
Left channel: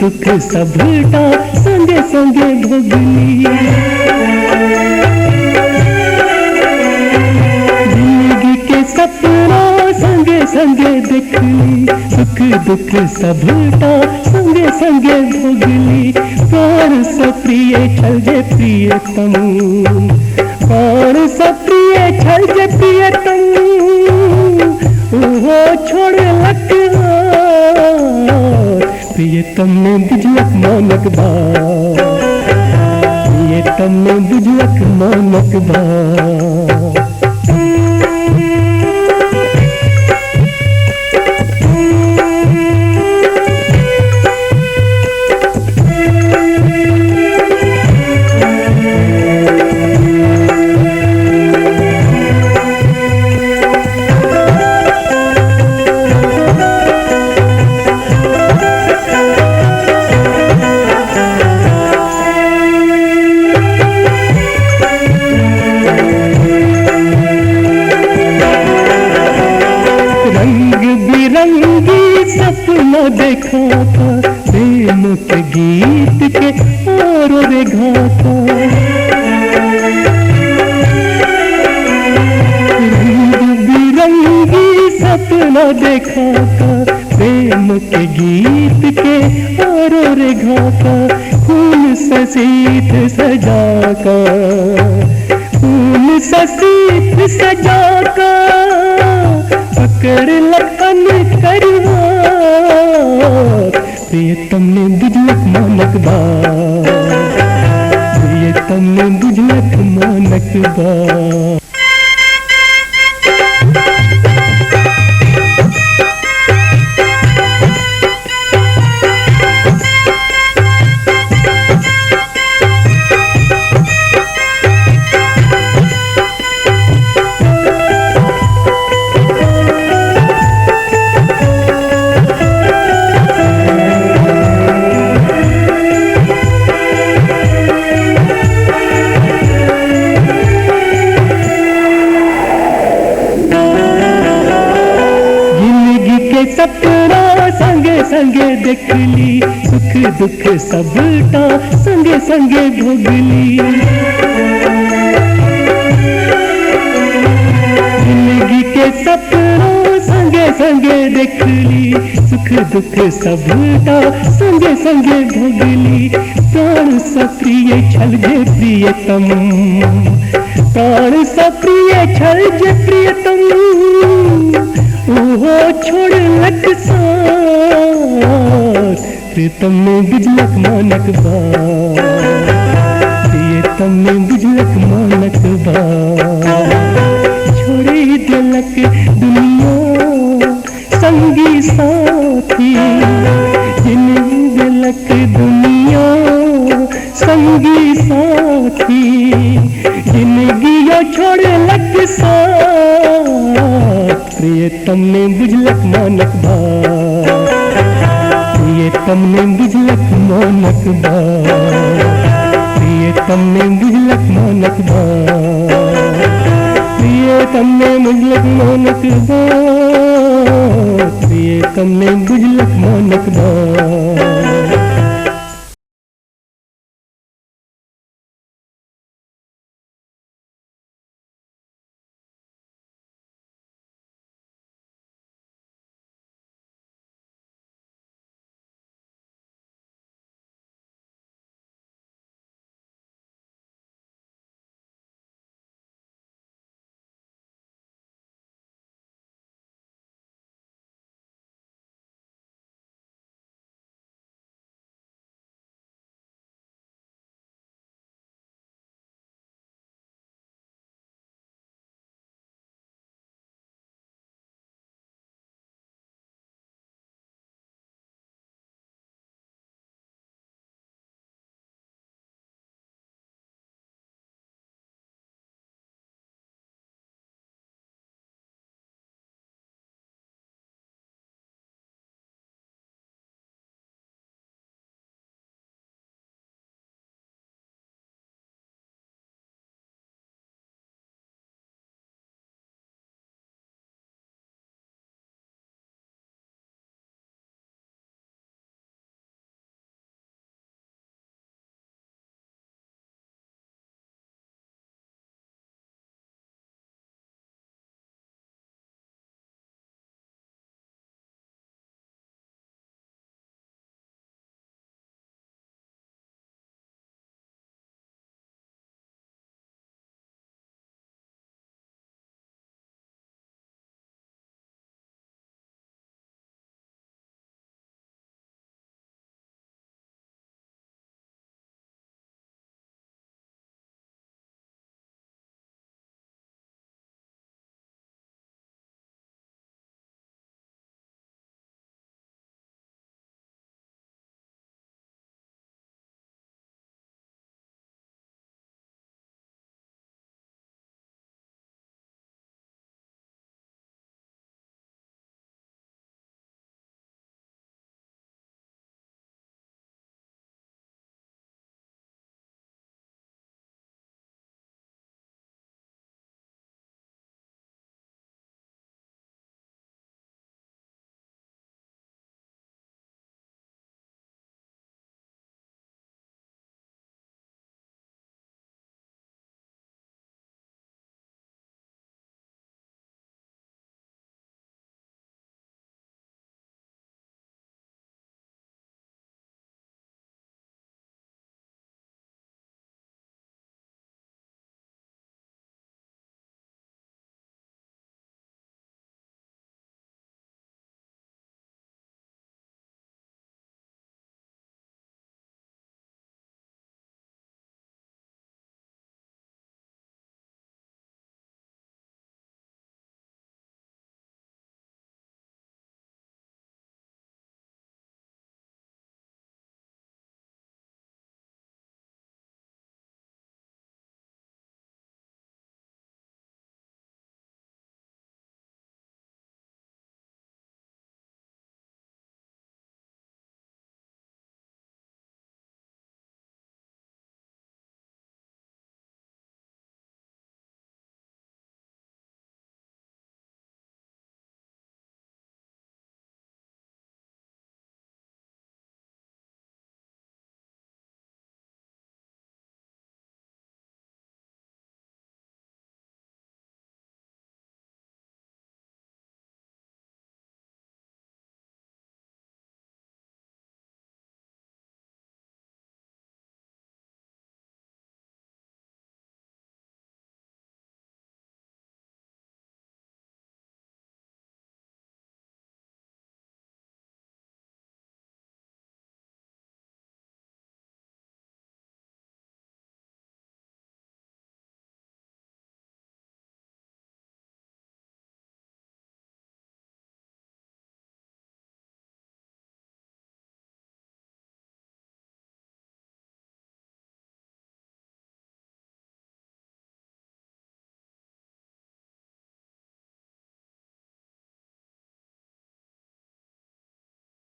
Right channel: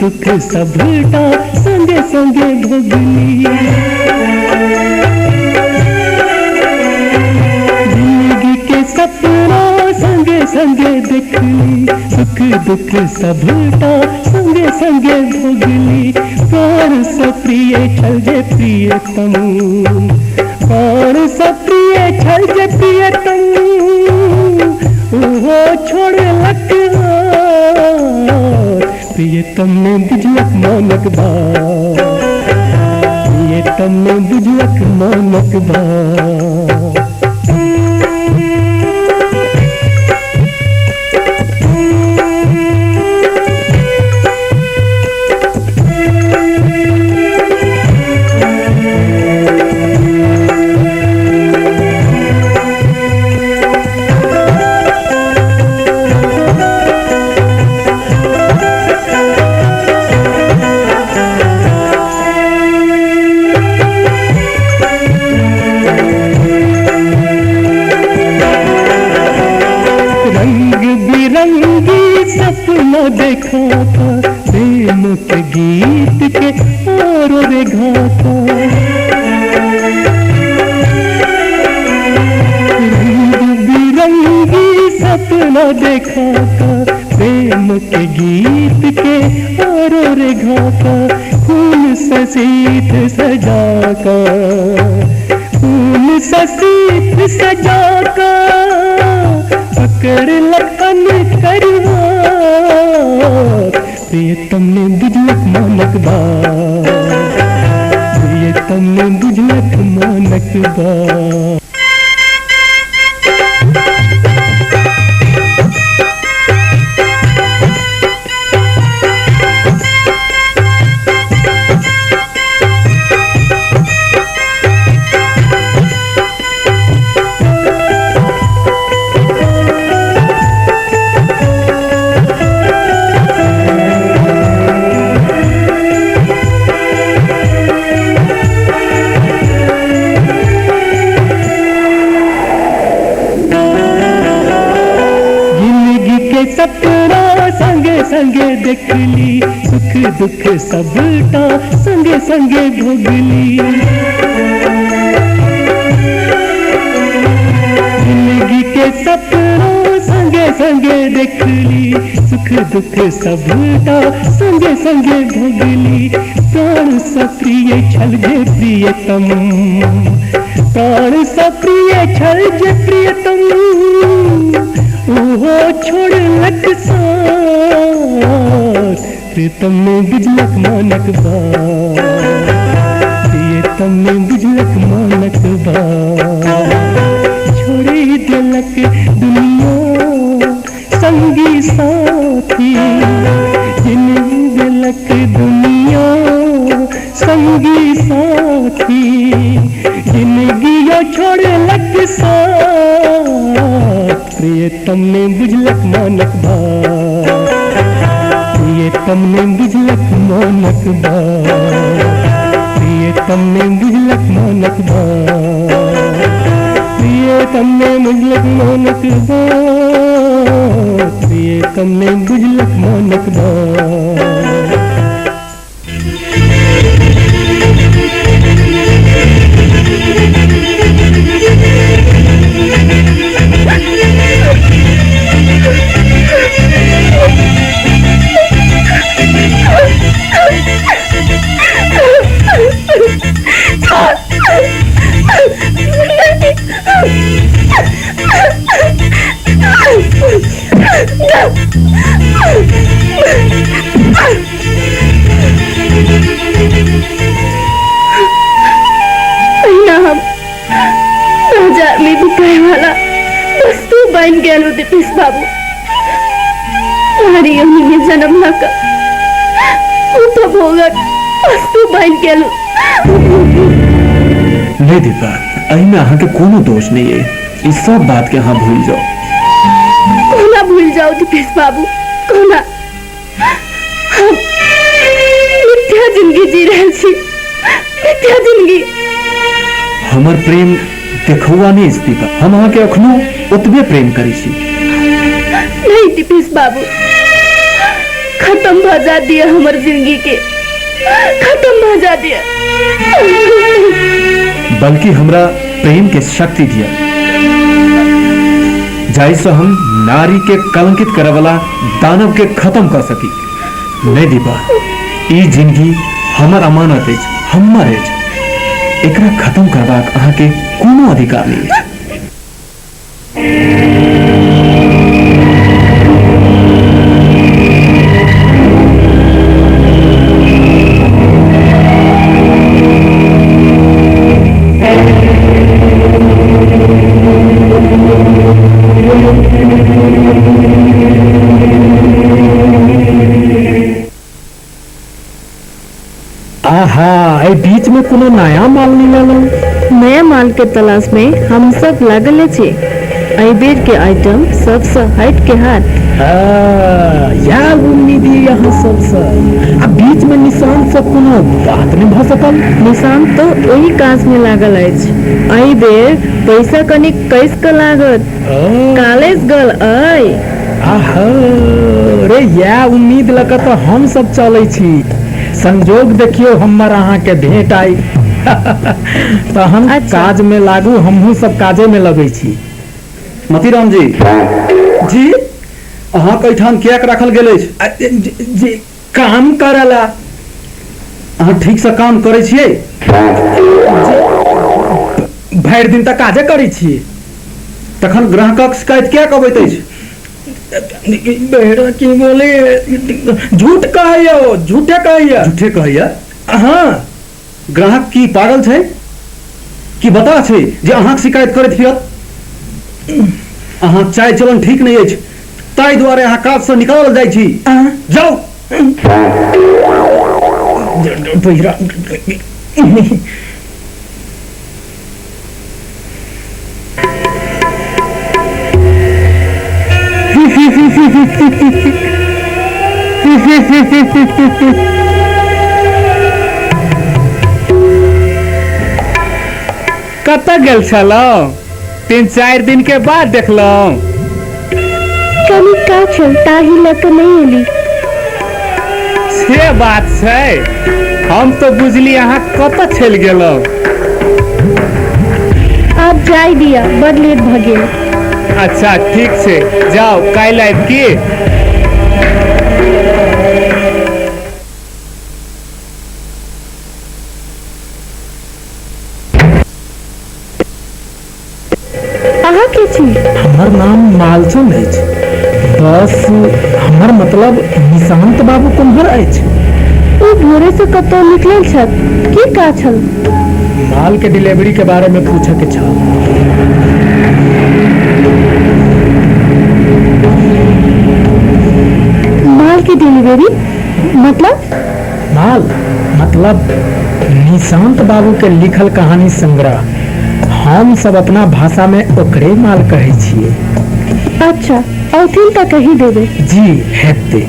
दुख सबटा संगे संगे भोगली। जिंदगी के सपना संगे संगे देखली, सुख दुख सबटा संगे संगे भोगली। प्यार से प्रिय छल जे प्रियतम, प्यार से प्रिय छल जे प्रियतम, ओहो छोड़ लक प्रियतम ने बुझलक मानक बात, प्रियतम ने बुझलक मानक बात। देखा था प्रेम के गीत के और रे घाटा, रंग बिरंगी सपना देखा था प्रेम के गीत के और रे घाटा। फूल ससीत सजा कर, फूल ससीत सजा कर, पकड़ लगन करवा प्रियतम ने बुझलक मानक बात, प्रियतम ने बुझलक मानक बात। संगे देखली सुख दुख सबटा संगे संगे भोगली जिंदगी के सपनों संगे संगे देखली सुख दुख सबटा संगे संगे भोगली प्राण सप्रिय छल जे प्रियतम प्राण सप्रिय छल जे प्रियतम ओहो छोड़ लक साथ प्रीतम में बुझलक मानक बात प्रियतम में बुझलक मानक बात छोड़ी दिलक दुनिया संगी साथी जिन्हें दिलक दुनिया संगी साथी जिंदगी छोड़ लक साथ प्रियतम ने बुझलक मानक बात प्रियतम ने बुझलक मानक बात प्रियतम ने बुझलक मानक बात प्रियतम ने बुझलक मानक बात प्रियतम ने बुझलक मानक बात बाजार में बिकाए वाला वस्तु बन गया दीपेश बाबू हमारी योनि में जन्म लाकर उपभोगक वस्तु बन गया नहीं दीपा अही में अहाँ के कोनो दोष नहीं है इस सब बात के अहाँ भूल जाओ कोना भूल जाओ दीपेश बाबू कोना हम मिथ्या जिंदगी जी रहे छी मिथ्या जिंदगी हमर प्रेम देखुआ नहीं दीपा हम अहाँ के अखनो ओतबे प्रेम करी छी नहीं दीपेश बाबू खत्म भजा दिया हमर जिंदगी के खत्म भजा दिया बल्कि हमरा प्रेम के शक्ति दिया जाइसे हम नारी के कलंकित करे वाला दानव के खत्म कर सकी नहीं दीपा ई जिंदगी हमर अमानत है हमर है एकरा खत्म करबाक अहाँ के कोनो अधिकार नहीं है बीच में कोनो नया माल नहीं लालो नया माल के तलाश में हम सब लागल छे आई बेर के आइटम सबसे हट के हाथ यार उम्मीद यहाँ सबसे अब बीच में निशान सब कोनो बात नहीं भ सकल निशान तो वही काज में लागल है आई बेर पैसा कनिक कैस के लागत कॉलेज गल आई आहा रे या उम्मीद लगा तो हम सब चले छी संजोग देखियो हमर अहाँ के भेंट आई तो हम काज में लागू हमहू सब काजे में लगे छी मतीराम जी जी अहाँ कैठान क्या रखल गेले जी काम करला अहाँ ठीक से काम करे छियै भरि दिन तक काजे करे छी तखन ग्राहकक शिकायत क्या कबैत अछि बेड़ा की बोले झूठ कहियो झूठे कहियो झूठे कहियो हाँ ग्राहक की पागल छै कि बता छै जे अहाँ शिकायत करैत फिरत अहाँ चाय चलन ठीक नहीं अछि ताहि दुआरे अहाँ काज से निकालल जाइ छी जाओ कत गेल छलौ 3-4 दिन के बाद देखलौ कमी का चलता ही लक नहीं एली से बात छै, हम तो बुझली अहाँ कतऽ चलि गेलहुँ। आप जाय दिया, बड़ लेट भ गेल। अच्छा ठीक छै, जाओ, काल्हि आबि की। अहाँ के छी? हमर नाम मालचंद अछि, बस हमर मतलब निशांत बाबू कुम्हर अछि। ओ भोरे से कतौ निकलल छल, की काज छल? माल के डिलीवरी के बारे में पूछे के छल। माल की डिलीवरी मतलब निशांत बाबू के लिखल कहानी संग्रह। हम सब अपना भाषा में ओकरे माल कहे छिए। अच्छा, औथिन त कही देबे। जी हेते।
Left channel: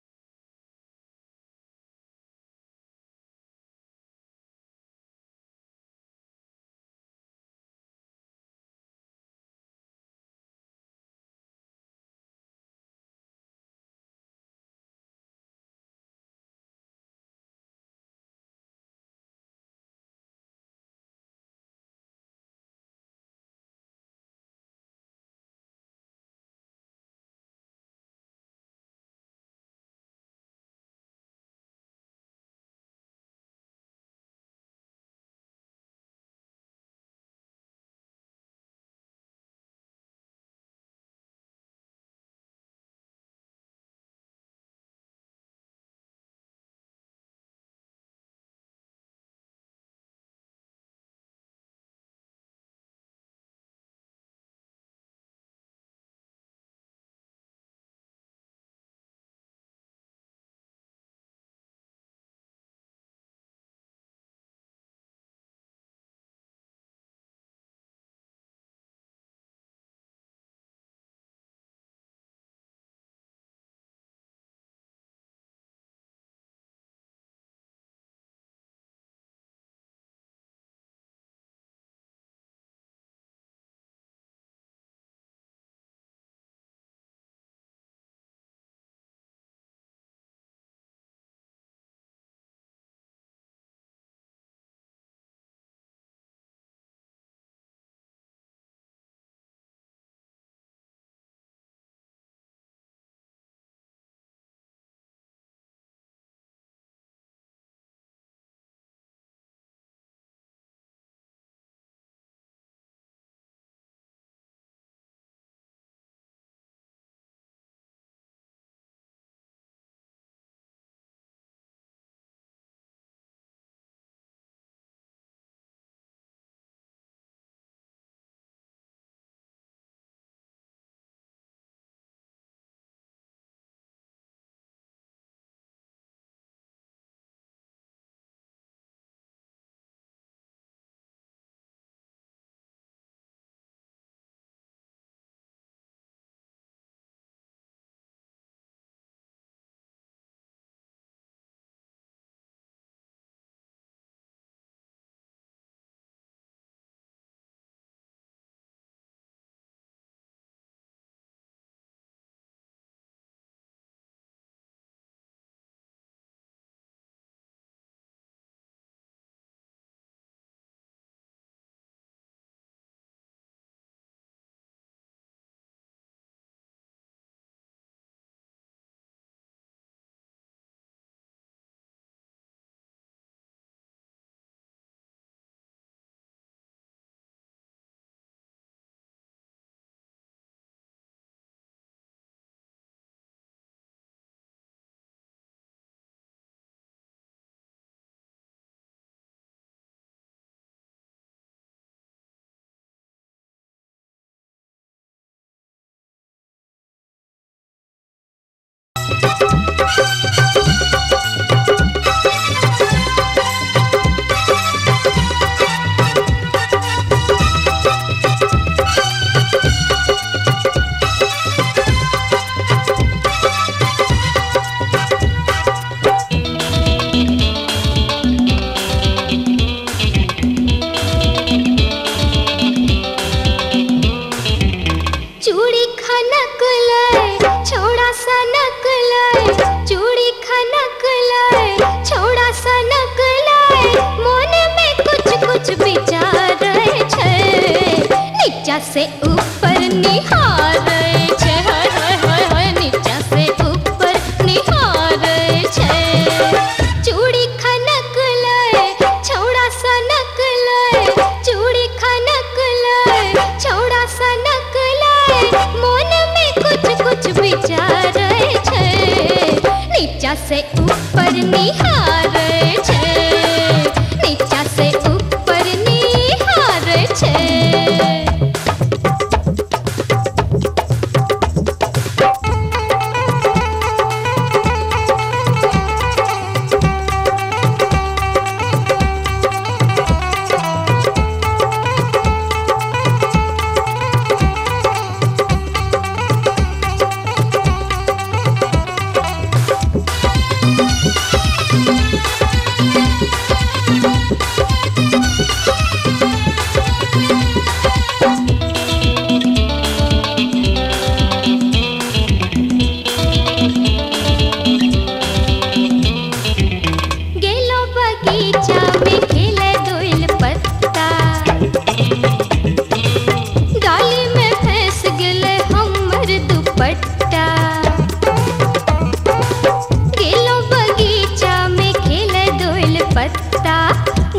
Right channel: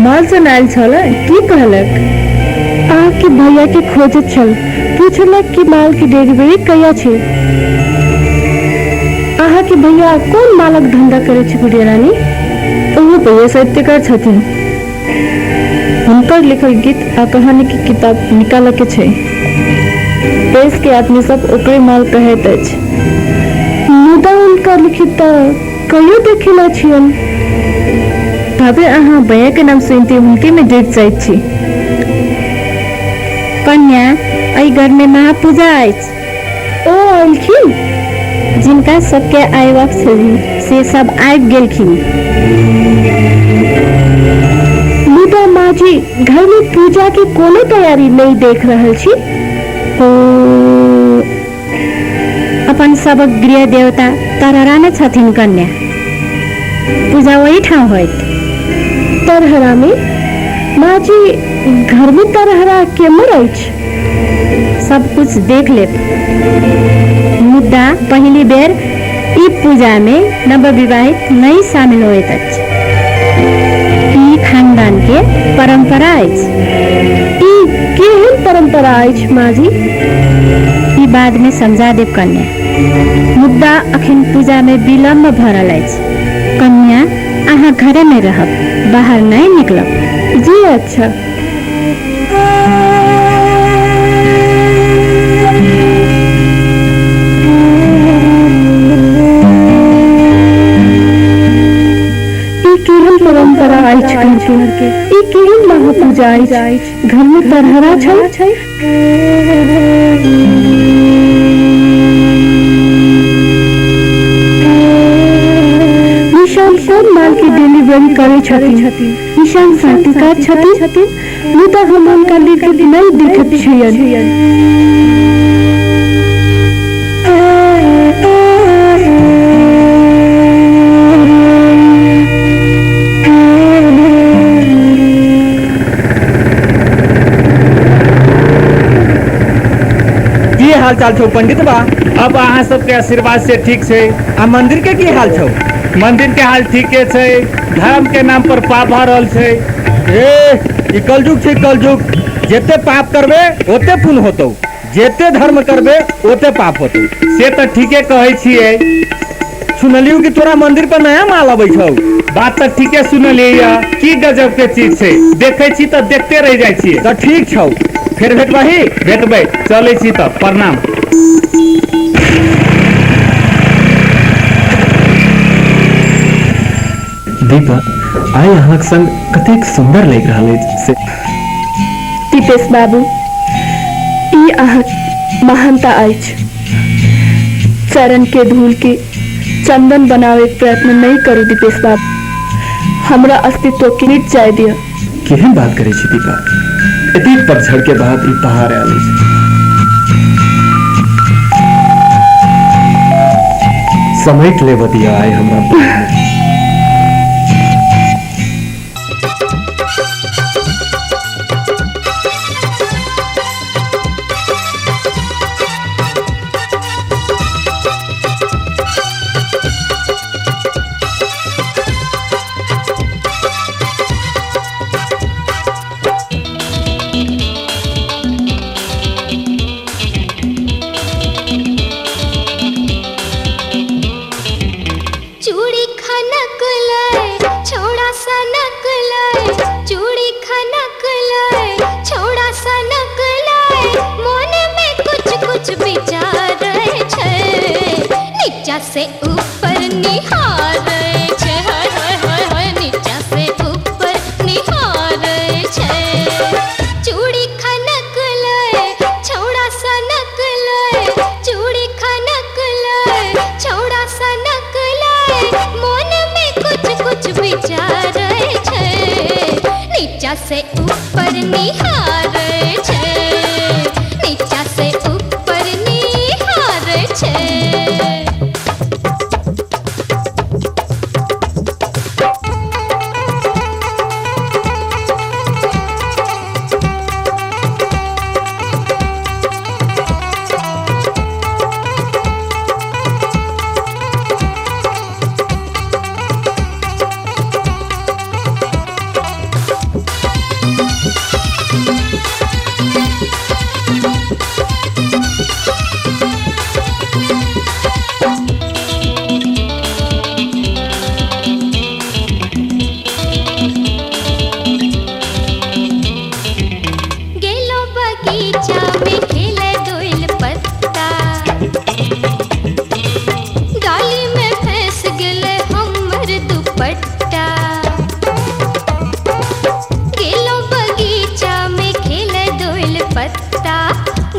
मालचंद आयल छल, की कहलक? अहाँके भैया के खोजत छल, पूछलक कि माल की डिलीवरी कहिया छै। अहाँके भैया कोन मालक धंधा करे छै गुड़िया रानी? ओहो भैया साहित्यकार छथिन। हुनकर लिखल गीत आ कहानी की किताब निकालऽ के छै। देश के आदमी सब ओकरे माल कहैत अछि, मुदा हुनकर लिखित कहियो देखले छियन। भाभी अहाँ भैया के नाम सुनते उनके में डर जाइत छी। कन्या, एहि घर में महापूजा अछि। ओ आयलखिन, जिनका सबके आयबाक छलनि से सब आबि गेलखिन। मुदा माँ जी, घर में पूजा के कोनो तैयारी नहीं देख रहल छी। अपन सबक गृह देवता तरहरा में छथिन कन्या, पूजा वही ठाम होइत। तरहरा में? माँ जी, घर में तरहरा केमर अछि? सब कुछ देख ले। मुद्दा पहली बेर ई पूजा में नवविवाहित नहीं शामिल होइत अछि। ई खानदान के परंपरा अछि। ई केहन परंपरा अछि माँ जी? ई बाद में समझा देब कन्या। मुद्दा अखन पूजा में विलम्ब भ रहल अछि। कन्या, अहाँ घरे में रहब, बाहर नहीं निकलब। जी अच्छा। केहन परंपरा अछि घर के? ई केहन महापूजा अछि? घर में तरहरा छै? कोन माल की डिलीवरी करे छथिन? निशान साहित्यकार छथिन, मुदा हम हुनका लिखित नहीं देखैत छियनि। की हाल चाल छौ पंडित बा? अब अहाँ सबके आशीर्वाद से ठीक छै। आ मंदिर के की हाल छौ? मंदिर के हाल ठीके छै। धर्म के नाम पर पाप भ रहल छै। ई कलयुग छै, कलयुग। जेते पाप करबे ओते पुण्य होतौ, जेते धर्म करबे ओते पाप होतौ। से तो ठीके कहै छियै। सुनलियो कि तोरा मंदिर पर नया माल अबै छौ। बात तो ठीके सुनलियै। की गजब के चीज छै, देखे छी तो देखते रह जाइ छियै। तो ठीक छौ, फिर भेटबही। भेटबै, चलै छी तो। प्रणाम। दीपा, आइ अहाँक संग कतेक सुंदर लागि रहल अछि। दीपेश बाबू, ई अहाँक महानता अछि। चरण के धूल के चंदन बनावे के प्रयत्न नहीं करू दीपेश बाबू। हमरा अस्तित्व के मिट जाय दिया। केहन बात करे छी दीपा? एतेक पतझड़ के बाद ई पहाड़ आयल अछि। समेट ले बतिया आए हमरा। चूड़ी खनक लाए छोड़ा सनक लाए, चूड़ी खनक लाए छोड़ा सनक लाए, मन में कुछ कुछ विचार छे, नीचा से ऊपर निहारे छे, हाय हाय हाय हाय नीचा से ऊपर निहारे छे। चूड़ी खनक लाए छोड़ा सनक लाए, चूड़ी खनक लाए छोड़ा सनक लाए, मन में कुछ कुछ विचार छे, नीचा से ऊपर निहारे छे, नीचा से ऊपर निहारे छे।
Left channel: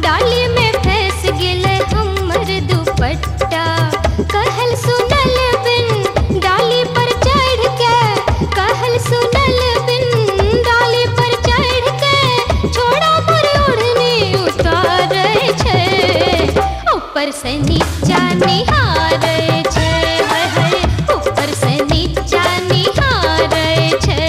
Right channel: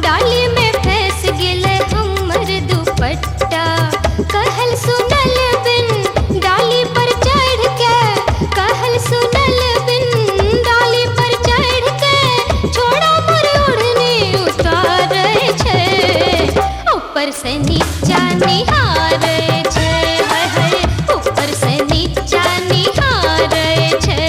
डाली में फंस गेले हमर दुपट्टा, कहल सुनल बिन डाली पर चढ़ के, कहल सुनल बिन डाली पर चढ़ के, छोड़ा पर ओढ़नी उतारे छे, ऊपर से नीचा निहारे छे, हाय हाय ऊपर से नीचा निहारे छे।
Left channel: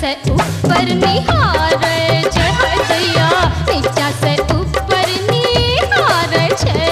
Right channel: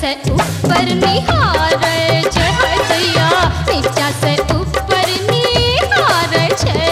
से ऊपर निहारे छे, हाय दैया नीचा से ऊपर निहारे छे।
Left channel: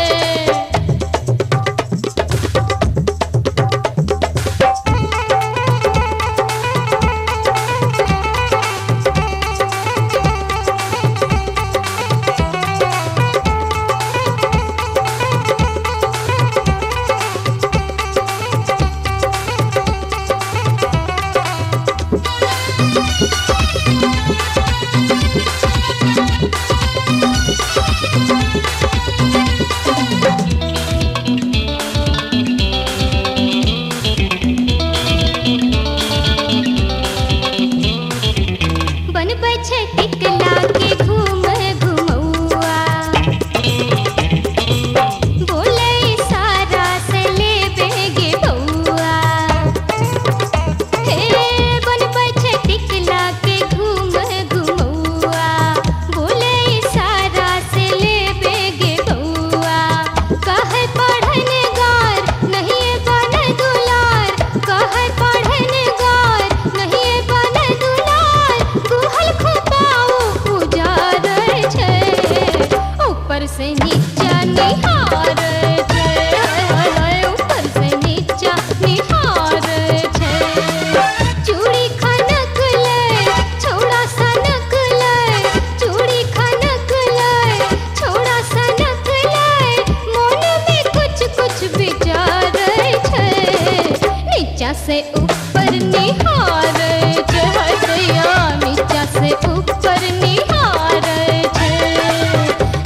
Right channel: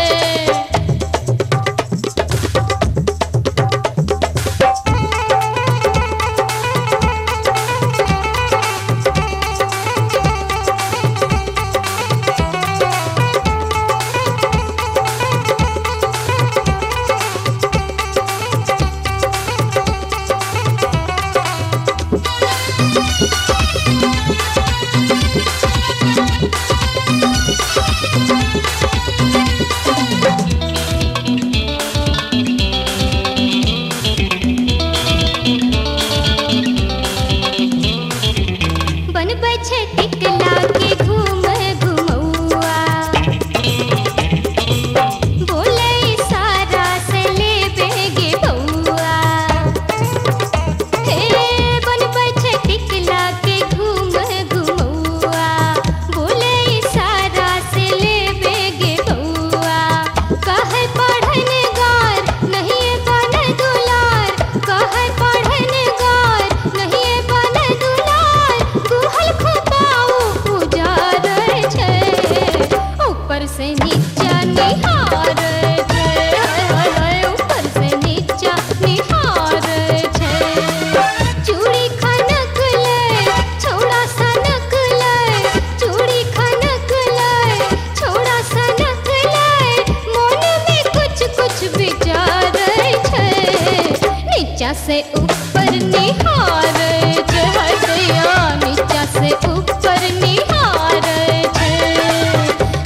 से ऊपर निहारे थे हाय दैया नीचा से ऊपर निहारे थे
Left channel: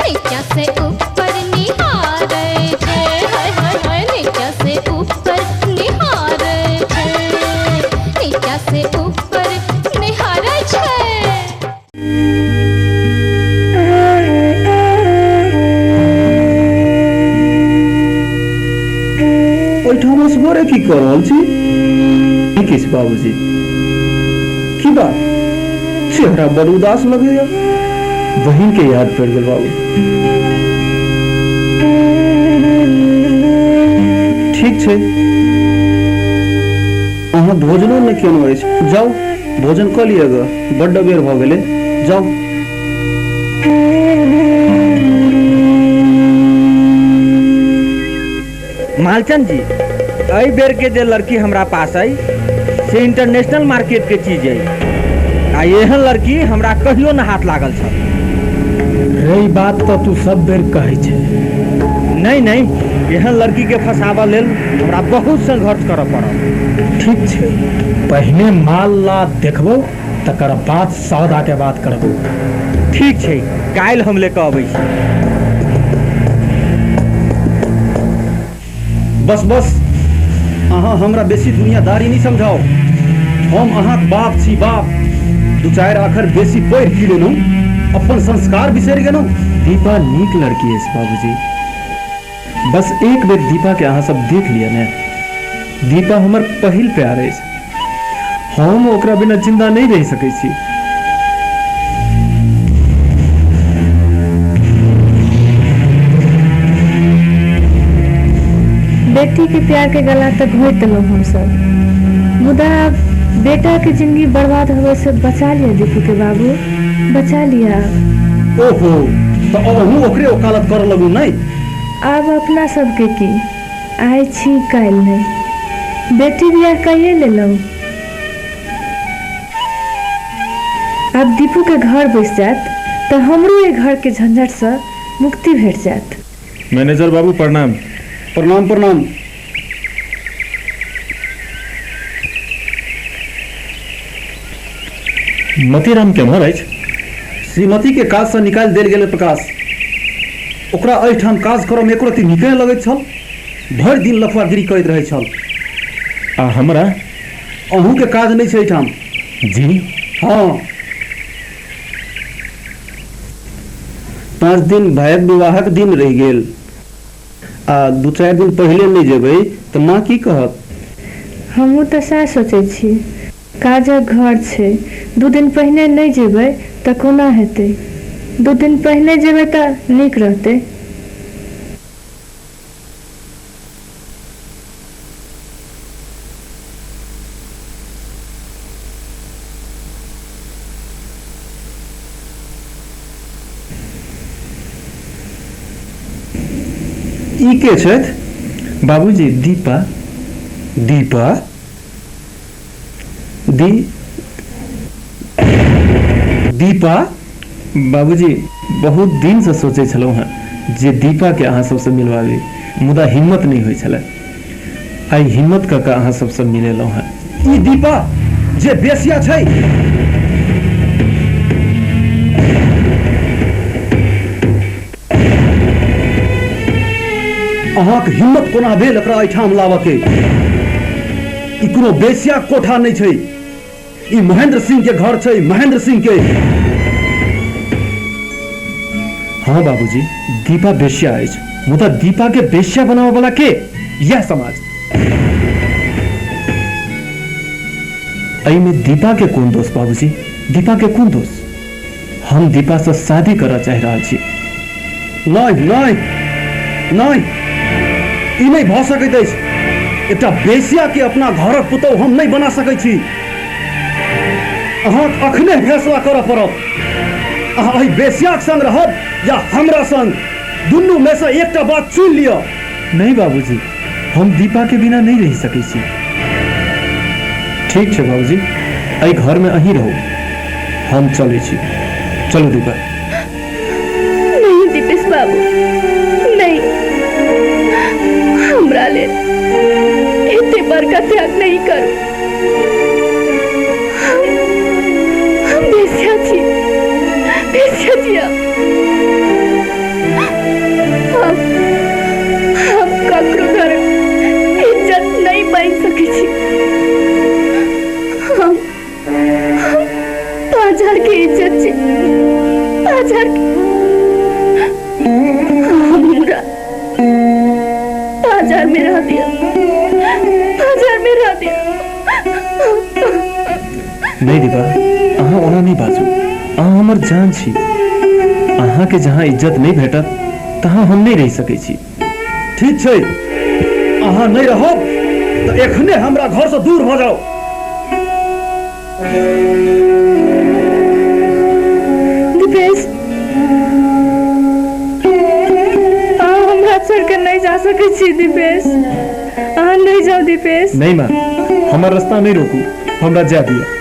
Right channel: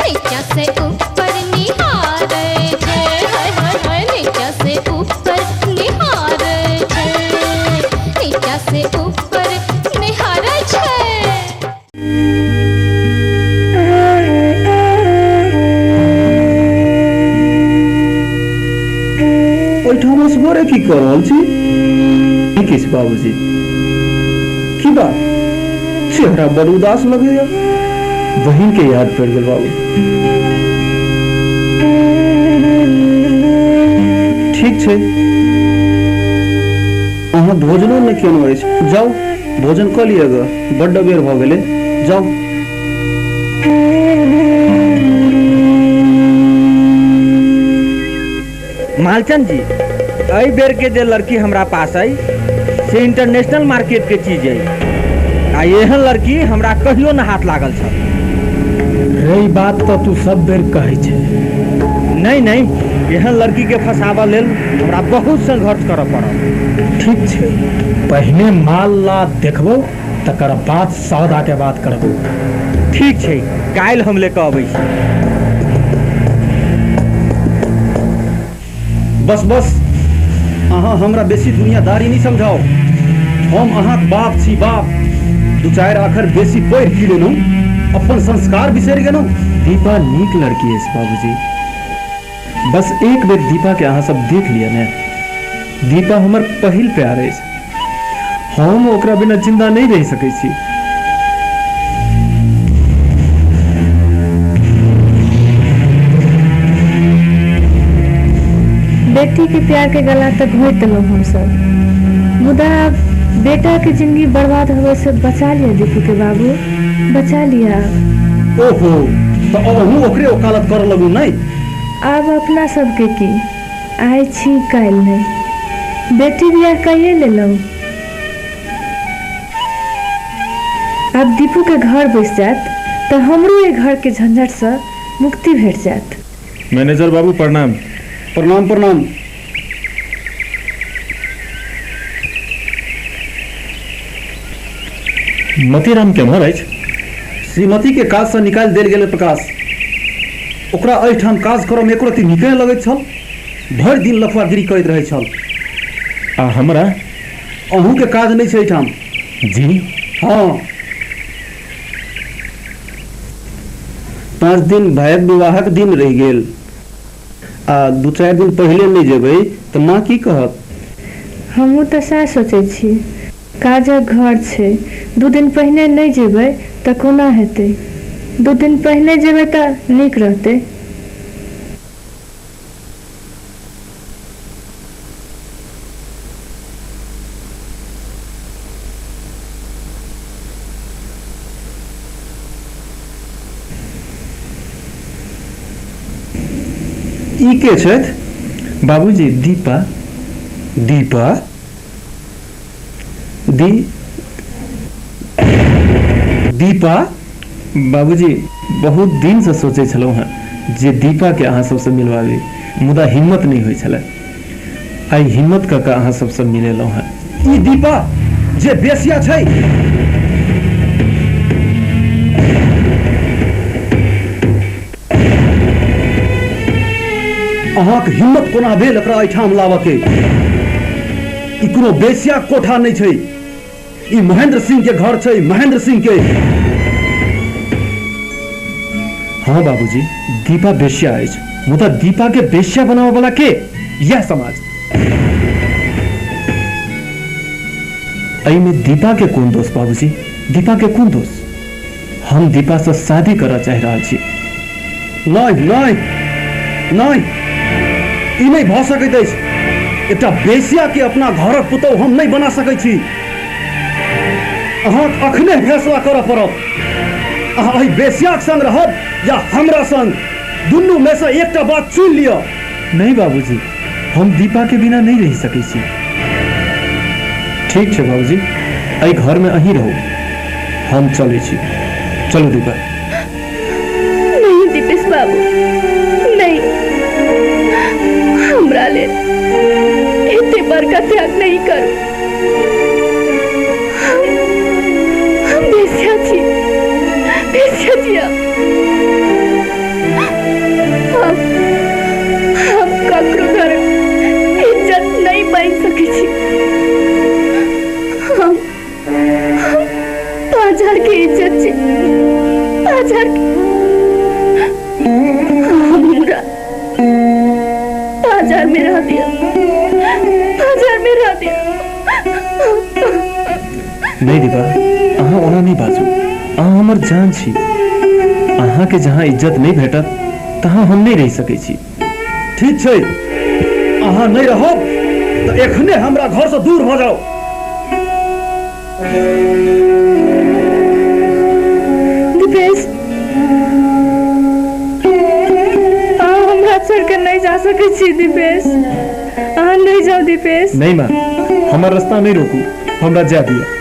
नीचा से ऊपर निहारे थे हाय हाय हाय नीचा से ऊपर निहारे थे नीचा से ऊपर निहारे थे ओहिठाम असगरे की कर रहल छी किस बाबूजी की बात चेहरा बड़ उदास लगैया बहिन के याद पड़ गेल बाबू ठीक छै अहाँ भोजनो नहि केलहुँ अछि जाउ भोजन कऽ लिअ ग बड्ड बेर भऽ गेलै जाउ मालचंद जी एहि बेर के जे लड़की हमरा पास आई से इंटरनेशनल मार्केट के चीज है आ एहन लड़की हमरा कहियो न हाथ लागल छ रही बात तो तू सब बेर कहै छै नहीं नहीं एहन लड़की के फसाबा लेल हमरा बहुत संघर्ष करऽ पड़ल ठीक छै पहिने माल ला देखबो तकर बाद सौदा के बात करबो ठीक छै काल्हि हम लेके अबै छी बस बस अहाँ हमरा बेसी दुनियादारी नहीं समझाओ हम अहाँ बाप छी बाप दू चारि आखर बेसी पढ़ि की लेलहुँ अपन संस्कार बिसरि गेलहुँ दीपा नीक लड़की है बाबूजी बस एक बेर दीपा के अहाँ सब देख लिया ने दीपा हमर पहिल प्यार है हम ओकरा बिना जिंदा नहीं रह सकै छी बेटी के प्यार के गला तक घोट दिलौं हम सब मुदा बेटा के जिंदगी बर्बाद होवे से बचा लिया दीपू के बाबू बचा लिया ओहो तो अहूँ ओकरे वकालत कर लगू नहीं अब अपना सबके की आय छी काल्हि नहीं बेटी बियाह कहिए लेलौं अब दीपू के घर बस जात तो हमरो ये घर के झंझट से मुक्ति भेट जात मैनेजर बाबू प्रणाम प्रणाम प्रणाम मतीराम केम्हर अछि श्रीमती के काज से निकाल देल गेल प्रकाश ओकरा एहिठाम काज करऽ में एको रत्ती नीक नहि लगैत छल भरि दिन लफड़ागिरी करैत रहै छल आ हमरा अहूँ के काज नहीं छै एहिठाम जी हाँ 5 दिन भाइक विवाहक दिन रहि गेल आ 2-4 दिन पहले नहीं जेबै तो माँ की कहत हमहूँ तो सएह सोचै छी काजक घर छै 2 दिन पहिने नहीं जेबै तो कोना हेतै 2 दिन पहिने जेबै तो नीक रहतै ई के छथि बाबूजी दीपा दीपा दीपा बाबूजी बहुत दिन से सोचे छलहुँ हैं जे दीपा के अहाँ सबसे मिलवाबी मुदा हिम्मत नहीं होइ छलै आई हिम्मत कऽ अहाँ सबसे मिलेलहुँ हैं ई दीपा जे बेसिया छै अहाँक हिम्मत कोना भेल एकरा एहिठाम लाबके ई कोनो बेसिया कोठा नहीं छै ई महेंद्र सिंह के घर छै महेंद्र सिंह के हाँ बाबूजी दीपा बेश्या अछि मुदा दीपा के बेश्या बनावे वाला के यह समाज में दीपा के कोन दोष बाबूजी दीपा के कोन दोष हम दीपा से शादी करऽ चाहि रहल छी नहीं नहीं नहीं ई नहीं भऽ सकैत अछि एकटा बेसिया के अपना घरक पुतौह हम नहीं बना सकै छी अहाँ अखने फैसला करऽ पड़त अहाँ एहि बेसियाक संग रहब या हमरा संग दुनू में से एकटा बात चुनि लिअ नहीं बाबूजी हम दीपा के बिना नहीं रह सकै छी ठीक छै बाबूजी एहि घर में अहीं रहू हम चलै छी चलो दीपा नहीं दीपेश बाबू नहीं हमरा ले एते बड़का त्याग त्याग नहीं करूं। हम बेस्या थी हम ककरो घर इज्जत नहीं बन सके छी। हम 5000 के इज्जत छी, 5000 हमरा 5000 में रह दिया, 5000 में रह दिया। नहीं दीपा, अहाँ ओना नहीं बाजू। अहाँ हमर जान छी। अहाँ के जहाँ इज्जत नहीं भेटत तहाँ हम नहीं रह सकै छी। ठीक छै, अहाँ नहीं रहब तो एखने हमरा घर से दूर भ जाओ। दीपेश, अहाँ हमरा छोड़ के नहीं जा सकै छी। दीपेश, अहाँ नहीं जाओ। दीपेश नहीं माँ, हमार रास्ता नहीं रोकू, हमरा जा दिया।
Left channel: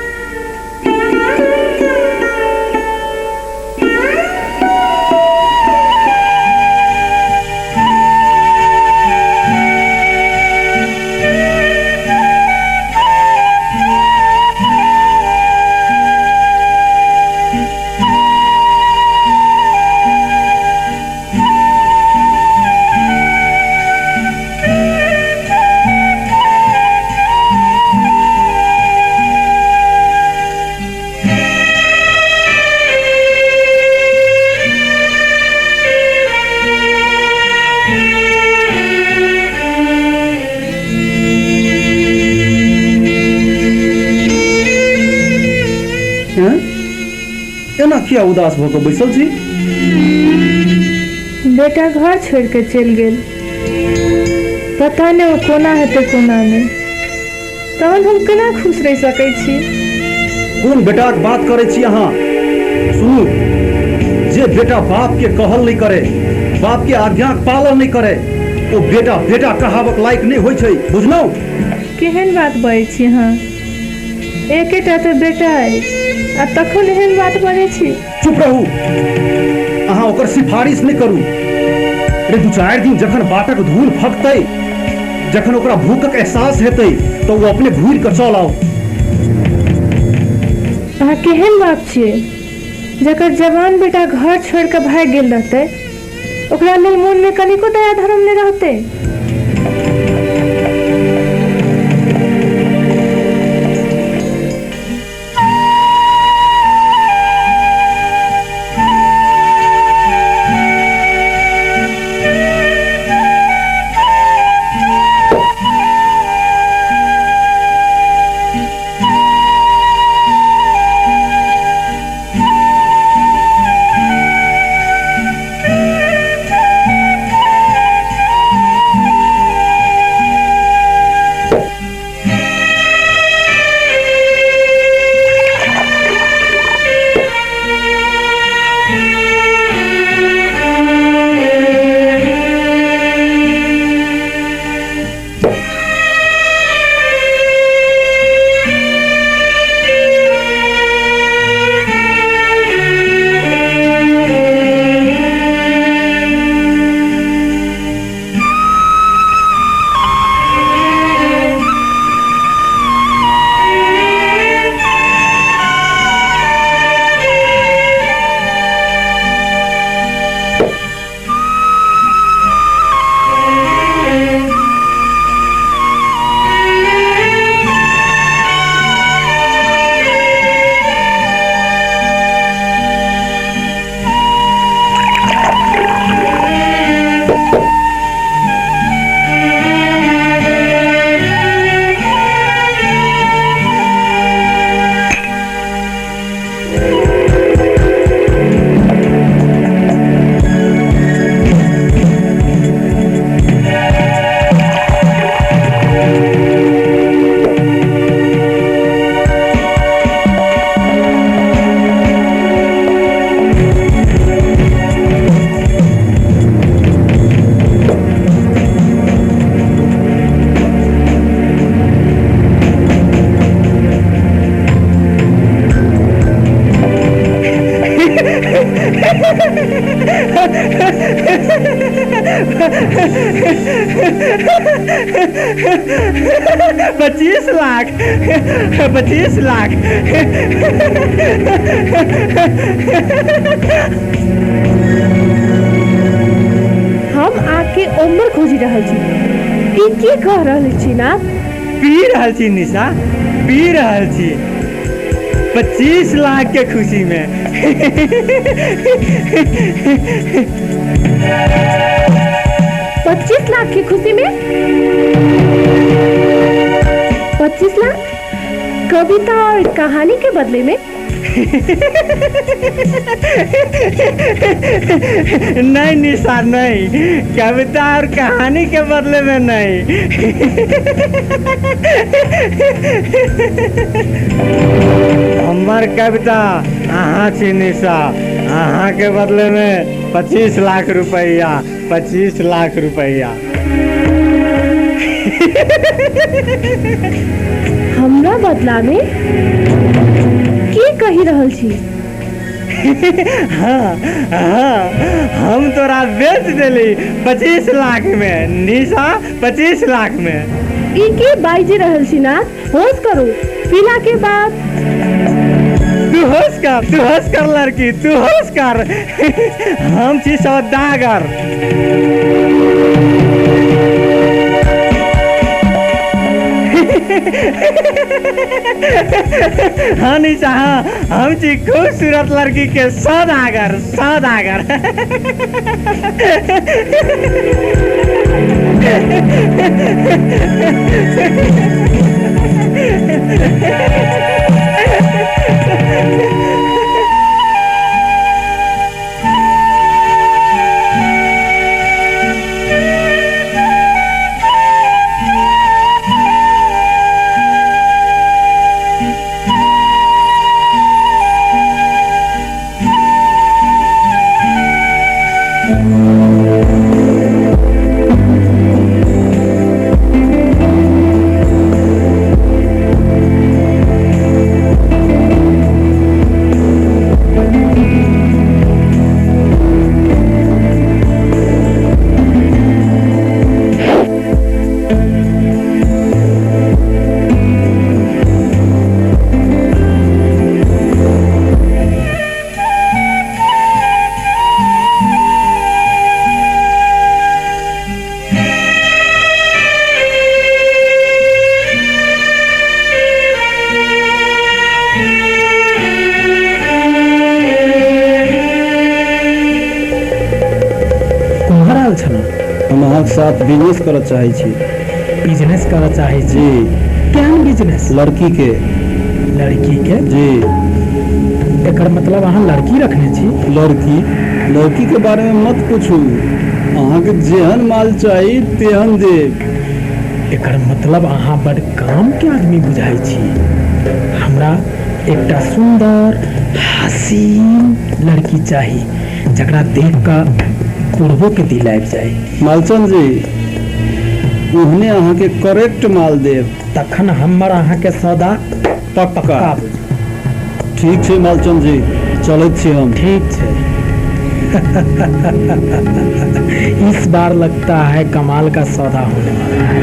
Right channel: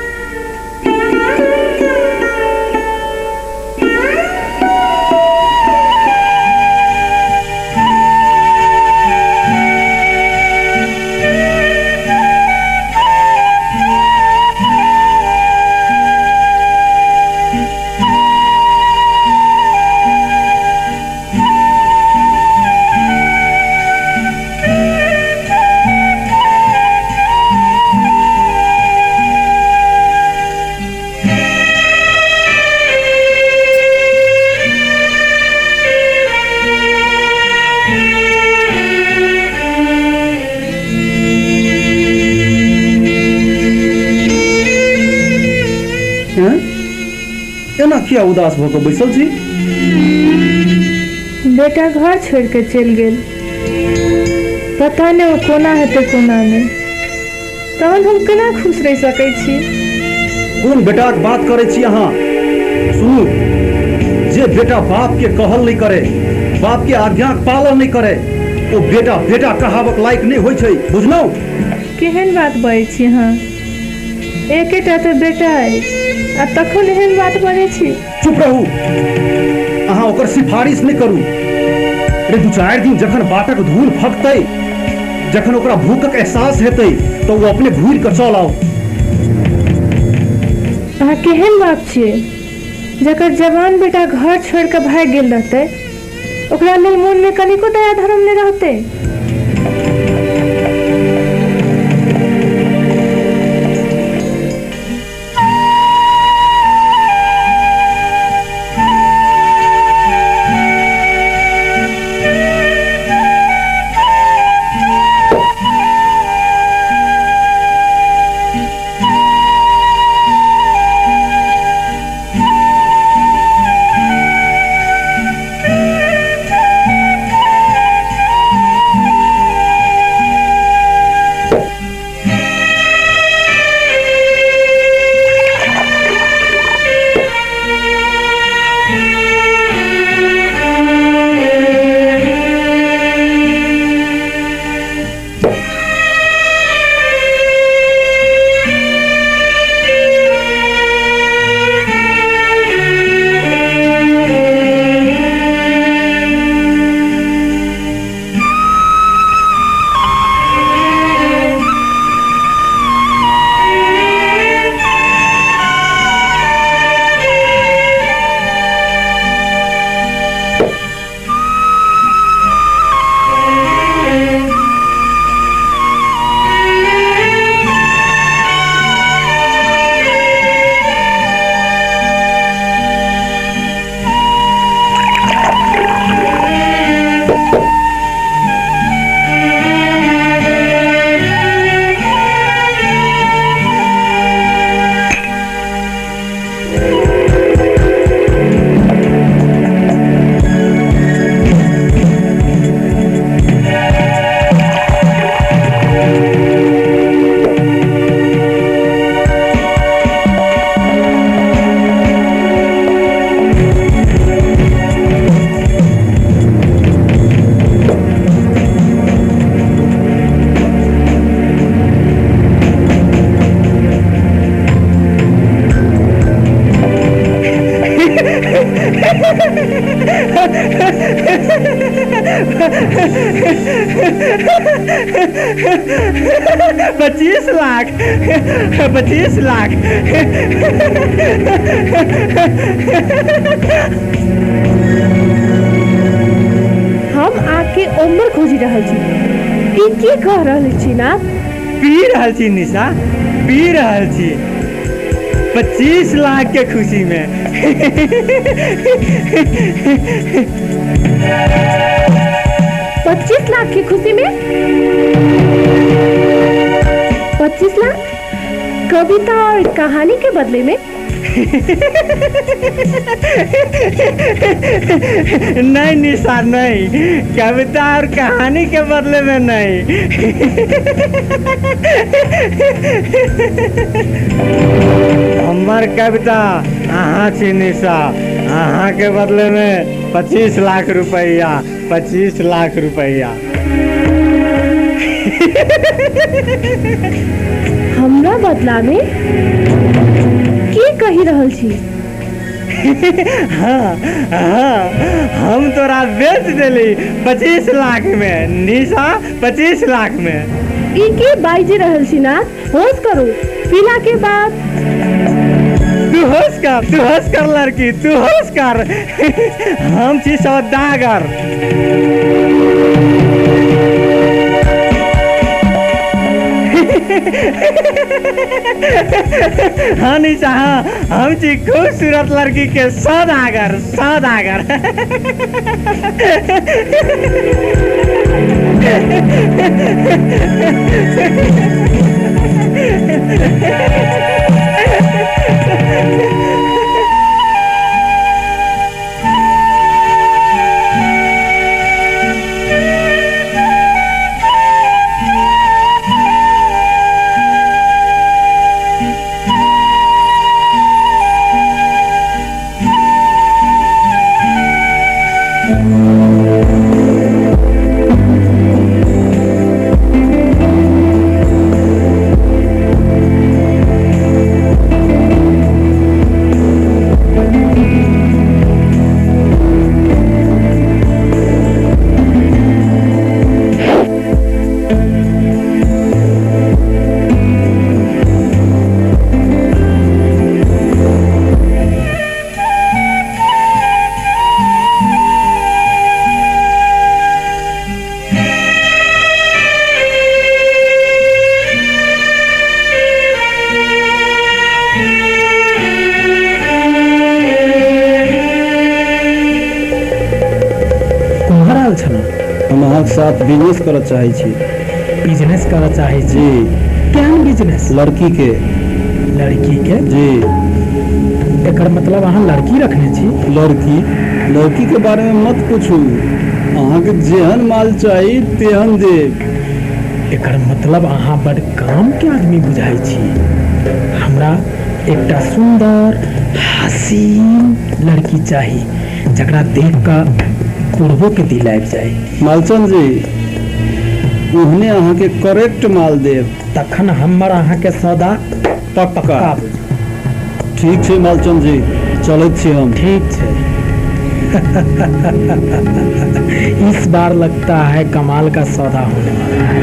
एना किया उदास भ के बैसल छी? बेटा घर छोड़ के चल गेल, पता नहीं वो कोना हेते कोना नहीं। तहन हम केना खुश रह सकै छी? कोन बेटा के बात करे छी अहाँ? सुनू, जे बेटा बाप के कहल नहीं करे, बाप के आज्ञा के पालन नहीं करे, ओ बेटा बेटा कहावक लायक नहीं होय छै, बुझलौ? केहन बात बजै छी अहाँ? एकेटा तो बेटा है, आ तखन एहन बात बजै छी। चुप रहू, अहाँ ओकर सिफारिश नहीं करू। अरे 2-4 दिन जखन बाटक धूल फकतै, जखन ओकरा भूखक एहसास हेतै तो वो अपने घूर के चल आओ। अहाँ केहन बाप छियै? जकर जवान बेटा घर छोड़ के भाग गेल रहतै, ओकरा लेल मोन में कनिको दया धर्म नहीं रहतै। 25 लाख 25 लाख। हम आके उम्र खोजी रहल छी। ई की कह रहल छी ना? पी रहल छी निशा, पी रहल छी 25 लाख के खुशी में। 25 लाख की खुशी में? 25 लाख कविता और कहानी के बदले में? नहीं निशा नहीं, कविता और कहानी के बदले में नहीं। हमार कविता अहाँ छी निशा, अहाँ के बदले में 25 लाख रुपया, 25 लाख रुपया। हमरा बदला में की कही रहल छी? हाँ हाँ, हम तोरा बेच देली 25 लाख में निशा, 25 लाख में। ई की बाइजी रहल छी ना? होश करू, पीला के बाद। तू होश कर लड़की, तू होश कर। हम छी सौदागर। हाँ निशा, हाँ हम छी खूबसूरत लड़की के सौदागर, सौदागर। हम अहाँके साथ बिजनेस करऽ चाहे छी। बिजनेस करऽ चाहे छी? केहन बिजनेस? लड़की के। लड़की के? जी। एकर मतलब अहाँ लड़की रखने छी? लड़की के बारे में मत पूछू, अहाँके जेहन माल चाही तेहन देब। एकर मतलब अहाँ बड़ काम के आदमी बुझाई छी। हमरा एकटा सुंदर हसीन लड़की चाही जकरा देख कर पूर्वों के दिल आबि जाए। मालचंद जी, उहने अहाँ के करेक्ट माल देब, तखन हमर अहाँ के सौदा पक्का। ठीक छै मालचंद जी, चलैत छी हम। ठीक छै। इस बार लगता है कमाल का सौदा होने वाला है।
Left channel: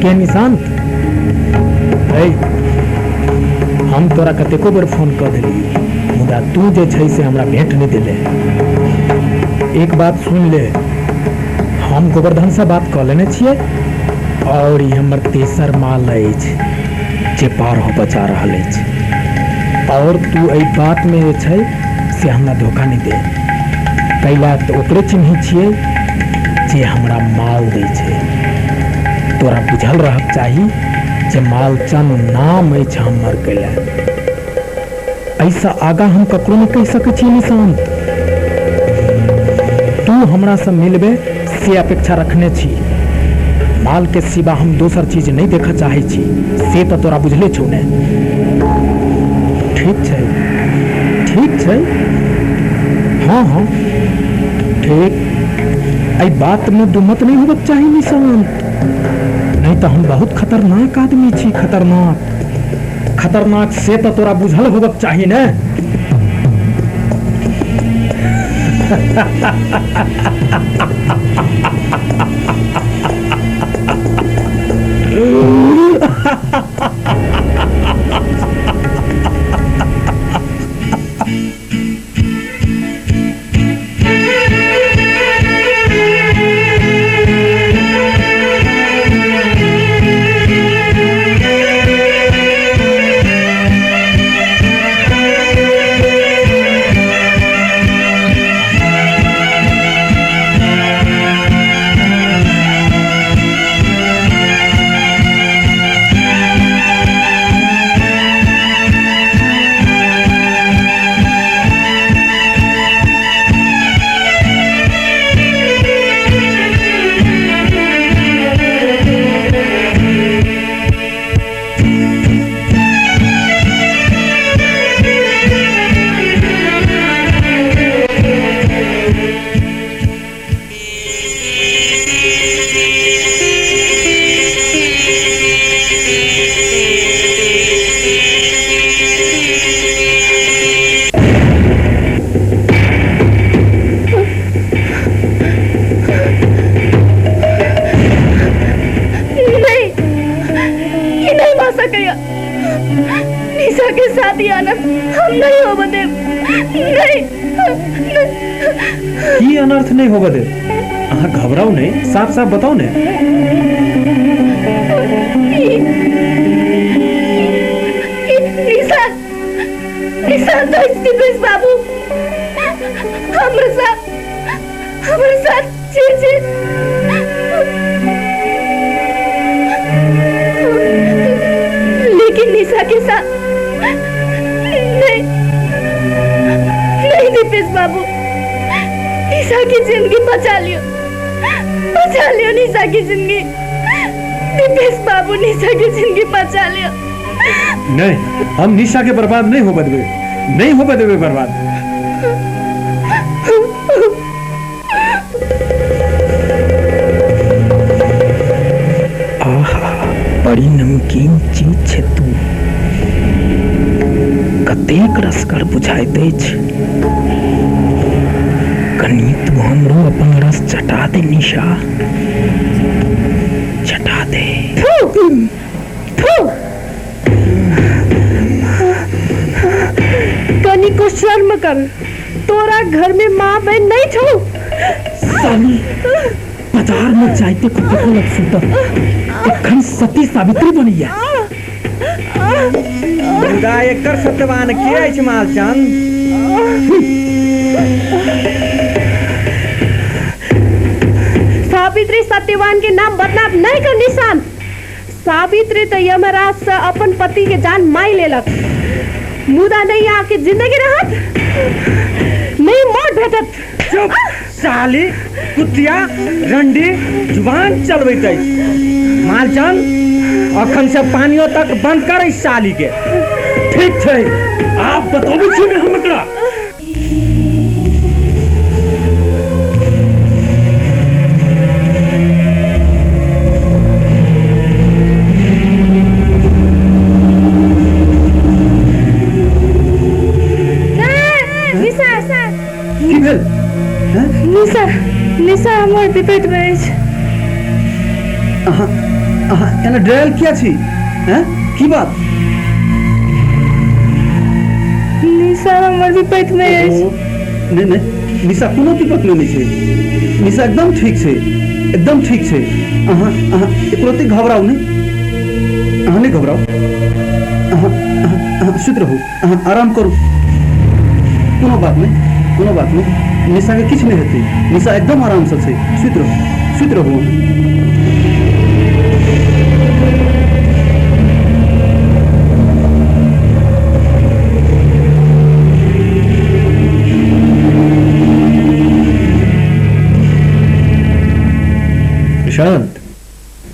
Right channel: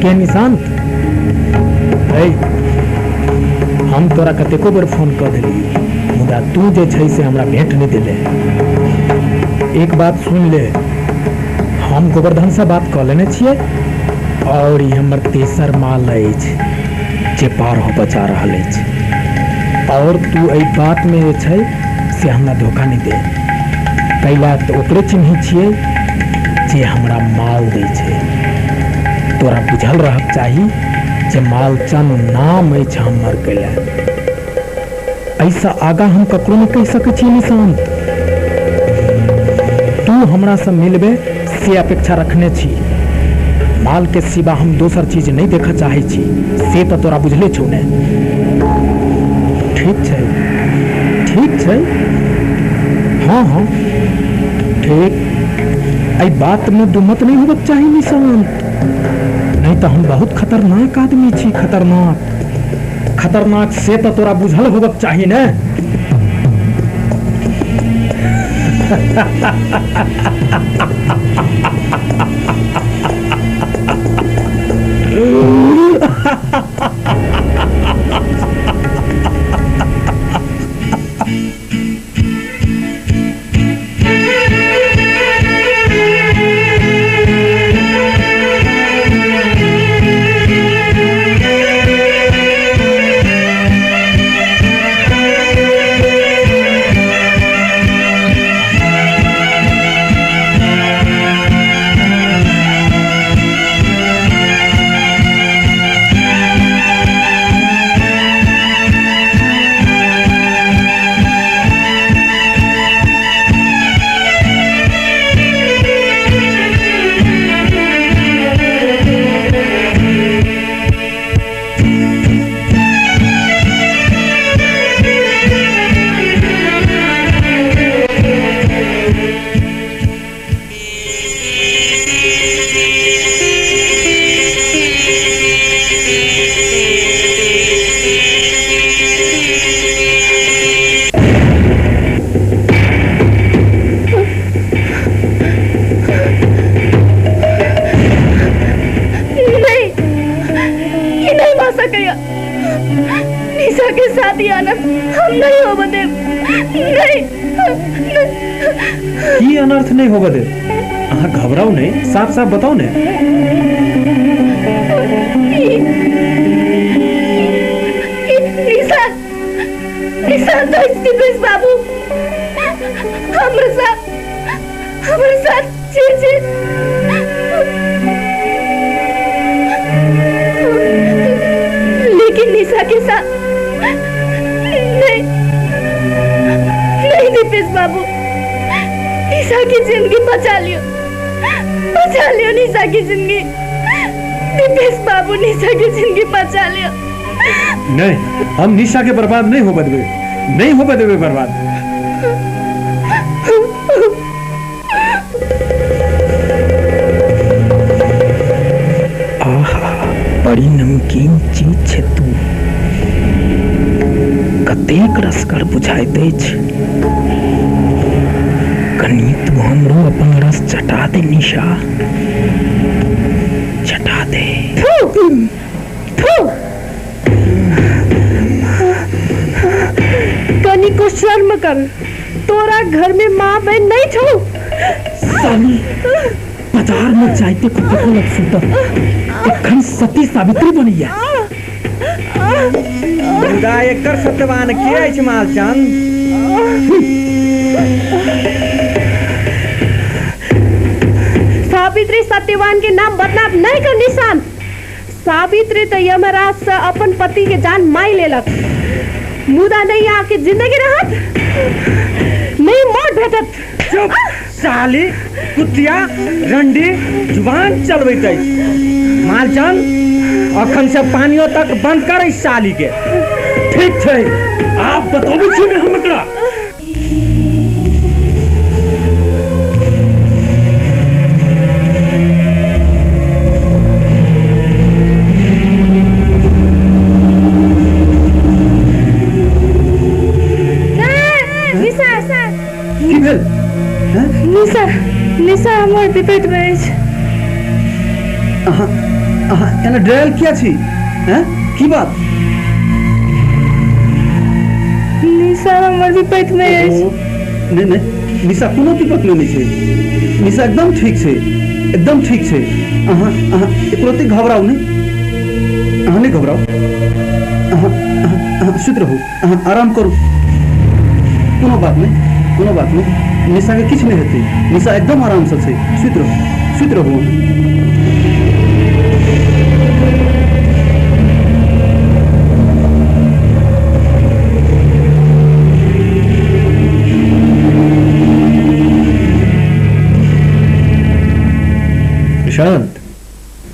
के निशांत, हम तोरा कतेको बेर फोन कर देली, मुदा तू जे छै से हमरा भेंट नहीं दिले। एक बात सुन ले, हम गोवर्धन से बात कर लेने छियै और ये हमर तेसर माल अछि जे पार हो बचा रहल अछि, और तू एहि बात में जे छै से हमरा धोखा नहीं दे। कैला तो ओकरे चिन्ह छियै जे हमरा माल दै छै। तोरा बुझल रहक चाही जे मालचंद नाम अछि हमर कैला। ऐसा आगा हम ककरो नहीं कह सकै छी निशांत। तू हमरा से मिलबे से अपेक्षा रखने छी। माल के सिवा हम दोसर चीज नहीं देखा चाहे छी, से तो तोरा बुझले छौ ने। ठीक छै, ठीक छै। हाँ हाँ ठीक। एहि बात में दुमत नहीं होबक चाही निशांत, नहीं तो हम बहुत खतरनाक आदमी छी। खतरनाक से तो तोरा बुझल होबक चाही ने। निशा के साथ ही आना हम नहीं हो बदे नहीं की अनर्थ नहीं हो बदे अहाँ घबराओ नहीं साफ साफ बताओ ने निशा निशा तो दिपेश बाबू हमारे साथ जी लेकिन निशा के साथ नहीं दिपेश बाबू निशा की जिंदगी बचा लियो निशा की जिंदगी दिपेश बाबू निशा की जिंदगी बचा लियो नहीं हम निशा के बर्बाद नहीं हो बदवे बर्बाद बड़ी नमकीन चीज है तू कतेक रसकर बुझाई दे कनी तू हमरो अपन रस चटा दे निशा चटा दे कनी को शर्म कर तोरा घर में माँ बहन नहीं छो साली बाजार में जाते को देखो लग सुता एखन सती सावित्री बनी है मुदा एकर सत्यवान के अछि मालचंद सावित्री सत्यवान के नाम बदनाम नहीं कर निशान सावित्री तो यमराज से अपन पति के जान माई लेलक मुदा नहीं आके जिंदगी रहत नहीं मौत भेटत चुप साली कुतिया रंडी जुबान चलबैत अछि मालचंद अखन से पानियों तक बंद कर इस साली के ठीक है आप बताओ छी हम एकरा निशा हमर विपेट में अछि एना डरल क्या छी हैं की बात निशा हमर विपेट में अछि नहीं निशा कोनो विपत नहीं छै निशा एकदम ठीक छै अहाँ एकरोते घबराओ नहीं अहाँ नहीं घबराओ अहाँ सुत रहू अहाँ आराम करू कोनो बात नहीं निशा के किछ नहीं हेतै निशा एकदम आराम से छै सुत रहू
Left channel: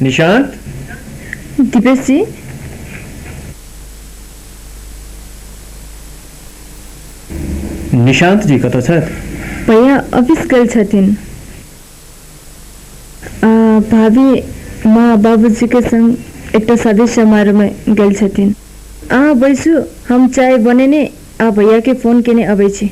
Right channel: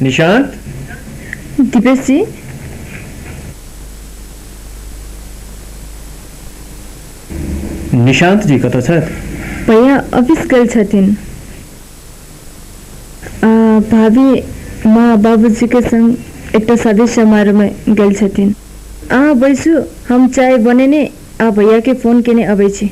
निशांत दिपेश जी निशांत जी कतऽ छथि भैया ऑफिस गेल छथिन भाभी माँ बाबूजी के संग एकटा शादी समारोह में गेल छथिन अहाँ बैसू हम चाय बनेने आ भैया के फोन केने अबै छी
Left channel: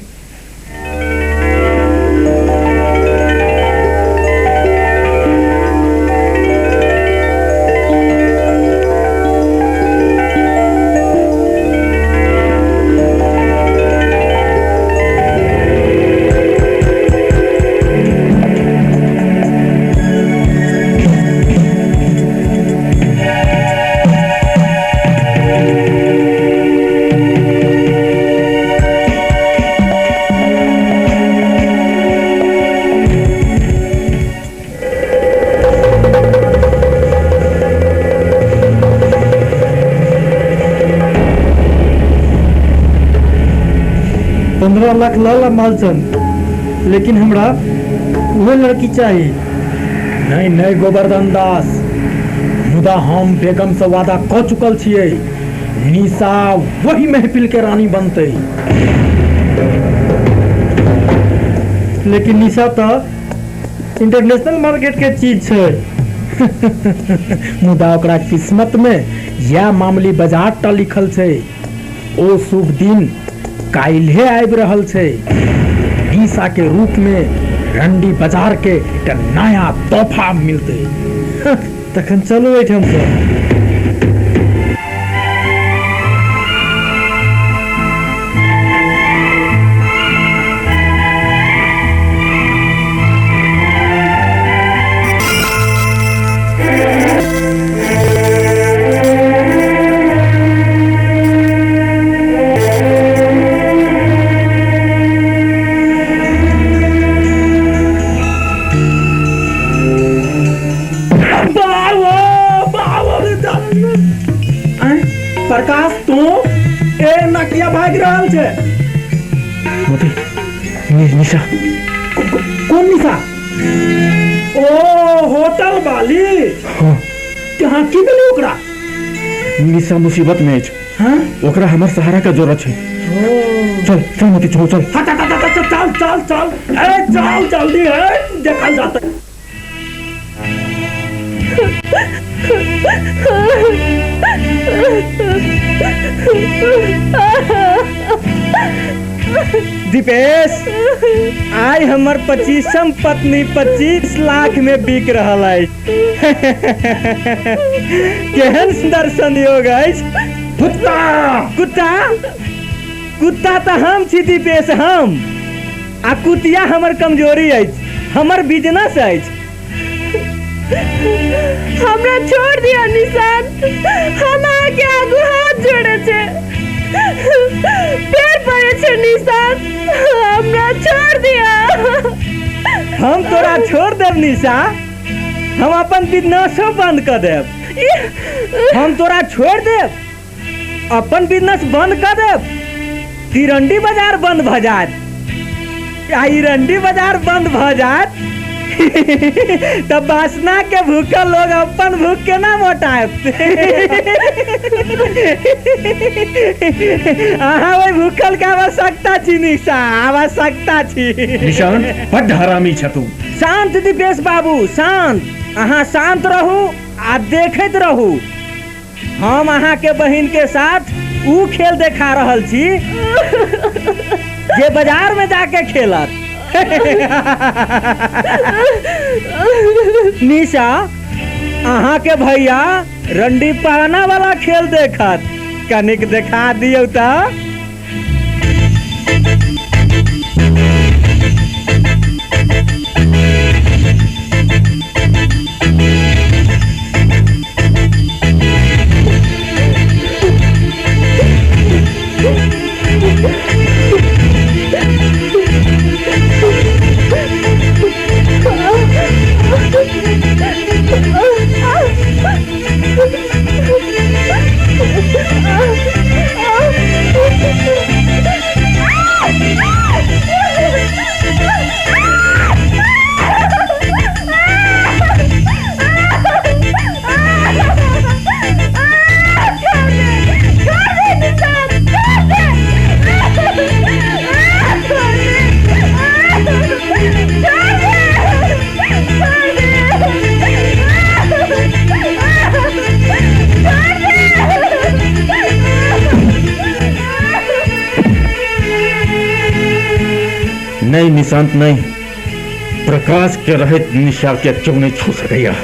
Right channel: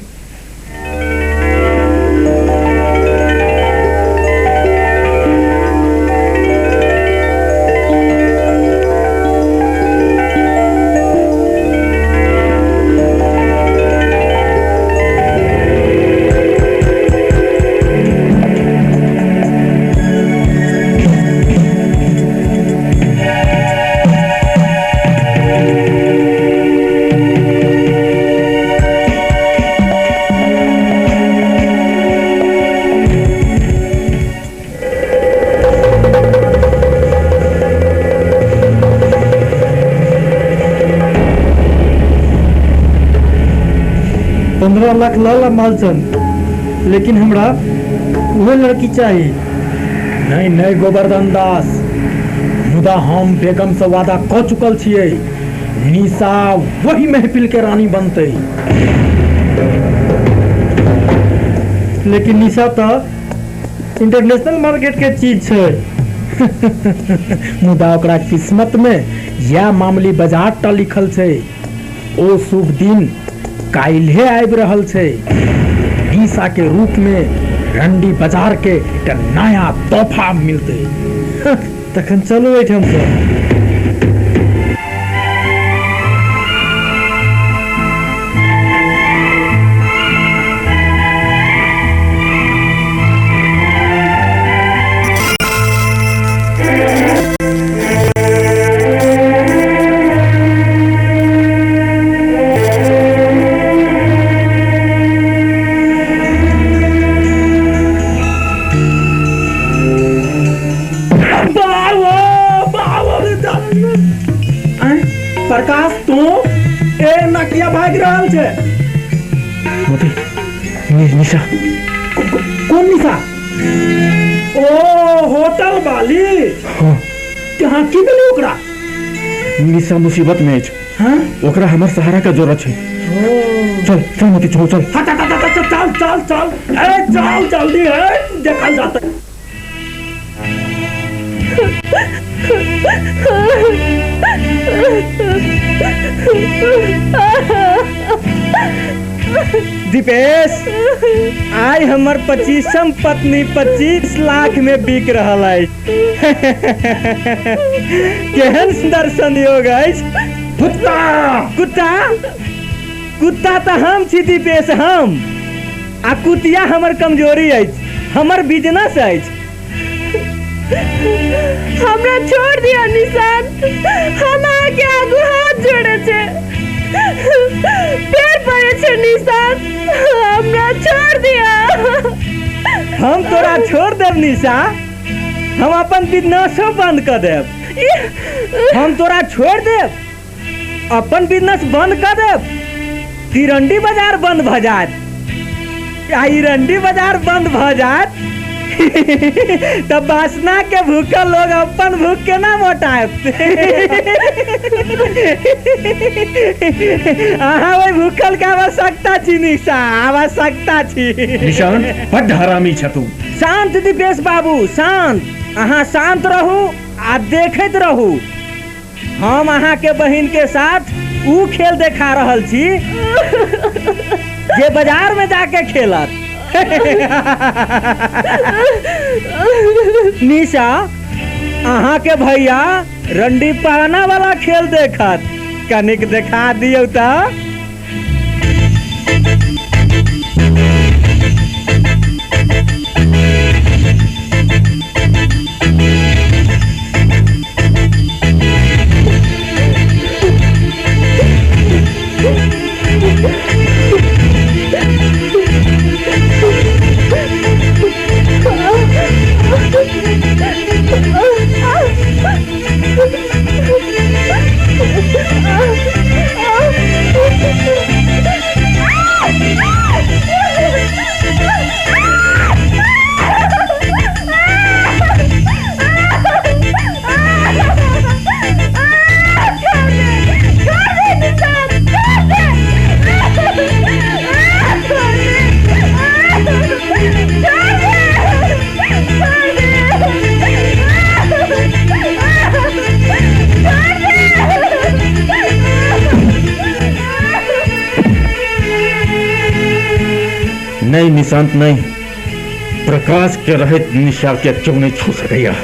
15 लाख लाला मालचंद, लेकिन हमरा वह लड़की चाहिए। नहीं नहीं गोवर्धन दास, मुदा हम बेगम से वादा क चुकल छियै, निशा वही महफिल के रानी बनते। लेकिन निशा तो इंटरनेशनल मार्केट के चीज छै। मुदा ओकरा किस्मत में यह मामूली बाजार टा लिखल छै। ओ शुभ दिन काल्हे आबि रहल छै। निशा के रूप में रंडी बाजार के एक नया तोहफा मिलते। तखन चलो एठम से। प्रकाश तू ए नकिया भाग रहल छे। निशा कौन निशा? ओ होटल वाली। हाँ। कहाँ की भेलै ओकरा? निशा मुसीबत में अछि। हाँ? ओकरा हमर सहारा के जरूरत छै। चल चल मोती चल चल। चल चल चल ए चल जल्दी है, देखल जाता है। दीपेश, आई हमर 25वीं पत्नी 25 लाख में बिक रहल है। केहन सुंदर संयोग है। कुत्ता कुत्ता कुत्ता तो हम छी दीपेश, हम आ कुतिया हमर कमजोरी है, हमर बिजनेस है। हमरा छोड़ दिया निशान, हम आगे आगू हाथ जोड़े छे, पैर पड़े छे निशान, हमरा छोड़ दिया। हम तोरा छोड़ देव निशा, हम अपन बिजनेसो बंद कर देव। हम तोरा छोड़ देव, अपन बिजनेस बंद कर देव, तिरंडी बाजार बंद भ जात। आई रंडी बाजार बंद भ जात तब वासना के भूखल लोग अपन भूख के ना मोटाएब। अहाँ वही भूखल के आवश्यकता छी निशा, आवश्यकता छी। निशान बड़ हरामी छ तू। शांत दीपेश बाबू, शांत। अहाँ शांत रहू आ देखैत रहू। हम अहाँ के बहिन के साथ ऊ खेल देखा रहल छी जे बाजार में जाके खेलत। निशा, अहाँ के भैया रंडी पहना वाला खेल देखत, कनिक देखा दियो तो। नहीं निशांत नहीं, प्रकाश के रहित निशा के क्यों नहीं छू सकेगा।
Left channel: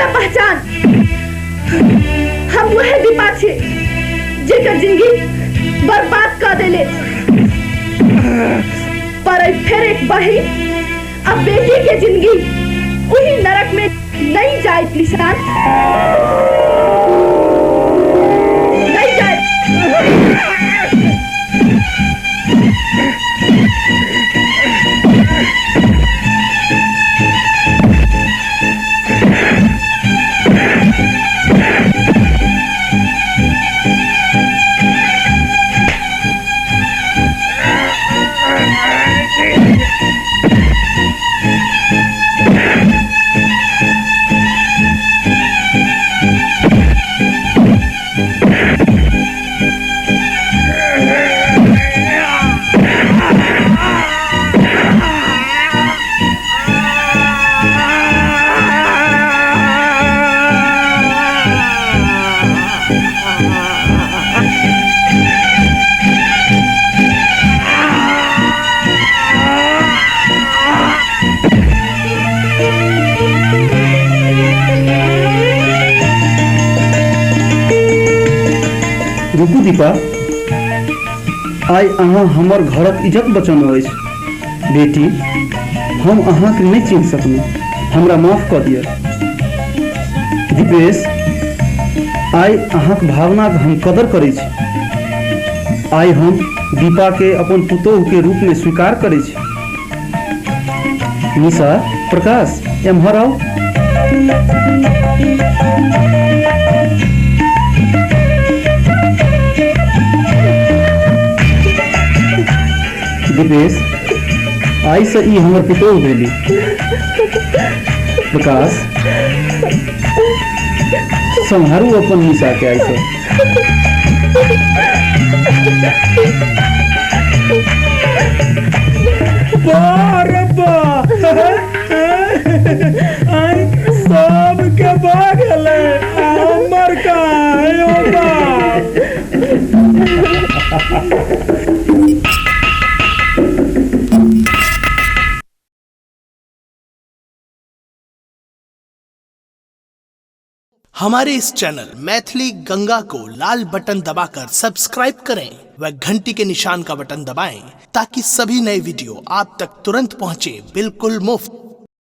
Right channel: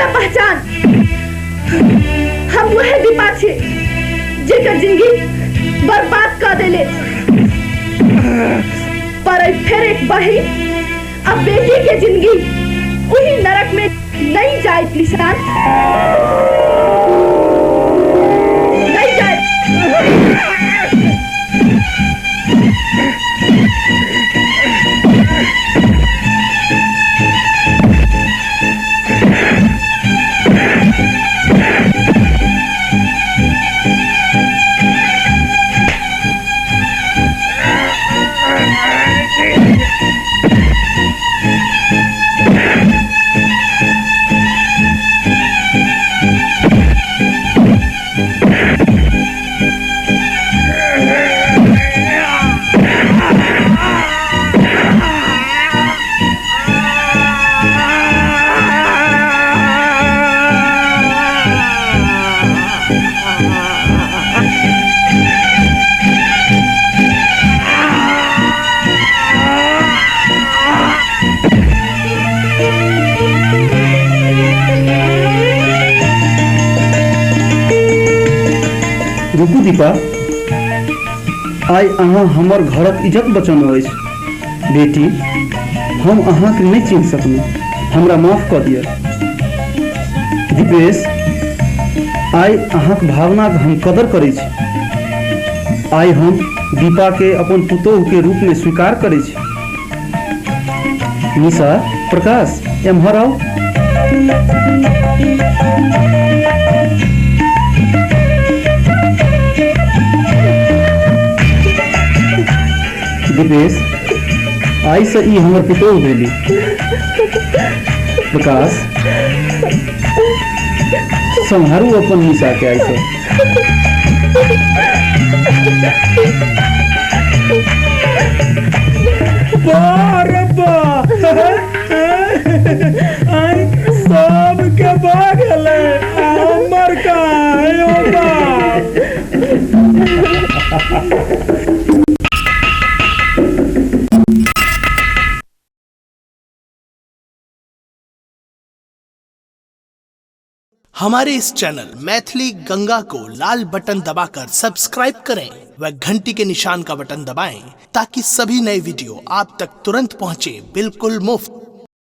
हमरा पहचान। हम वह दीपा छे जेकर जिंदगी बर्बाद कर देले। पर फिर एक बहिन अब बेटी के जिंदगी वही नरक में नहीं जाए निशान, नहीं जाए। रुकू दीपा, आइ अहाँ हमर घरक इज्जत बचौने अछि। बेटी, हम अहाँके नहीं चिन्ह सकलहुँ, हमरा माफ कऽ दिअ। दीपेश, आइ अहाँक भावनाक हम कदर करै छी। आइ हम दीपा के अपन पुतोह के रूप में स्वीकार करै छी। निशा, प्रकाश, एम्हर आओ। दीपेश, आई से ई हमर पुतोह भेली। प्रकाश, संहारू अपन निशा के आई से। सब के भागले हमर का हमारे इस चैनल मैथिली गंगा को लाल बटन दबाकर सब्सक्राइब करें व घंटी के निशान का बटन दबाएं ताकि सभी नए वीडियो आप तक तुरंत पहुंचे बिल्कुल मुफ्त।